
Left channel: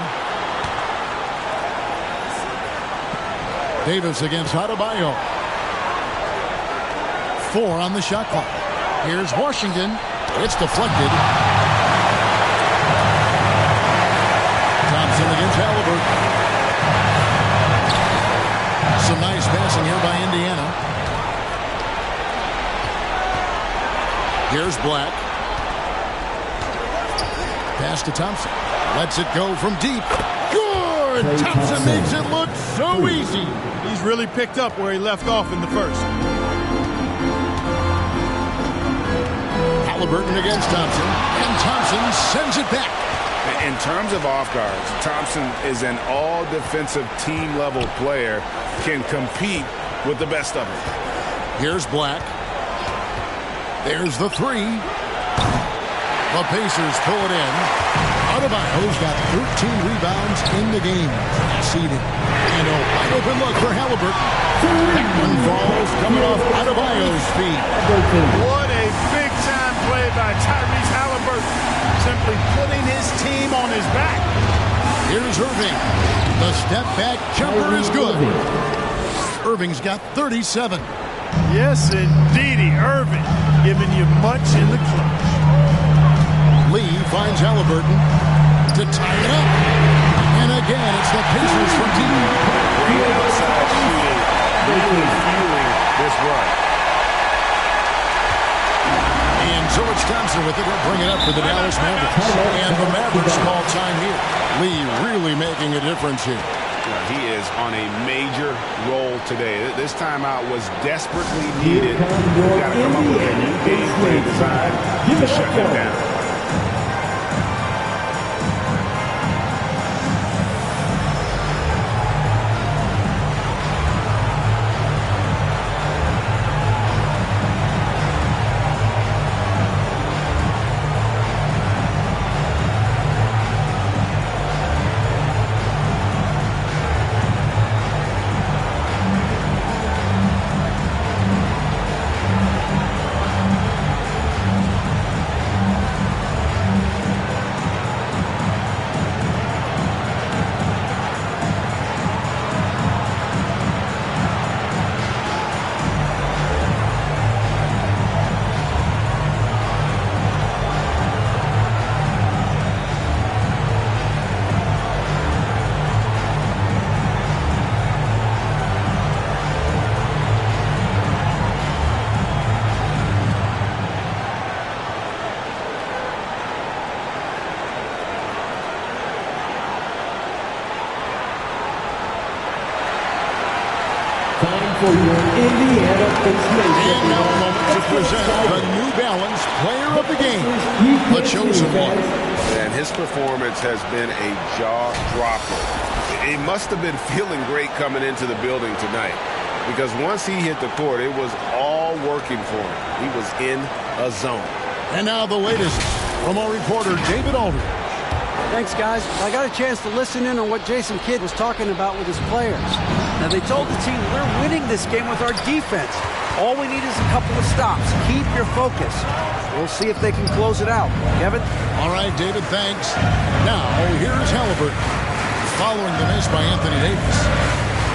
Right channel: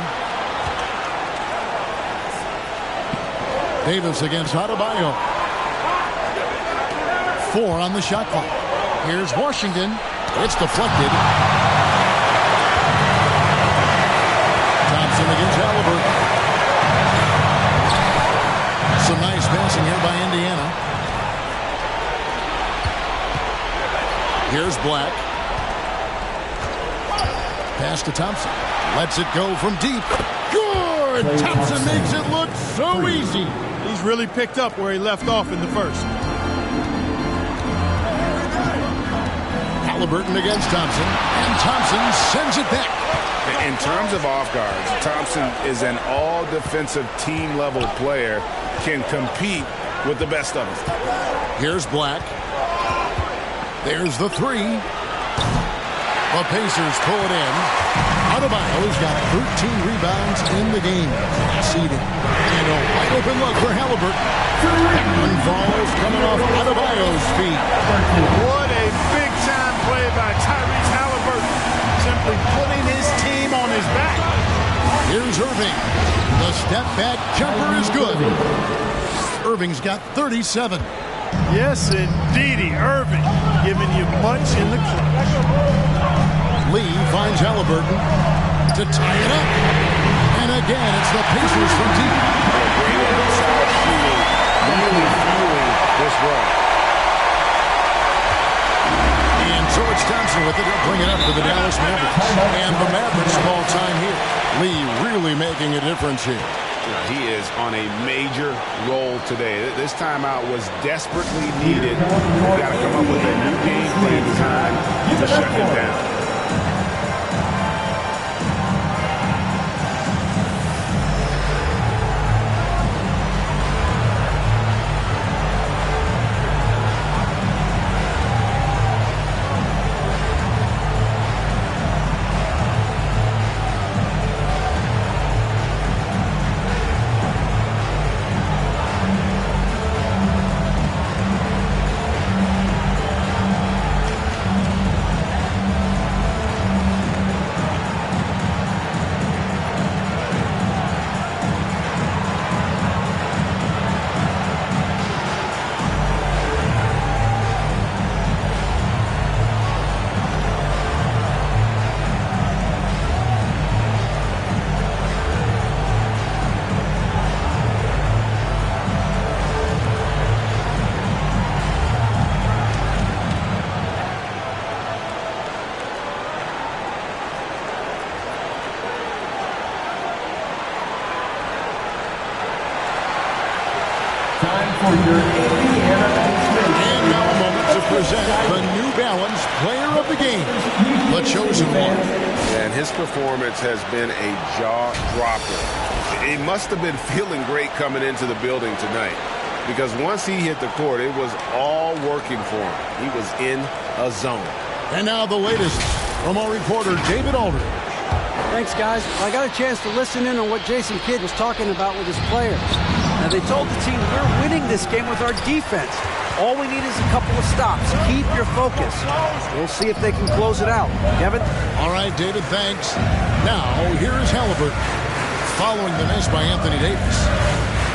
Davis against Adebayo. 4 on the shot clock. Here's Washington. It's deflected. Thompson against Halliburton. Some nice passing here by Indiana. Here's Black. Pass to Thompson. Lets it go from deep. Good! Thompson makes it look so easy. He's really picked up where he left off in the first. Halliburton against Thompson. And Thompson sends it back. In terms of off guards, Thompson is an all-defensive team-level player, can compete with the best of them. Here's Black. There's the 3. The Pacers pull it in. Adebayo's got 13 rebounds in the game. Class eating. And a wide open look for Halliburton. That one falls coming off Adebayo's feet. What a big-time play by Tyrese Halliburton. Simply putting his team on his back. Here's Irving. The step-back jumper is good. Irving's got 37. Yes, indeedy. Irving giving you much in the clutch. Lee finds Halliburton to tie it up. And again, it's the Pacers from deep. Great outside shooting, really fueling this run. And so it's Thompson with it. He'll bring it up for the Dallas Mavericks. And the Mavericks call time here. Lee really making a difference here. He is on a major roll today. This timeout was desperately needed. We've got to come up with a new game plan design to shut him down. For your Indiana Pacemaker. And now a moment to present the New Balance Player of the Game, the chosen one. And his performance has been a jaw-dropper. He must have been feeling great coming into the building tonight, because once he hit the court, it was all working for him. He was in a zone. And now the latest from our reporter, David Aldridge. Thanks, guys. I got a chance to listen in on what Jason Kidd was talking about with his players. Now, they told the team, we're winning this game with our defense. All we need is a couple of stops. Keep your focus. We'll see if they can close it out. Kevin? All right, David, thanks. Now, here's Halliburton. Following the miss by Anthony Davis.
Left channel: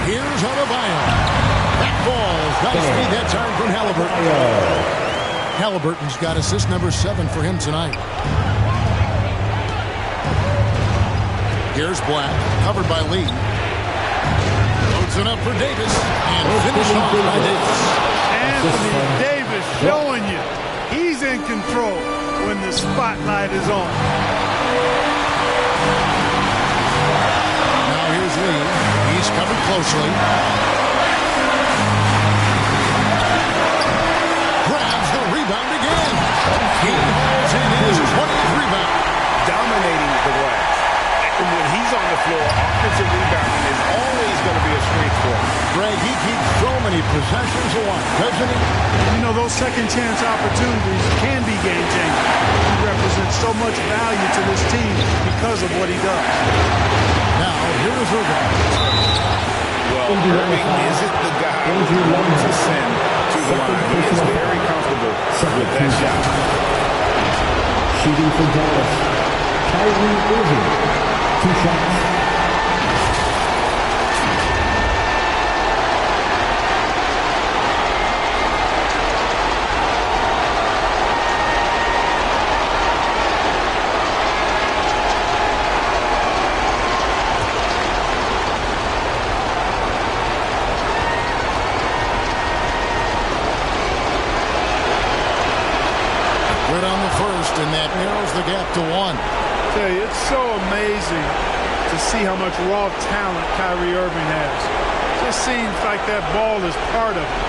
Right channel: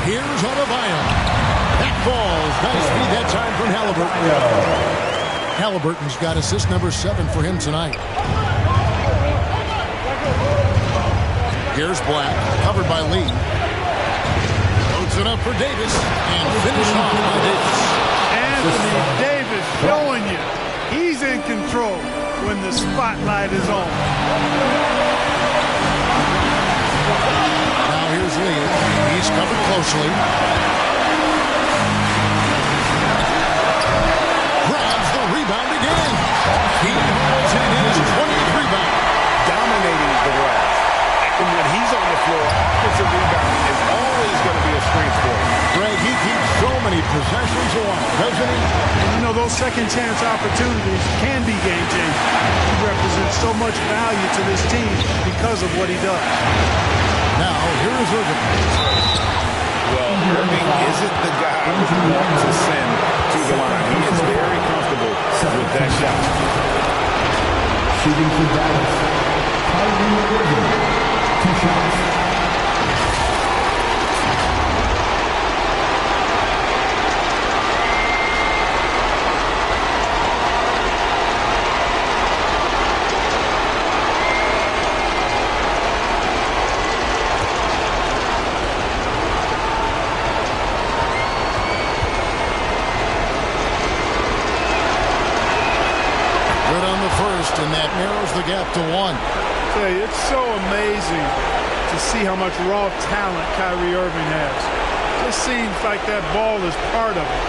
Here's Adebayo. That falls. Nice feed that time from Halliburton. Halliburton's got assist number 7 for him tonight. Here's Black, covered by Lee. Loads it up for Davis, and finished off by Davis. Anthony Davis showing you he's in control when the spotlight is on. Now here's Lee. He's covered closely. Grabs the rebound again. He hauls in his 20th rebound. Dominating the glass. And when he's on the floor, offensive rebounding is always going to be a strength for him. Greg, he keeps so many possessions alive, doesn't he? And you know, those second chance opportunities can be game-changing. He represents so much value to this team because of what he does. Now, here is Irving. Well, Irving isn't the guy we want to send to the line. He is very comfortable with that shot. Shooting for Dallas, Kyrie Irving. 2 shots. Good on the first, and that narrows the gap to 1. I tell you, it's so amazing to see how much raw talent Kyrie Irving has. Just seems like that ball is part of it.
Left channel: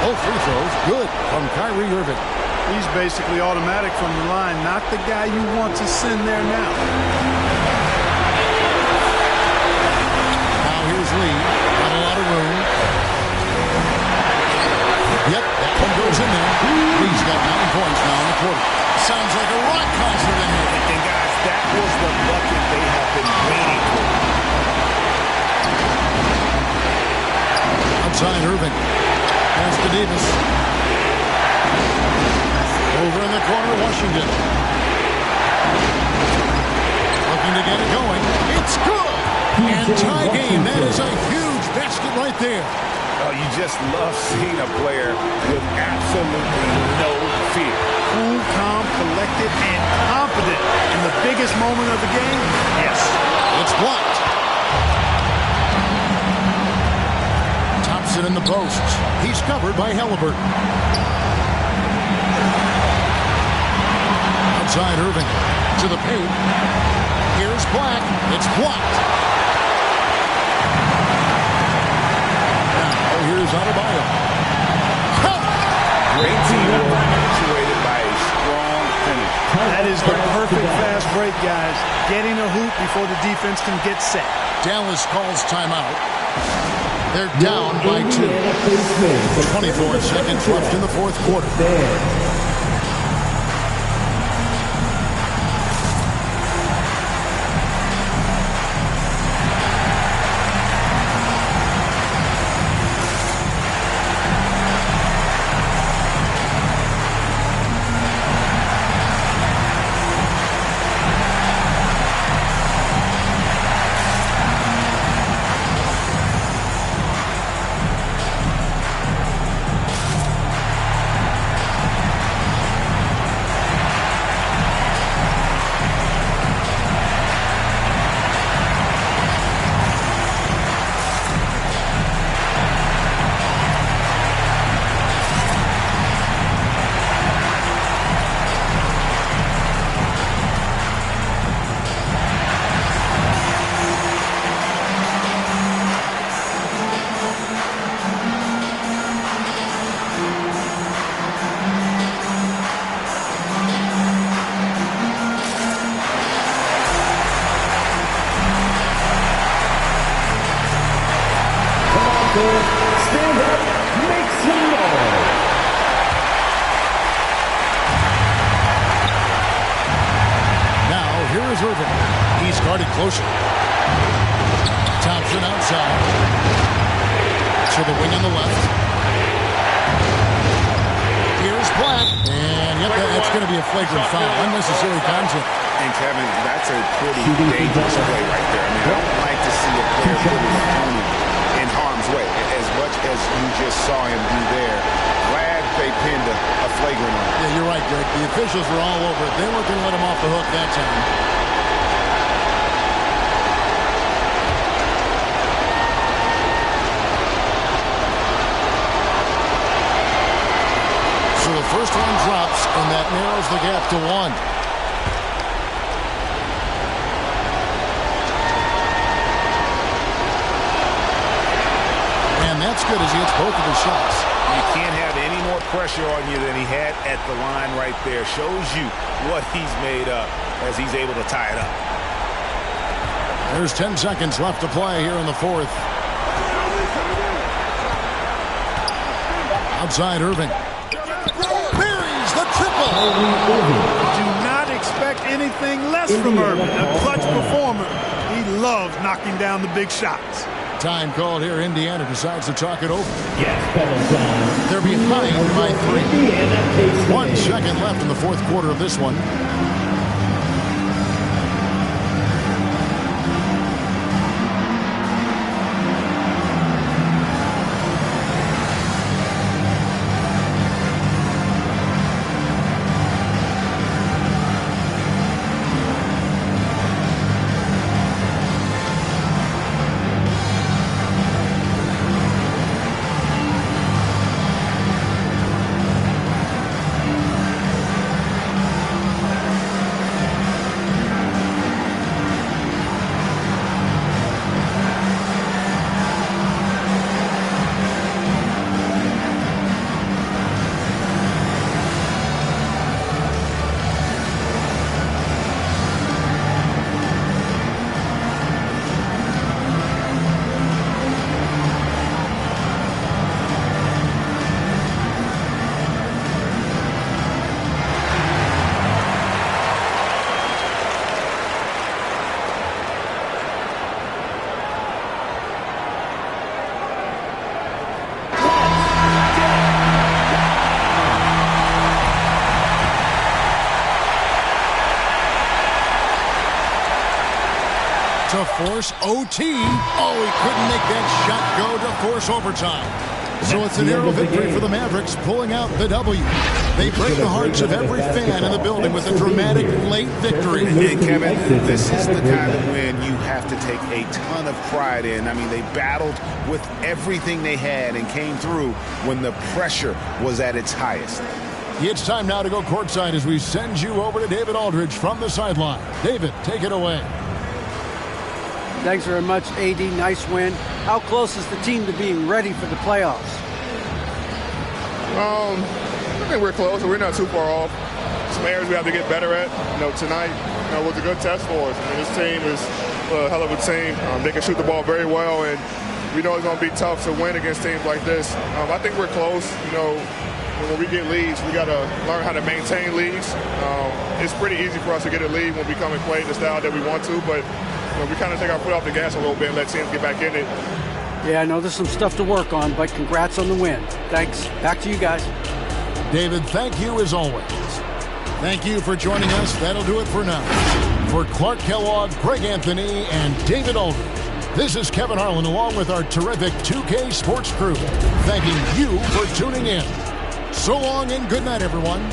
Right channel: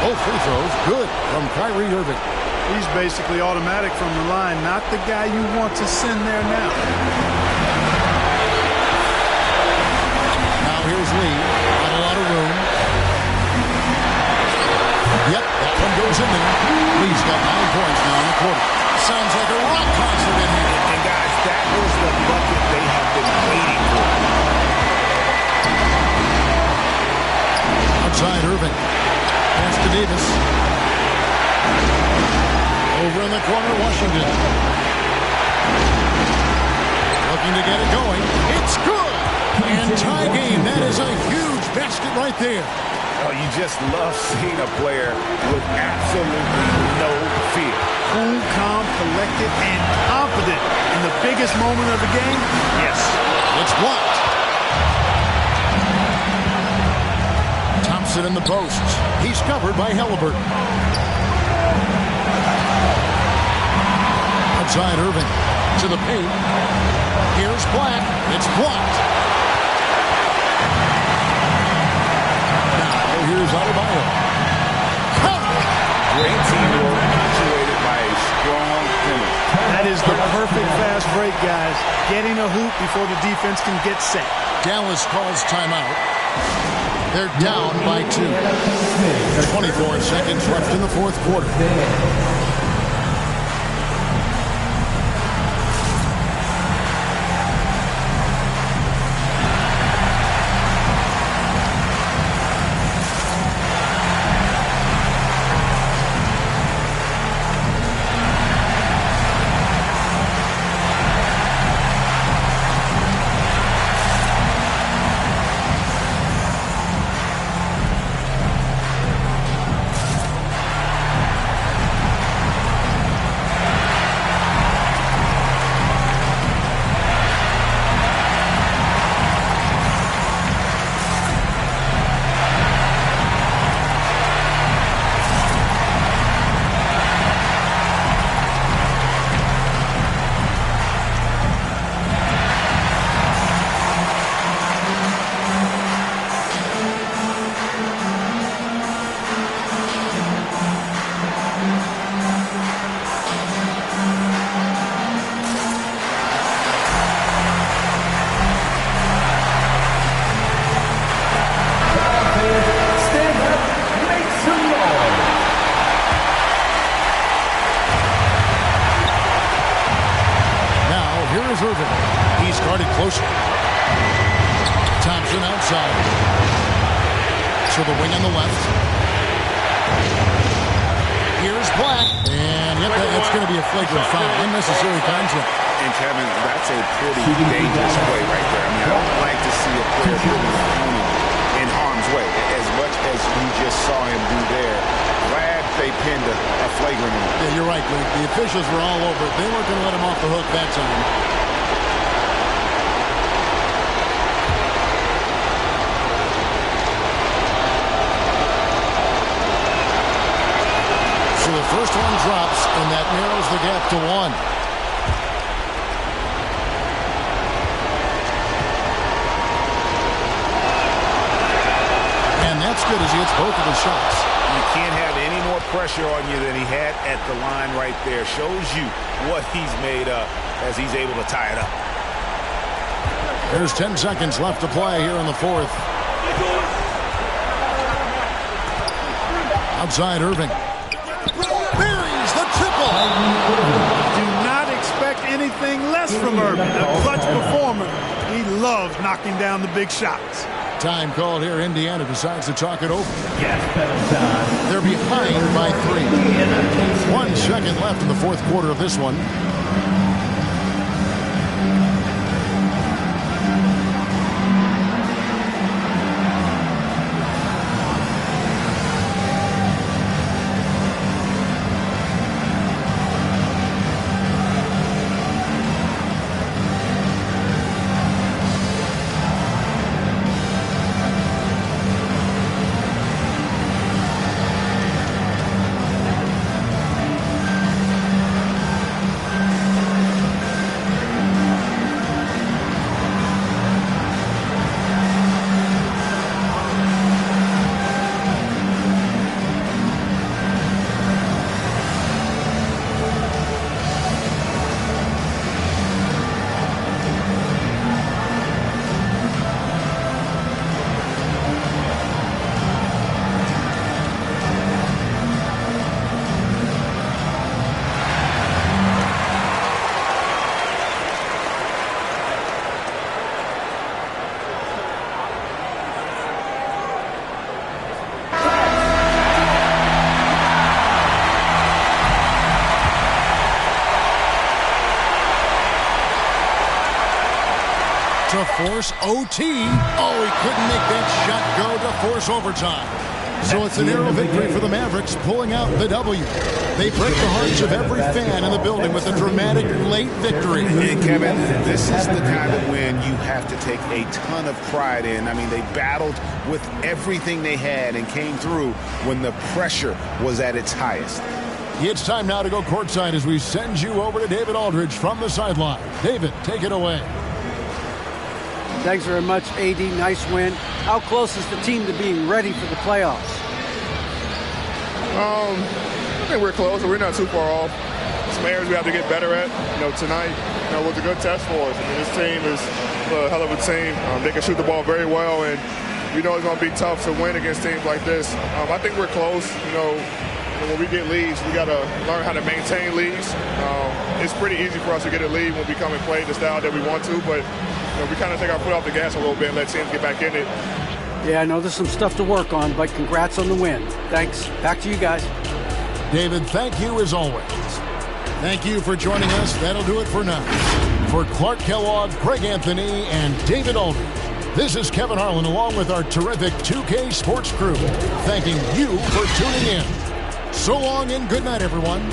Both free throws good from Kyrie Irving. He's basically automatic from the line, not the guy you want to send there now. Now here's Lee. Not a lot of room. Yep, that one goes in there. Lee's got 9 points now in the quarter. Sounds like a rock concert in here. And guys, that was the bucket they have been waiting for. Outside Irving. Pass to Davis. Over in the corner, Washington. Looking to get it going. It's good. And tie game. That is a huge basket right there. Oh, you just love seeing a player with absolutely no fear. Cool, calm, collected, and confident in the biggest moment of the game. Yes. It's blocked. Thompson in the posts. He's covered by Halliburton. Outside Irving to the paint. Here's Black. It's blocked. Now here's Adebayo. Great teamwork punctuated by a strong finish. That is the perfect fast break, guys. Getting a hoop before the defense can get set. Dallas calls timeout. They're down by 2. 24 seconds left in the fourth quarter. Stand up, make some noise. Now, here is Irving. He's guarded closer. Thompson outside. To the wing on the left. Here's Black. And, yep, that's going to be a flagrant foul. Unnecessary contact. And, Kevin, that's a pretty dangerous play right there. I mean, I don't like to see a player put an opponent in harm's way. As much as you just saw him do there, glad they pinned a flagrant on him. Yeah, you're right, Greg. The officials were all over it. They weren't going to let him off the hook that time. So the first one drops, and that narrows the gap to 1. And that's good as he hits both of his shots. You can't have any more pressure on you than he had at the line right there. Shows you what he's made of as he's able to tie it up. There's 10 seconds left to play here in the fourth. Outside Irving. Buries the triple. Do not expect anything less from Irving. A clutch performer. He loves knocking down the big shots. Time called here. Indiana decides to talk it over. Gas pedal time. They're behind by 3. 1 second left in the fourth quarter of this one. To force OT. Oh, he couldn't make that shot go to force overtime. So it's a narrow victory for the Mavericks, pulling out the W. They break the hearts of every fan in the building with a dramatic late victory. And Kevin, this is the kind of win you have to take a ton of pride in. I mean, they battled with everything they had and came through when the pressure was at its highest. It's time now to go courtside as we send you over to David Aldridge from the sideline. David, take it away. Thanks very much, AD. Nice win. How close is the team to being ready for the playoffs? I think we're close. We're not too far off. Some areas we have to get better at. Tonight, was a good test for us. I mean, this team is a hell of a team. They can shoot the ball very well, and we know it's going to be tough to win against teams like this. I think we're close. When we get leads, we got to learn how to maintain leads. It's pretty easy for us to get a lead when we come and play the style that we want to, but we kind of take our foot off the gas a little bit and let teams get back in it. Yeah, I know there's some stuff to work on, but congrats on the win. Thanks. Back to you guys. David, thank you as always. Thank you for joining us. That'll do it for now. For Clark Kellogg, Greg Anthony, and David Aldridge, this is Kevin Harlan along with our terrific 2K Sports crew, thanking you for tuning in. So long and good night, everyone.